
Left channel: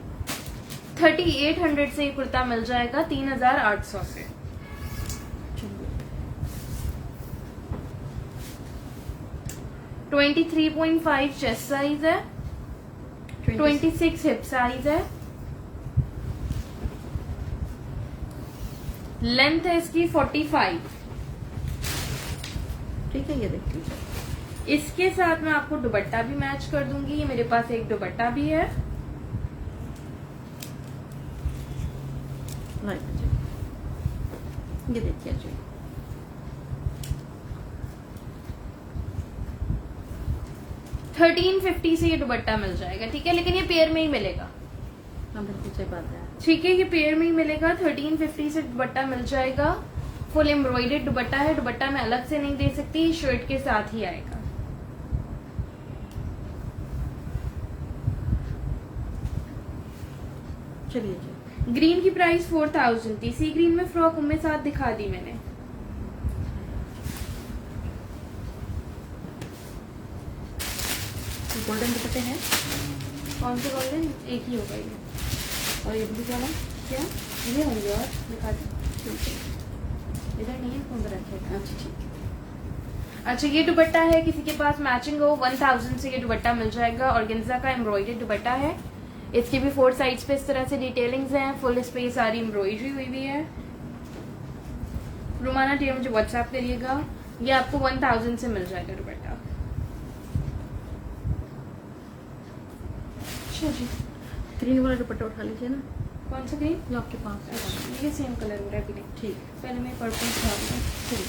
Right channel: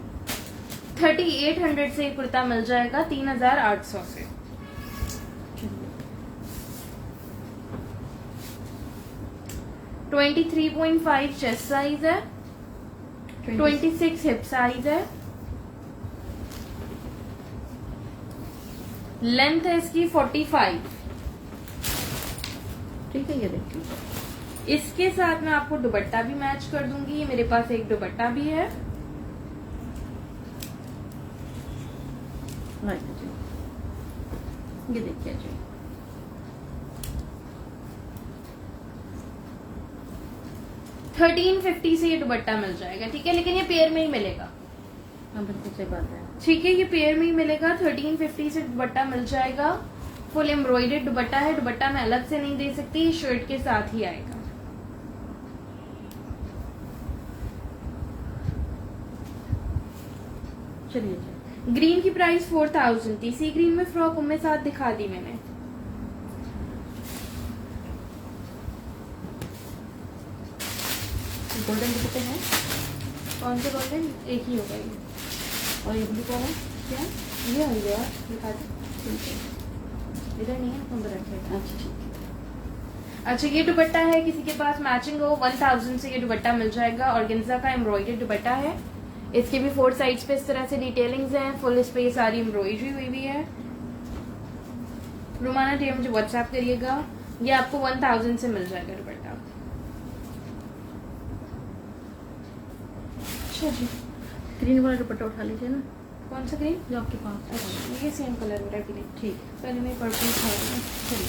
3800 से ये कुर्ता मिल जाएगा 3800 से। 23.5 चेस्ट साइज है। 26 हिप साइज है। लेंथ है इसकी 45। ठीक है, ये देखिए। इसके साथ मैं आपको दुपट्टा भी मैच कर दूंगी। ये मेरे पास एक दुपट्टा भी है। ये देखिए जी। $1350 से ये दुपट्टा मिल जाएगा। ठीक है, लेकिन ये पेयर में ही मिलेगा। हाँ बिल्कुल सही बात है। ठीक है, ये पेयर में ही मिलेगा। 1350 से दुपट्टा मिल जाएगा। फुल एम्ब्रॉयडर्ड दुपट्टा है। दुपट्टा मैं अलग से नहीं दे सकती, शर्ट के साथ ही आएगा। चलिए जी। ग्रीन की प्राइस 4000 थी। सी ग्रीन में फ्रॉक उनमें साथ दिखा दी मैंने। गोल्डन दुपट्टे हैं। कौन से गोल्डन? एक ही होगा ये। और ये ब्लू कलर है। क्या ये होंगे यार, दिखा दी। इधर नहीं है, नंबर रखेगा। अच्छा ठीक। अच्छा, ये दुपट्टा है, किसी के पास मैचिंग हो 1000 से ये दुपट्टा मिल जाएगा। ऑर्गेन्जा का एम्ब्रॉयडर्ड दुपट्टा है। इसके भी 4 साइड्स पे इस तरह से डिटेलिंग्स हैं। फुल इस पे सारी एम्ब्रॉयडरी हुई हुई है। रुमाना टी मुझे व्हाट्सएप करिएगा। ये आपको 1000 से मिल जाएगा दुपट्टा। अच्छा जी, ग्रीन वाला दुपट्टा उठा लीजिए ना, कौन सा ग्रीन? जो आपके पास है। अच्छा, ये सेम कलर हो रहा है ग्रीन। ठीक। पहले मैं पर्पल दिखा रही हूँ। ठीक।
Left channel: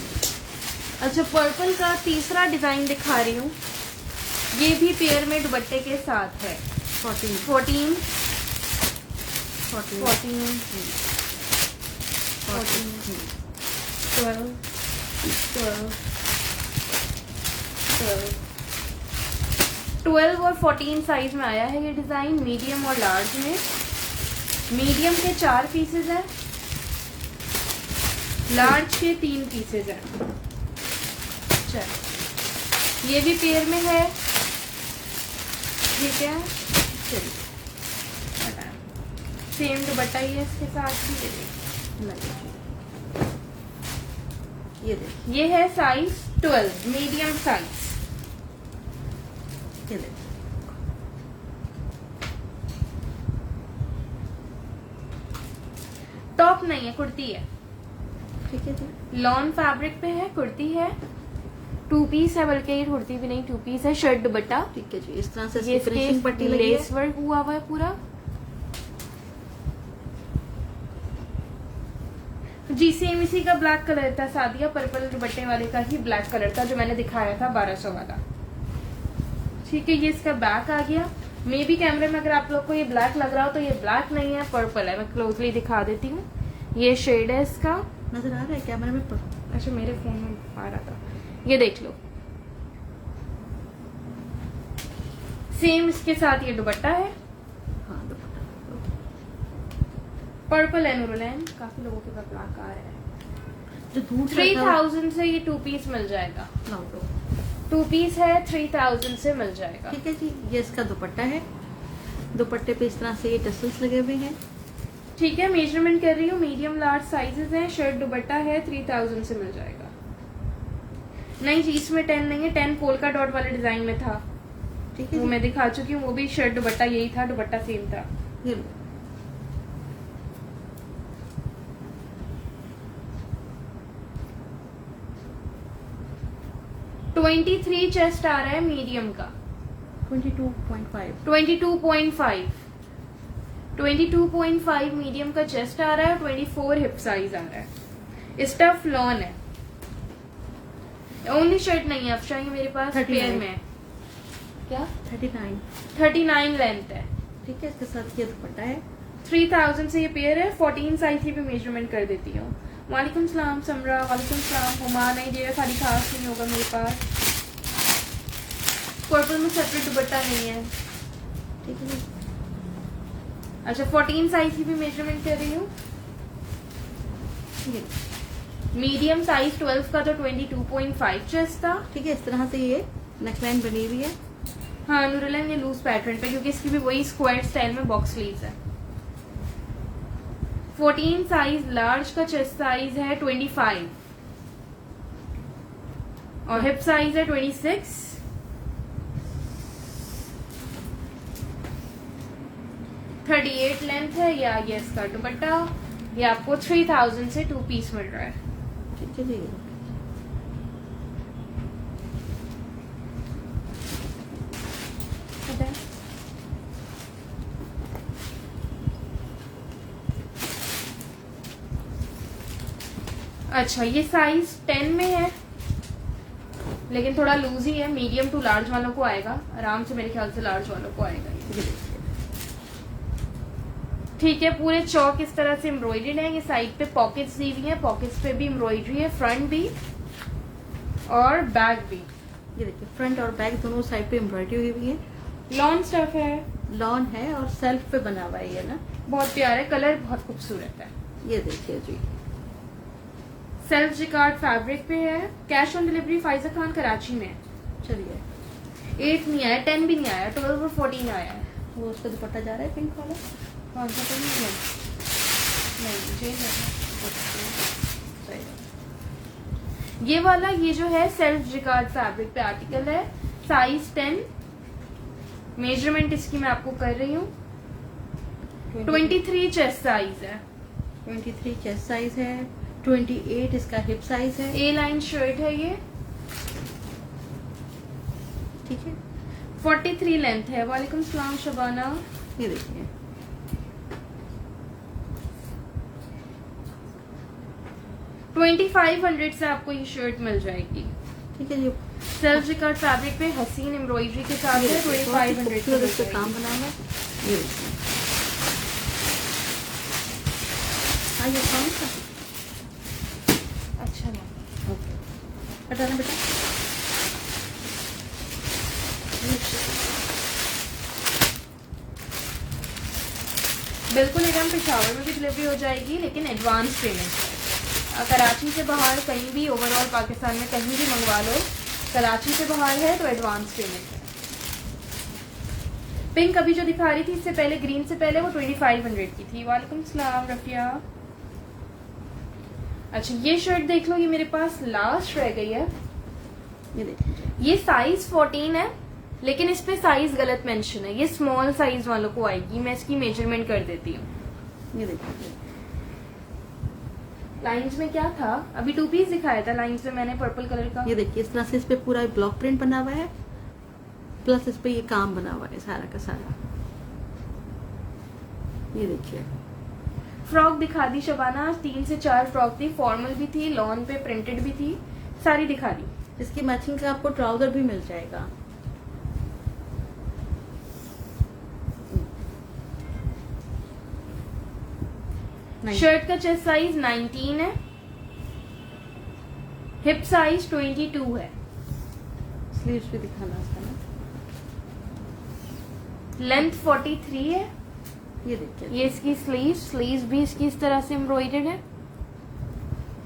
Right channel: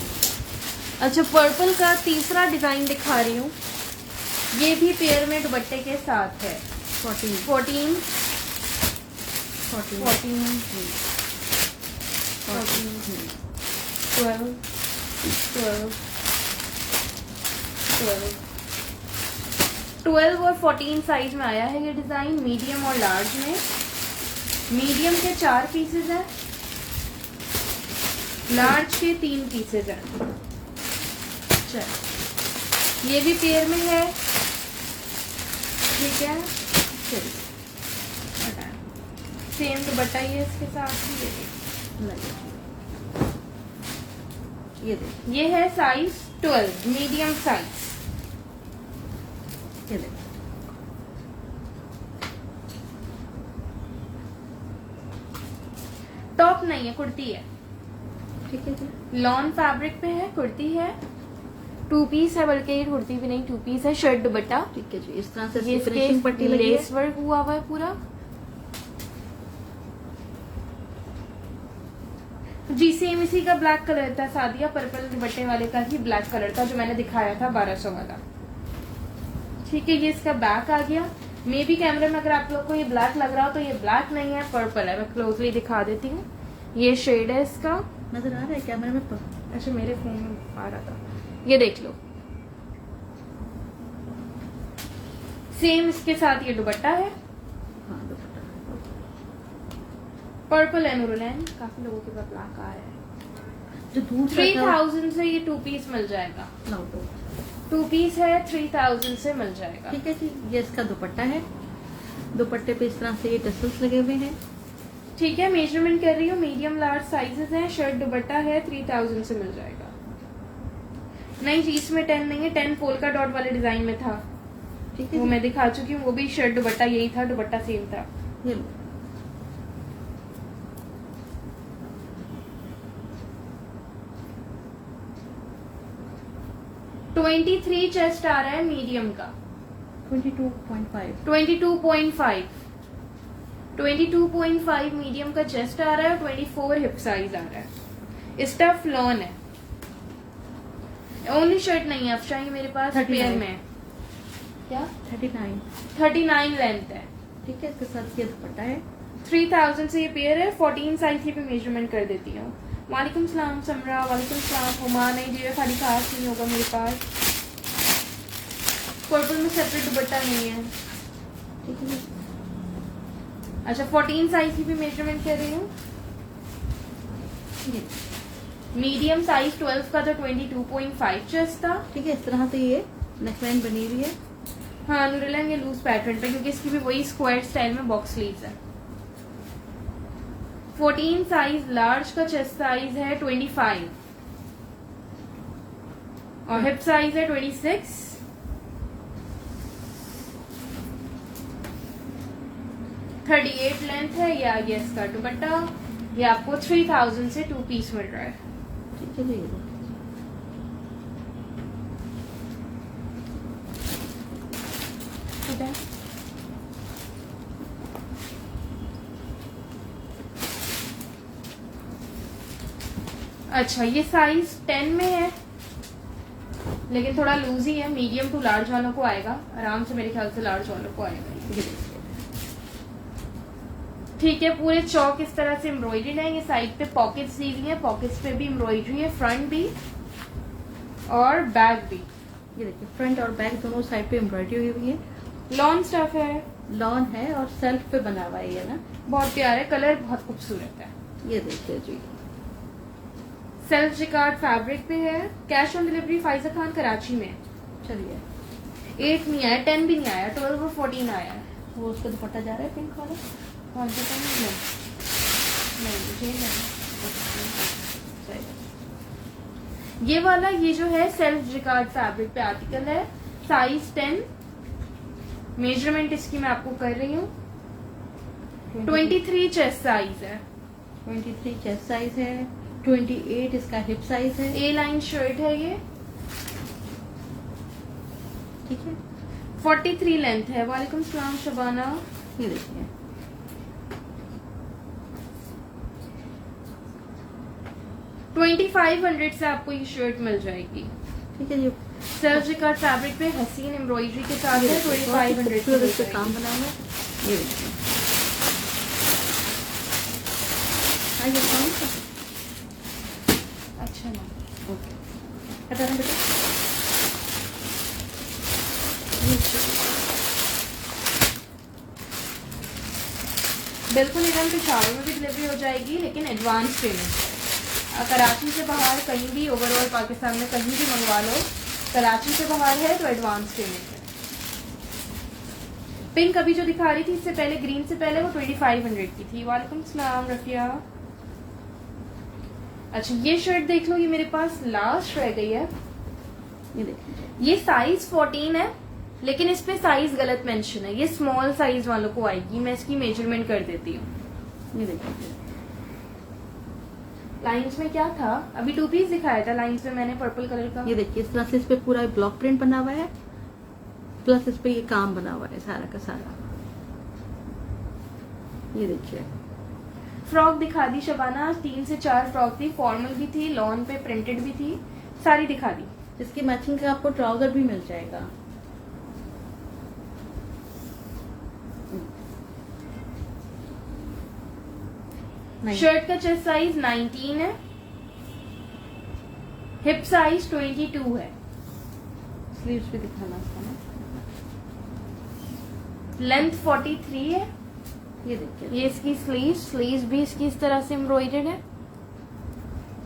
अच्छा, पर्पल का तीसरा डिजाइन दिखा रही हूँ। ये भी पेयर में दुपट्टे के साथ है। 14 14 14 14 12 12 और 14 साइज में आया है ये डिजाइन, मीडियम और लार्ज में। मीडियम के 4 पीसेज हैं, लार्ज के 3 पीसेज हैं। चल, ये भी पेयर में है। ठीक है, चलिए सेम दुपट्टा ही है इसके साथ ही। ये देखिए, ये है साइज 12, मीडियम साइज। चलिए टॉप नहीं है, कुर्ती है। ठीक है जी। लॉन फैब्रिक पे है, कुर्ती है। 2 पीस है, बल्कि ये कुर्ती भी नहीं 2 पीस है। शर्ट दुपट्टा, ठीक है जी। इस तरह से ये इसकी फिनिशिंग पट्टी लगी है। लेस वर्क हुआ हुआ है पूरा। जीसीएमसी का ब्लैक कलर था, सादिया पर्पल दुपट्टे वाले का ही ब्लैक कलर था जो मैंने दिखाया था 1200 वाला। ठीक है, ये इसका बैक आ गया। मे बी कैमरे में अगर आप लोग को ये ब्लैक लग रहा हो तो ये ब्लैक नहीं है, पर्पल है। मैं क्लोजली दिखा देती हूँ। ये शेड है इसका, नजर आ रहा है कैमरे में? अच्छा मेरे फोन में आ रहा था, ये देख लो। सेम इसके साथ ये दुपट्टा है, हाँ दुपट्टा पर्पल है नूरुलैन। काफी लोगों के पास ब्लैक आ रहा है। जो दूर से 3000 से ये 2 पीस मिल जाएगा। 2 पीस है, 3000 से मिल जाएगा। ठीक है जी। ये इसका दुपट्टा है। दुपट्टे पे इस तरह से ये टसल्स लगे हुए हैं। ठीक है, मेजरमेंट कर रही हूँ। मीडियम लार्ज साइजेस हैं। शर्ट दुपट्टा है, 3000 से मिल जाएगा। नहीं जी, इसमें 10 नहीं है, 10 पोल्का डॉट वाले डिजाइन में था, ठीक है वो जी। मैं दिखा चुकी हूँ। वो भी शर्ट दुपट्टा यही था, दुपट्टा सेम था। ये लो। ट्वेंटी 23 चेस्ट आ रहा है मीडियम का। 22.5 22.5 22.5 मीडियम का चेस्ट आ रहा है। 24 हिप साइज आ रहा है। स्टफ लॉन है। ओनली शर्ट नहीं है अफशा, ये मेरे पास 39 पेयर में है। क्या? 39 39 लेंथ है। ठीक है। इसके साथ ये दुपट्टा है। 3000 से ये पेयर है। 14 साइज की भी मेजरमेंट कर देती हूँ। वालेकुम सलाम समरा, वालेकुम सलाम हुमा। नहीं जी, खाली खास नहीं होगा मेरे पास। पर्पल में सेपरेट दुपट्टा नहीं है। ठीक है जी। अच्छा, 14 साइज की भी मेजरमेंट कर रही हूँ। ये मीडियम साइज 12 का तो 22.5 चेस्ट था। ठीक है। इस तरह से ये नेकलाइन बनी हुई है। हाँ नूरलाइन, ये लूज पैटर्न पे, क्योंकि इसकी भी वही स्क्वायर स्टाइल में बॉक्स स्लीव्स है। 14 साइज लार्ज का चेस्ट साइज है 25 और हिप साइज है 26। 38 लेंथ है। ये आ गया इसका दुपट्टा। ये आपको 3000 से 2 पीस मिल रहा है। ठीक है जी। ये लो। ठीक है। अच्छा, ये साइज 10 में है, लेकिन थोड़ा लूज ही है। मीडियम टू लार्ज वालों को आएगा आराम से, मेरे ख्याल से लार्ज वालों को आएगा। ठीक है, पूरे चौक इस तरह से एम्ब्रॉयडरी है। ये साइड पे पॉकेट्स दी हुई है, पॉकेट्स पे भी एम्ब्रॉयडरी है, फ्रंट भी और बैक भी। ये देखिए, फ्रंट और बैक दोनों साइड पे एम्ब्रॉयडरी हुई है। लॉन स्टफ है, लॉन है और सेल्फ पे बना हुआ है ये ना। बहुत प्यारा है, कलर बहुत खूबसूरत है। ये देखिए जी। सेल्फ जिकार्ड फैब्रिक पे है। Cash on delivery Pfizer Khan Karachi में। चलिए, 8 नहीं आया, 10 भी नहीं आया, 12 और 14 आया है। वो उस पर दुपट्टा जा रहा है पिंक वाला। कौन सा पेन? नहीं मुझे नहीं। ये वाला, ये जो है सेल्फ जिकार्ड फैब्रिक पे आर्टिकल है, साइज 10। मेजरमेंट इसकी मैं आपको कर रही हूँ। 23 चेस्ट साइज है, 23 चेस्ट साइज है, 28 इसका हिप साइज है। ए लाइन शर्ट है ये, ठीक है, 43 लेंथ है। वालेकुम सलाम शबाना। ये देखिए 2500 से आपको ये शर्ट मिल जाएगी। ठीक है। ये सेल्फ जिकार्ड फैब्रिक पे हसीन एम्ब्रॉयडरी के साथ है। बहुत ही 2500 खूबसूरत इस पे काम बना हुआ है। ये देखिए आगे कौन सा अच्छा ना, ओके हटाना बेटा। बिल्कुल एकदम पेशावर में भी डिलीवरी हो जाएगी, लेकिन एडवांस पेमेंट। कराची से बाहर कहीं भी, ओवरऑल पाकिस्तान में कहीं भी मंगवा लो, कराची से बाहर है तो एडवांस पेमेंट है। पिंक अभी जो दिखा रही थी इससे पहले, ग्रीन से पहले, वो 2500 की थी। वालेकुम सलाम रफिया। अच्छा ये शर्ट देख लो, ये मेरे पास लास्ट रह गई है। ये देखिए ये साइज 14 है, लेकिन इस पे साइज गलत मेंशन है। ये स्मॉल साइज वालों को आएगी, मैं इसकी मेजरमेंट कर देती हूँ। ये देखिए लाइंस में क्या था, अभी 2 पीस दिखाया था लाइंस में मैंने पर्पल कलर का। ये देखिए इस तरह से इस पे पूरा ब्लॉक प्रिंट बना हुआ है, प्लस इस पे ये काम बना हुआ है सारा का सारा। ये देखिए फ्रॉक दिखा दी शबाना, 3 से 4 फ्रॉक थी, फॉर्मल भी थी, लॉन पे प्रिंटेड भी थी, सारी दिखा दी। इसकी मैचिंग से आपको ट्राउजर भी मिल जाएगा। शर्ट का चेस्ट साइज 19 है, हिप साइज 22 है, स्लीव्स भी दिखाना इसका ना। लेंथ 43 है। ये देखिए ये इसकी स्लीव्स भी इसकी इस तरह से एम्ब्रॉयडर्ड है।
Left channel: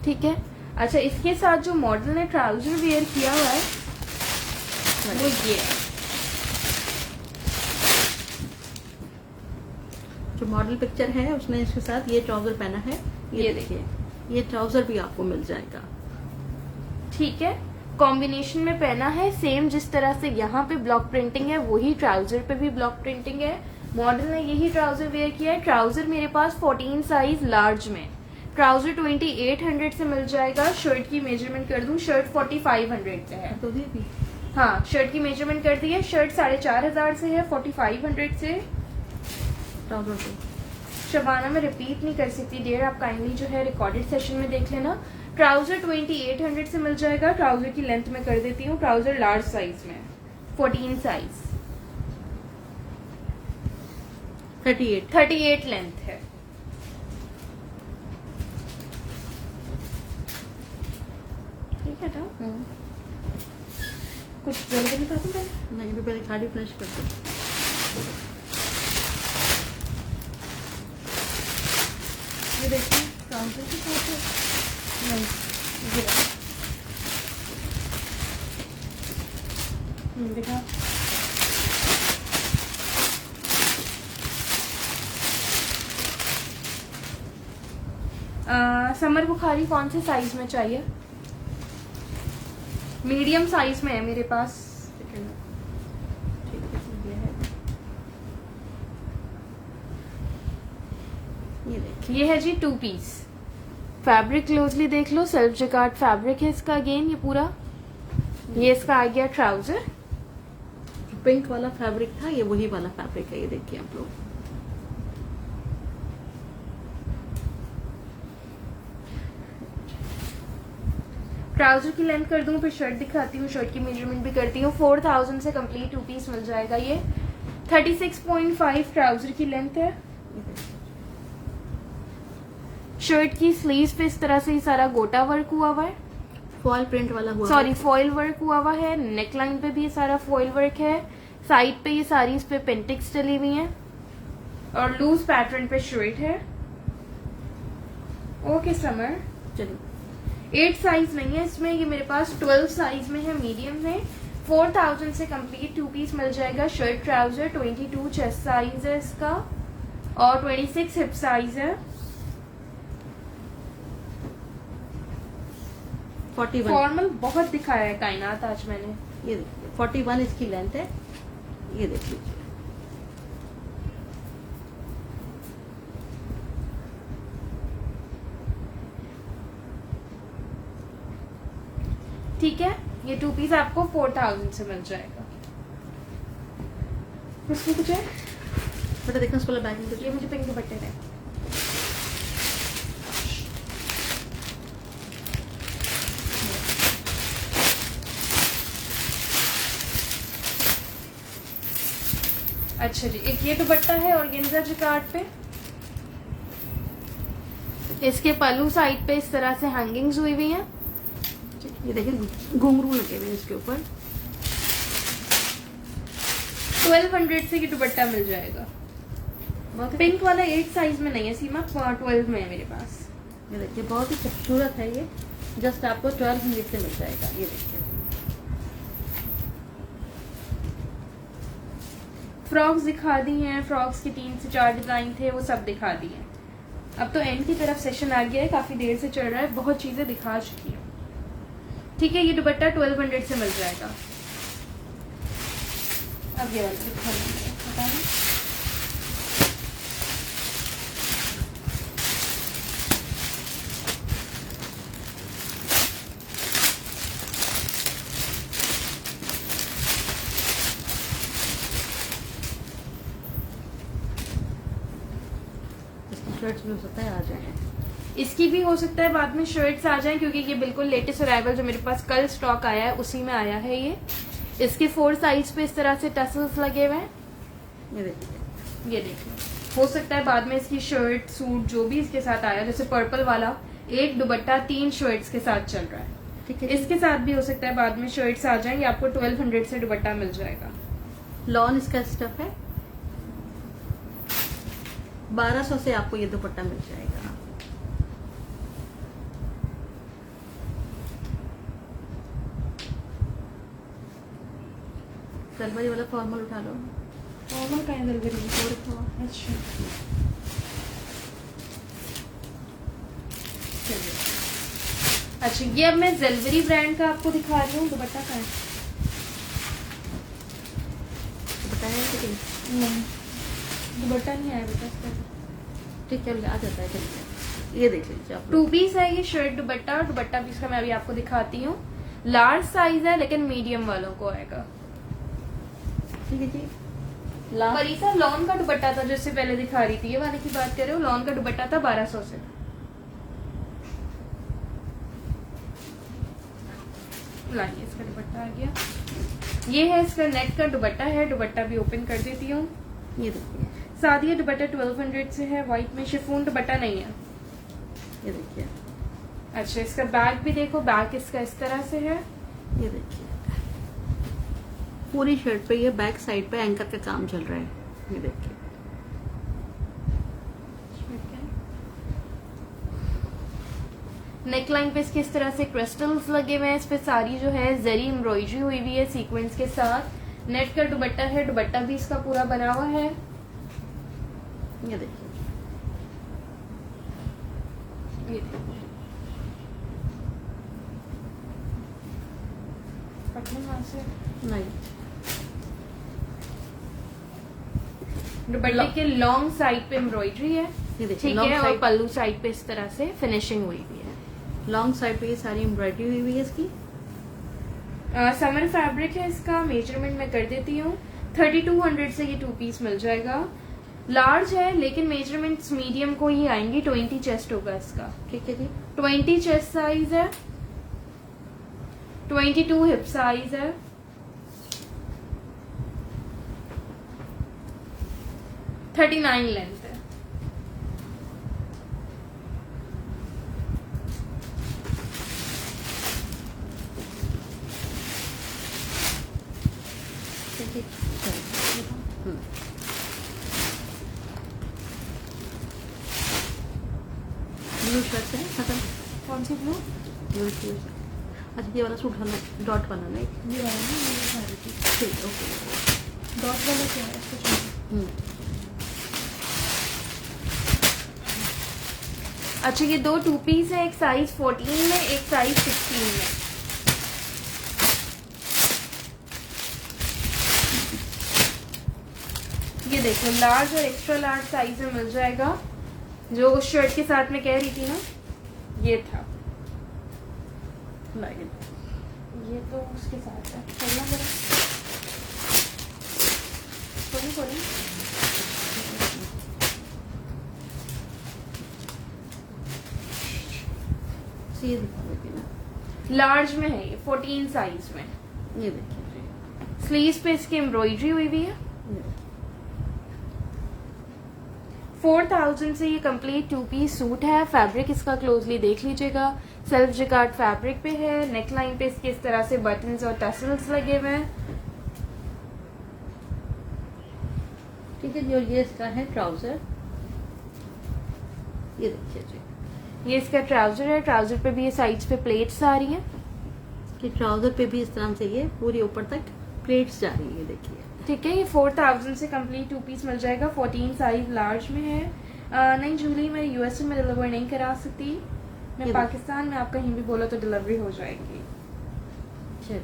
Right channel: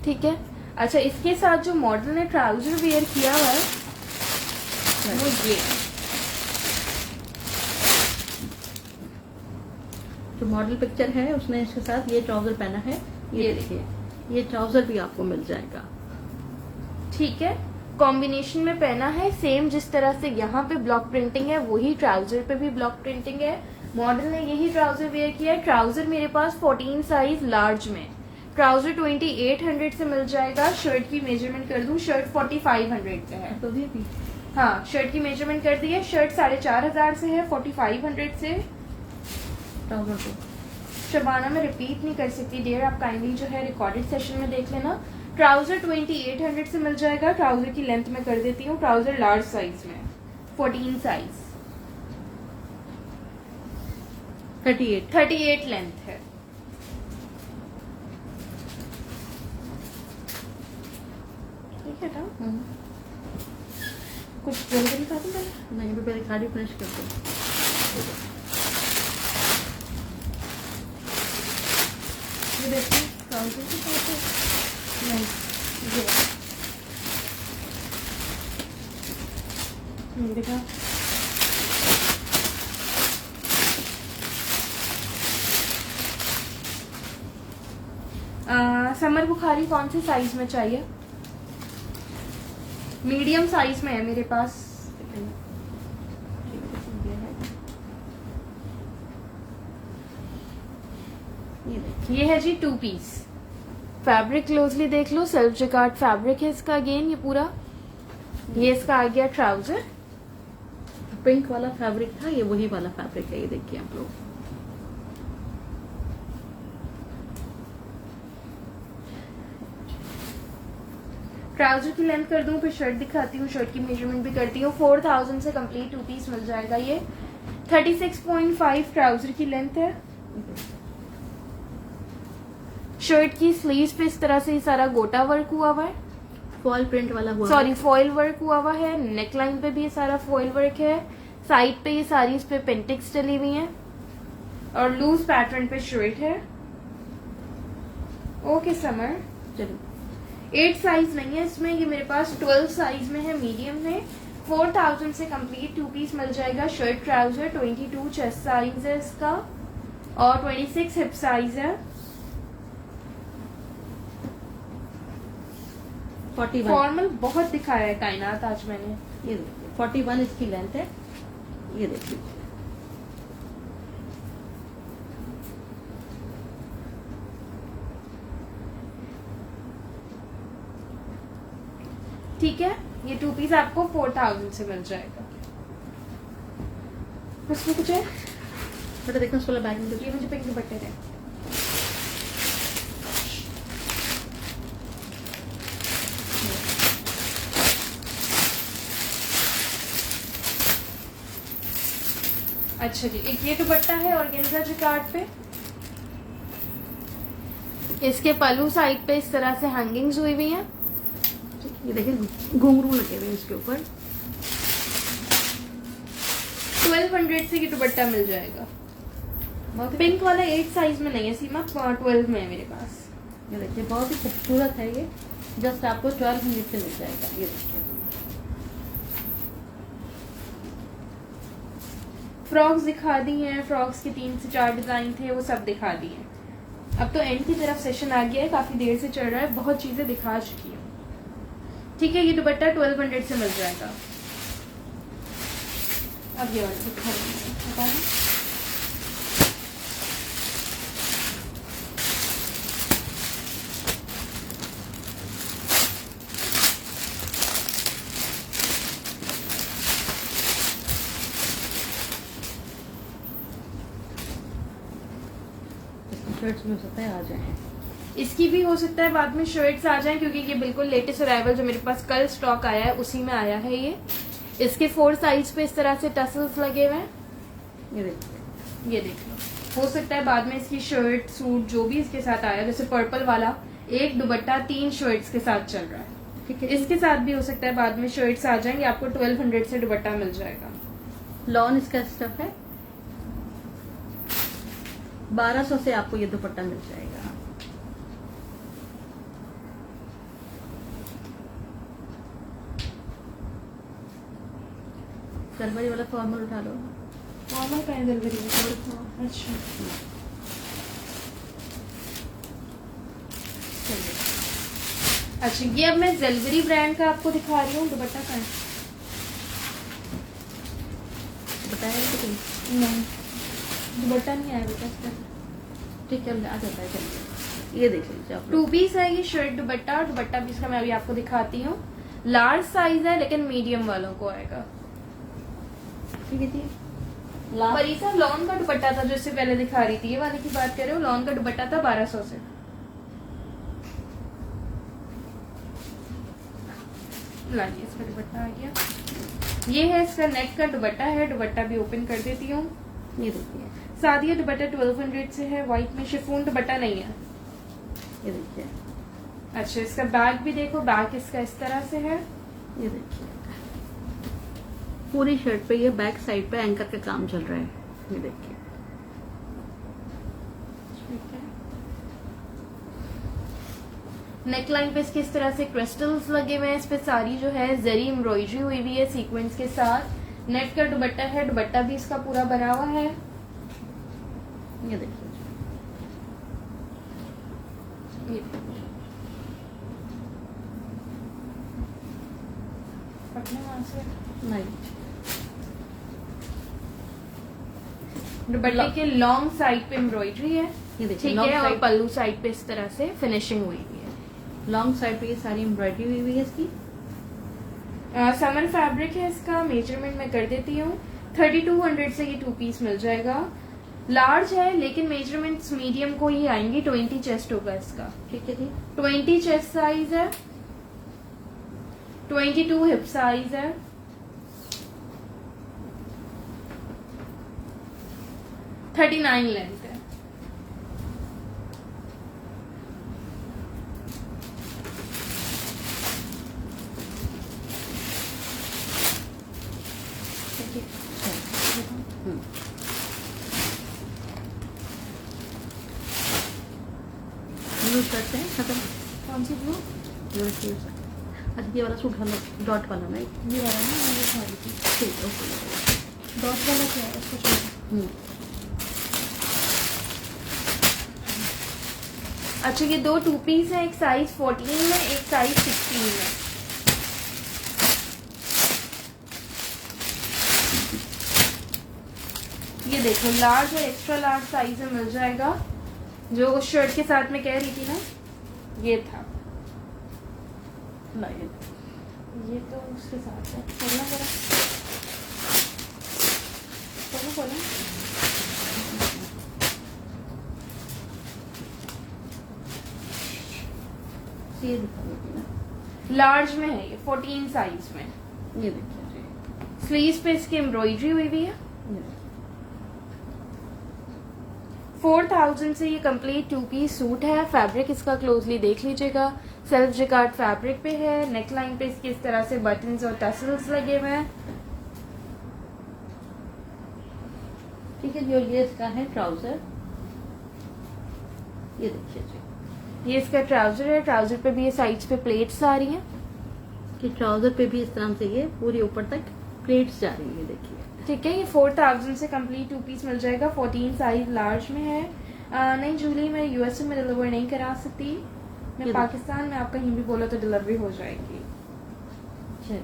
ठीक है। अच्छा इसके साथ जो मॉडल ने ट्राउजर वेयर किया हुआ है वो ये है। जो मॉडल पिक्चर है उसने इसके साथ ये ट्राउजर पहना है। ये देखिए ये ट्राउजर भी आपको मिल जाएगा। ठीक है, कॉम्बिनेशन में पहना है, सेम जिस तरह से यहाँ पे ब्लॉक प्रिंटिंग है वही ट्राउजर पे भी ब्लॉक प्रिंटिंग है। मॉडल ने यही ट्राउजर वेयर किया है। ट्राउजर मेरे पास 14 साइज लार्ज में, ट्राउजर 2800 से मिल जाएगा। शर्ट की मेजरमेंट कर दूं, शर्ट 4500 पे है। तो ये भी हाँ शर्ट की मेजरमेंट कर दी है। शर्ट 4500 से है, 4500 से। ट्राउजर को शबाना मैं रिपीट नहीं कर सकती डियर, आप काइंडली जो है रिकॉर्डेड सेशन में देख लेना। ट्राउजर 2800 से मिल जाएगा। ट्राउजर की लेंथ में कर देती हूँ, ट्राउजर लार्ज साइज में, 14 साइज, 38 लेंथ है। ठीक है ना, कुछ बोल नहीं पाती मैं। नहीं तो पहले साड़ी फिनिश कर दो। ये देखिए ट्राउजर के साथ है। नहीं ये बेटा समर बुखारी कौन से साइज में चाहिए? मीडियम साइज में है मेरे पास। ये है जी 2 पीस। फैब्रिक क्लोजली देख लो, सेल्फ जिकार्ड फैब्रिक है इसका। अगेन ये पूरा, ये इसका आ गया ट्राउजर। पिंक वाला फैब्रिक था, ये वही वाला फैब्रिक है। ये देखिए आप लोग, ट्राउजर की लेंथ कर दूं, फिर शर्ट दिखाती हूँ, शर्ट की मेजरमेंट भी करती हूँ। 4000 से कंप्लीट 2 पीस मिल जाएगा। ये 36.5 ट्राउजर की लेंथ है। शर्ट की स्लीव्स पे इस तरह से ही सारा गोटा वर्क हुआ हुआ है, फॉयल प्रिंट वाला हुआ सॉरी है। फॉइल वर्क हुआ हुआ है। नेक लाइन पे भी सारा फॉइल वर्क है। साइड पे ये सारी इस पे पेंटिक्स चली हुई हैं और लूज पैटर्न पे शर्ट है। ओके समर, चलो 8 साइज नहीं है इसमें, ये मेरे पास 12 साइज में है, मीडियम है। 4000 से कंप्लीट 2 पीस मिल जाएगा। शर्ट ट्राउजर 22 चेस्ट साइज है इसका और 26 हिप साइज है। 41। फॉर्मल बहुत दिखाया है कायनात आज मैंने। ये देखिए 41 इसकी लेंथ है। ये देखिए ठीक है, ये 2 पीस आपको 4000 से मिल जाएगा। इसमें कुछ है बेटा देखना इस वाला बैग में ये मुझे पिंक दुपट्टे का। अच्छा जी, एक ये दुपट्टा है ऑर्गेन्जा जिकार्ड पे। इसके पल्लू साइड पे इस तरह से हैंगिंग्स हुई हुई हैं। ये देखिए घुंघरू लगे हुए हैं इसके ऊपर। 1200 से ये दुपट्टा मिल जाएगा। बहुत पिंक वाला 8 साइज में नहीं है सीमा, 12 में है मेरे पास। ये देखिए बहुत ही खूबसूरत है ये। जस्ट आपको 1200 से मिल जाएगा। ये देखिए फ्रॉक्स दिखा दी हैं, फ्रॉक्स के 3 से 4 डिजाइन थे, वो सब दिखा दिए। अब तो एंड की तरफ सेशन आ गया है, काफी देर से चल रहा है, बहुत चीजें दिखा चुकी है। ठीक है, ये दुपट्टा 1200 से मिल जाएगा। अब ये वाला दिखा देंगे, पता है शर्ट्स भी हो सकता है आ जाए। इसकी भी हो सकता है बाद में शर्ट्स आ जाएं, क्योंकि ये बिल्कुल लेटेस्ट अराइवल जो मेरे पास कल स्टॉक आया है उसी में आया है ये। इसके 4 साइज पे इस तरह से टसल्स लगे हुए हैं। ये देखिए, हो सकता है बाद में इसकी शर्ट सूट जो भी इसके साथ आया, जैसे पर्पल वाला एक दुपट्टा 3 शर्ट्स के साथ चल रहा है, ठीक है। इसके साथ भी हो सकता है बाद में शर्ट्स आ जाएंगे। आपको 1200 से दुपट्टा मिल जाएगा। लॉन इसका स्टफ है। 1200 से आपको ये दुपट्टा मिल जाएगा। फरवरी वाला फॉर्मल उठा लो। नॉर्मल का है अच्छा, अच्छा ये अब मैं जेलबरी ब्रांड का आपको दिखा रही हूँ। दुपट्टा का है? बताया तो नहीं, दुपट्टा नहीं आया बेटा इसका। ठीक है, आ जाता है चलिए। ये देख लीजिए आप 2 पीस है ये शर्ट दुपट्टा। दुपट्टा पीस का मैं अभी आपको दिखाती हूँ। लार्ज साइज है लेकिन मीडियम वालों को आएगा। ये देखिए परीसा लॉन का दुपट्टा था जिससे पहले दिखा रही थी, ये वाले की बात कर रहे हो। लॉन का दुपट्टा था 1200 से। लाइए इसका दुपट्टा आ गया। ये है इसका नेट का दुपट्टा है। दुपट्टा भी ओपन कर देती हूँ। ये देखिए, सादिया दुपट्टा 1200 से है। व्हाइट में शिफॉन दुपट्टा नहीं है। ये देखिए, अच्छा इसका बैक भी देखो, बैक इसका इस तरह से है। ये देखिए पूरी शर्ट पे ये बैक साइड पे एंकर पे काम चल रहा है। ये देखिए नेकलाइन पे इसके इस तरह से क्रिस्टल्स लगे हुए हैं। इस पे सारी जो है जरी एम्ब्रॉयडरी हुई हुई है सीक्वेंस के साथ। नेट का दुपट्टा है। दुपट्टा भी इसका पूरा बना हुआ है। ये देखिए, ये पटना वहां से नहीं दुपट्टे के लॉन्ग साइड पे एम्ब्रॉयडरी है। ये देखिए, ठीक लॉन्ग है, और साइड पल्लू साइड पे इस तरह से फिनिशिंग हुई हुई है। लॉन्ग साइड पे ये सारी एम्ब्रॉयडरी हुई हुई है इसकी। समर फैब्रिक है इसका। मेजरमेंट मैं कर देती हूँ। 3200 से ये 2 पीस मिल जाएगा। लार्ज है लेकिन मेजरमेंट्स मीडियम को ही आएंगी। 20 चेस्ट होगा इसका। ठीक है जी, 20 चेस्ट साइज है। 22 हिप साइज है। 39 लेंथ है। ब्लू शर्ट है खत्म। कौन सी ब्लू? Blue shirt. अच्छा ये वाला सूट वाला डॉट वाला ना, ये वाला ना, ये सारी थी। ठीक ओके। डॉट वाला क्या है? इसको छोड़ो। अच्छा ये 2 2 पीस है। एक साइज 14 में, एक साइज 16 में। ये देखो लार्ज और एक्स्ट्रा लार्ज साइज में मिल जाएगा। जो उस शर्ट के साथ में कह रही थी ना, ये था। ये तो उसके साथ है, खोलना पड़ा, खोलो खोलो। ये दिखा देती हूँ, लार्ज में है ये, 14 साइज में। ये देखिए। स्लीव्स पे इसकी एम्ब्रॉयडरी हुई हुई है। 4000 से ये कंप्लीट 2 पीस सूट है। फैब्रिक इसका क्लोजली देख लीजिएगा, सेल्फ जिकार्ड फैब्रिक पे है। नेक लाइन पे इसके इस तरह से बटन्स और टसल्स लगे हुए हैं। ठीक है, जो ये इसका है ट्राउजर, ये देखिए जी, ये इसका ट्राउजर है। ट्राउजर पे भी ये साइड्स पे प्लेट्स आ रही हैं। कि ट्राउजर पे भी इस तरह से ये पूरी ऊपर तक प्लेट्स जा रही है, देखिए। ठीक है, ये 4000 से कंप्लीट 2 पीस मिल जाएगा। 14 साइज लार्ज में है। नहीं जूली, मैं यूएसए में डिलीवर नहीं करा सकती, मैं चलिए। पाकिस्तान में, आप कहीं भी बोला तो डिलीवरी हो जाएगी। चलिए,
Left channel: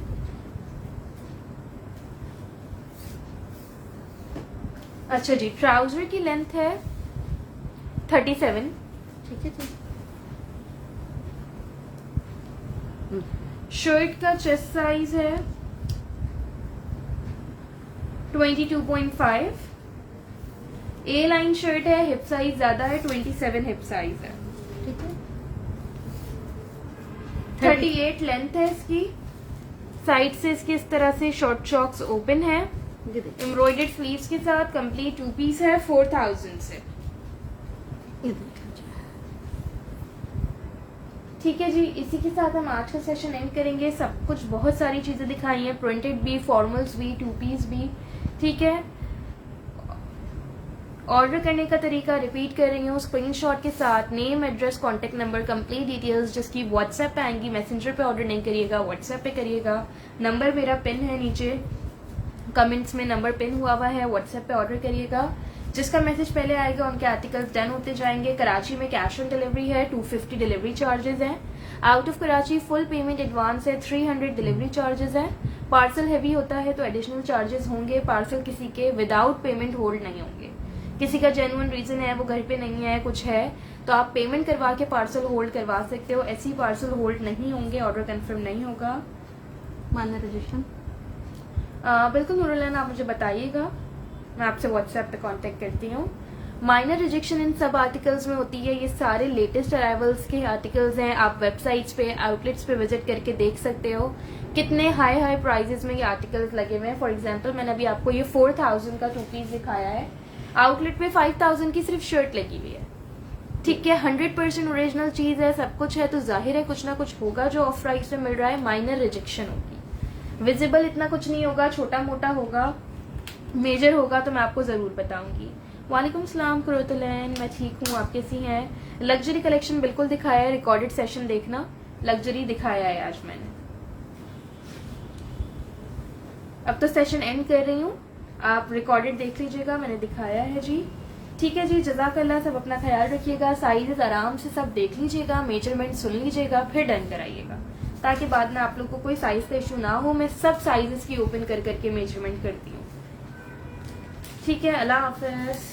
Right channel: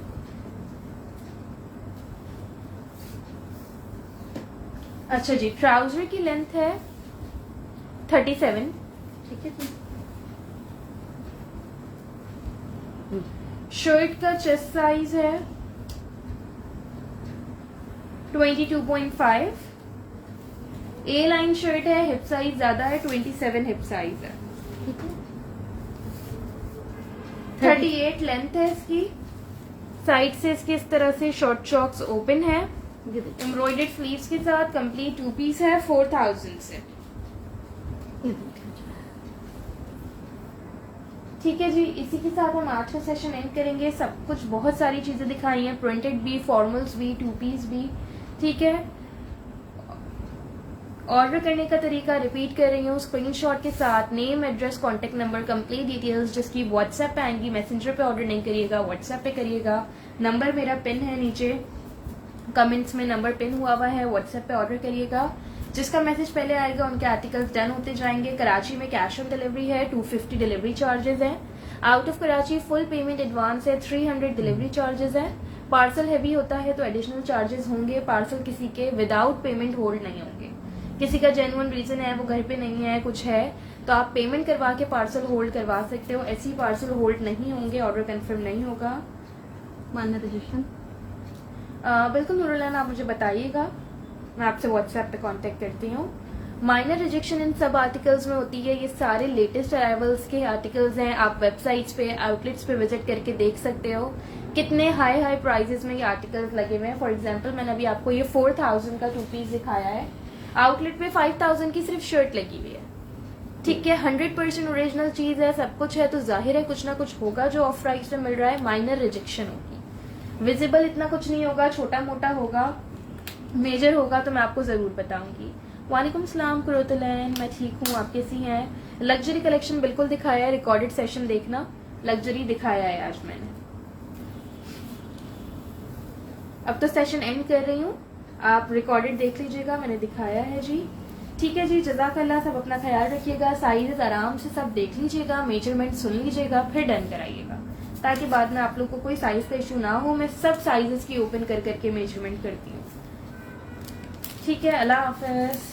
अच्छा जी, ट्राउजर की लेंथ है 37। ठीक है जी। शर्ट का चेस्ट साइज है 22.5। ए लाइन शर्ट है, हिप साइज ज्यादा है, 27 हिप साइज है। ठीक है, 38 लेंथ है इसकी। साइड से इसके इस तरह से शॉर्ट चॉक्स ओपन है। ये देखिए, एम्ब्रॉयडर्ड स्लीव्स के साथ कंप्लीट 2 पीस है। 4000 से। ये देखिए जी। ठीक है जी, इसी के साथ हम आज का सेशन एंड करेंगे। सब कुछ बहुत सारी चीजें दिखाई हैं, प्रिंटेड भी, फॉर्मल्स भी, 2 पीस भी। ठीक है, ऑर्डर करने का तरीका रिपीट कर रही हूँ, स्क्रीनशॉट के साथ name, address, contact number, complete details जिसकी व्हाट्सएप पे आएंगी। मैसेंजर पे ऑर्डर नहीं करिएगा, व्हाट्सएप पे करिएगा। नंबर मेरा पिन है नीचे, कमेंट्स में नंबर पिन हुआ हुआ है, व्हाट्सएप पे ऑर्डर करिएगा। जिसका मैसेज पहले आएगा उनके आर्टिकल्स डन होते जाएंगे। कराची में कैश ऑन डिलीवरी है, 250 डिलीवरी चार्जेस है। Out of Karachi full payment advance है, 300 डिलीवरी चार्जेस है। पार्सल हैवी होता है तो एडिशनल चार्जेस होंगे। पार्सल किसी के विदाउट पेमेंट होल्ड नहीं होंगे। किसी का जेन्युइन रीजन है, वो घर पे नहीं है, कुछ है, तो आप पेमेंट करवा के पार्सल होल्ड करवा सकते हो। ऐसी पार्सल होल्ड नहीं होंगे, ऑर्डर कंफर्म नहीं होगा। माइनर रिजेक्शन बिल्कुल नूरुल्लाह, आप मुझे बताइएगा, मैं आपसे व्हाट्सएप पे कांटेक्ट करती हूँ। माइनर रिजेक्शन इन सब आर्टिकल्स में होती है। ये सारे लेटेस्ट अराइवल्स के आर्टिकल्स हैं। आप वेबसाइट्स पे, आउटलेट्स पे विजिट करके देख सकते हो कितने हाई हाई प्राइजेस में ये आर्टिकल्स लगे हुए हैं। फॉर एग्जांपल, मैंने अभी आपको ये 4000 का 2 पीस दिखाया है, आउटलेट पे 5000 की सिर्फ शर्ट लगी हुई है। ठीक है, 100% ओरिजिनल चीज है, सब कुछ है, तो जाहिर है कुछ ना कुछ होगा जो ऑफ प्राइस में मिल रहा है। माइनर रिजेक्शन होगी, विजिबल इतना कुछ नहीं होगा, छोटा मोटा होगा, मेजर होगा तो मैं आपको जरूर बताऊंगी। वालेकुम सलाम कुरुतलैन, मैं ठीक हूँ, आप कैसी हैं? लग्जरी कलेक्शन बिल्कुल दिखाया है, रिकॉर्डेड सेशन देखना, लग्जरी दिखाया है आज मैंने। अब तो सेशन एंड कर रही हूँ, आप रिकॉर्डेड देख लीजिएगा, मैंने दिखाया है जी। ठीक है जी, जज़ाकल्लाह, सब अपना ख्याल रखिएगा। साइजेस आराम से सब देख लीजिएगा, मेजरमेंट सुन लीजिएगा, फिर डन कराइएगा, ताकि बाद में आप लोग को कोई साइज का इशू ना हो। मैं सब साइजेस की ओपन कर करके मेजरमेंट करती हूँ। ठीक है, अल्लाह हाफिज।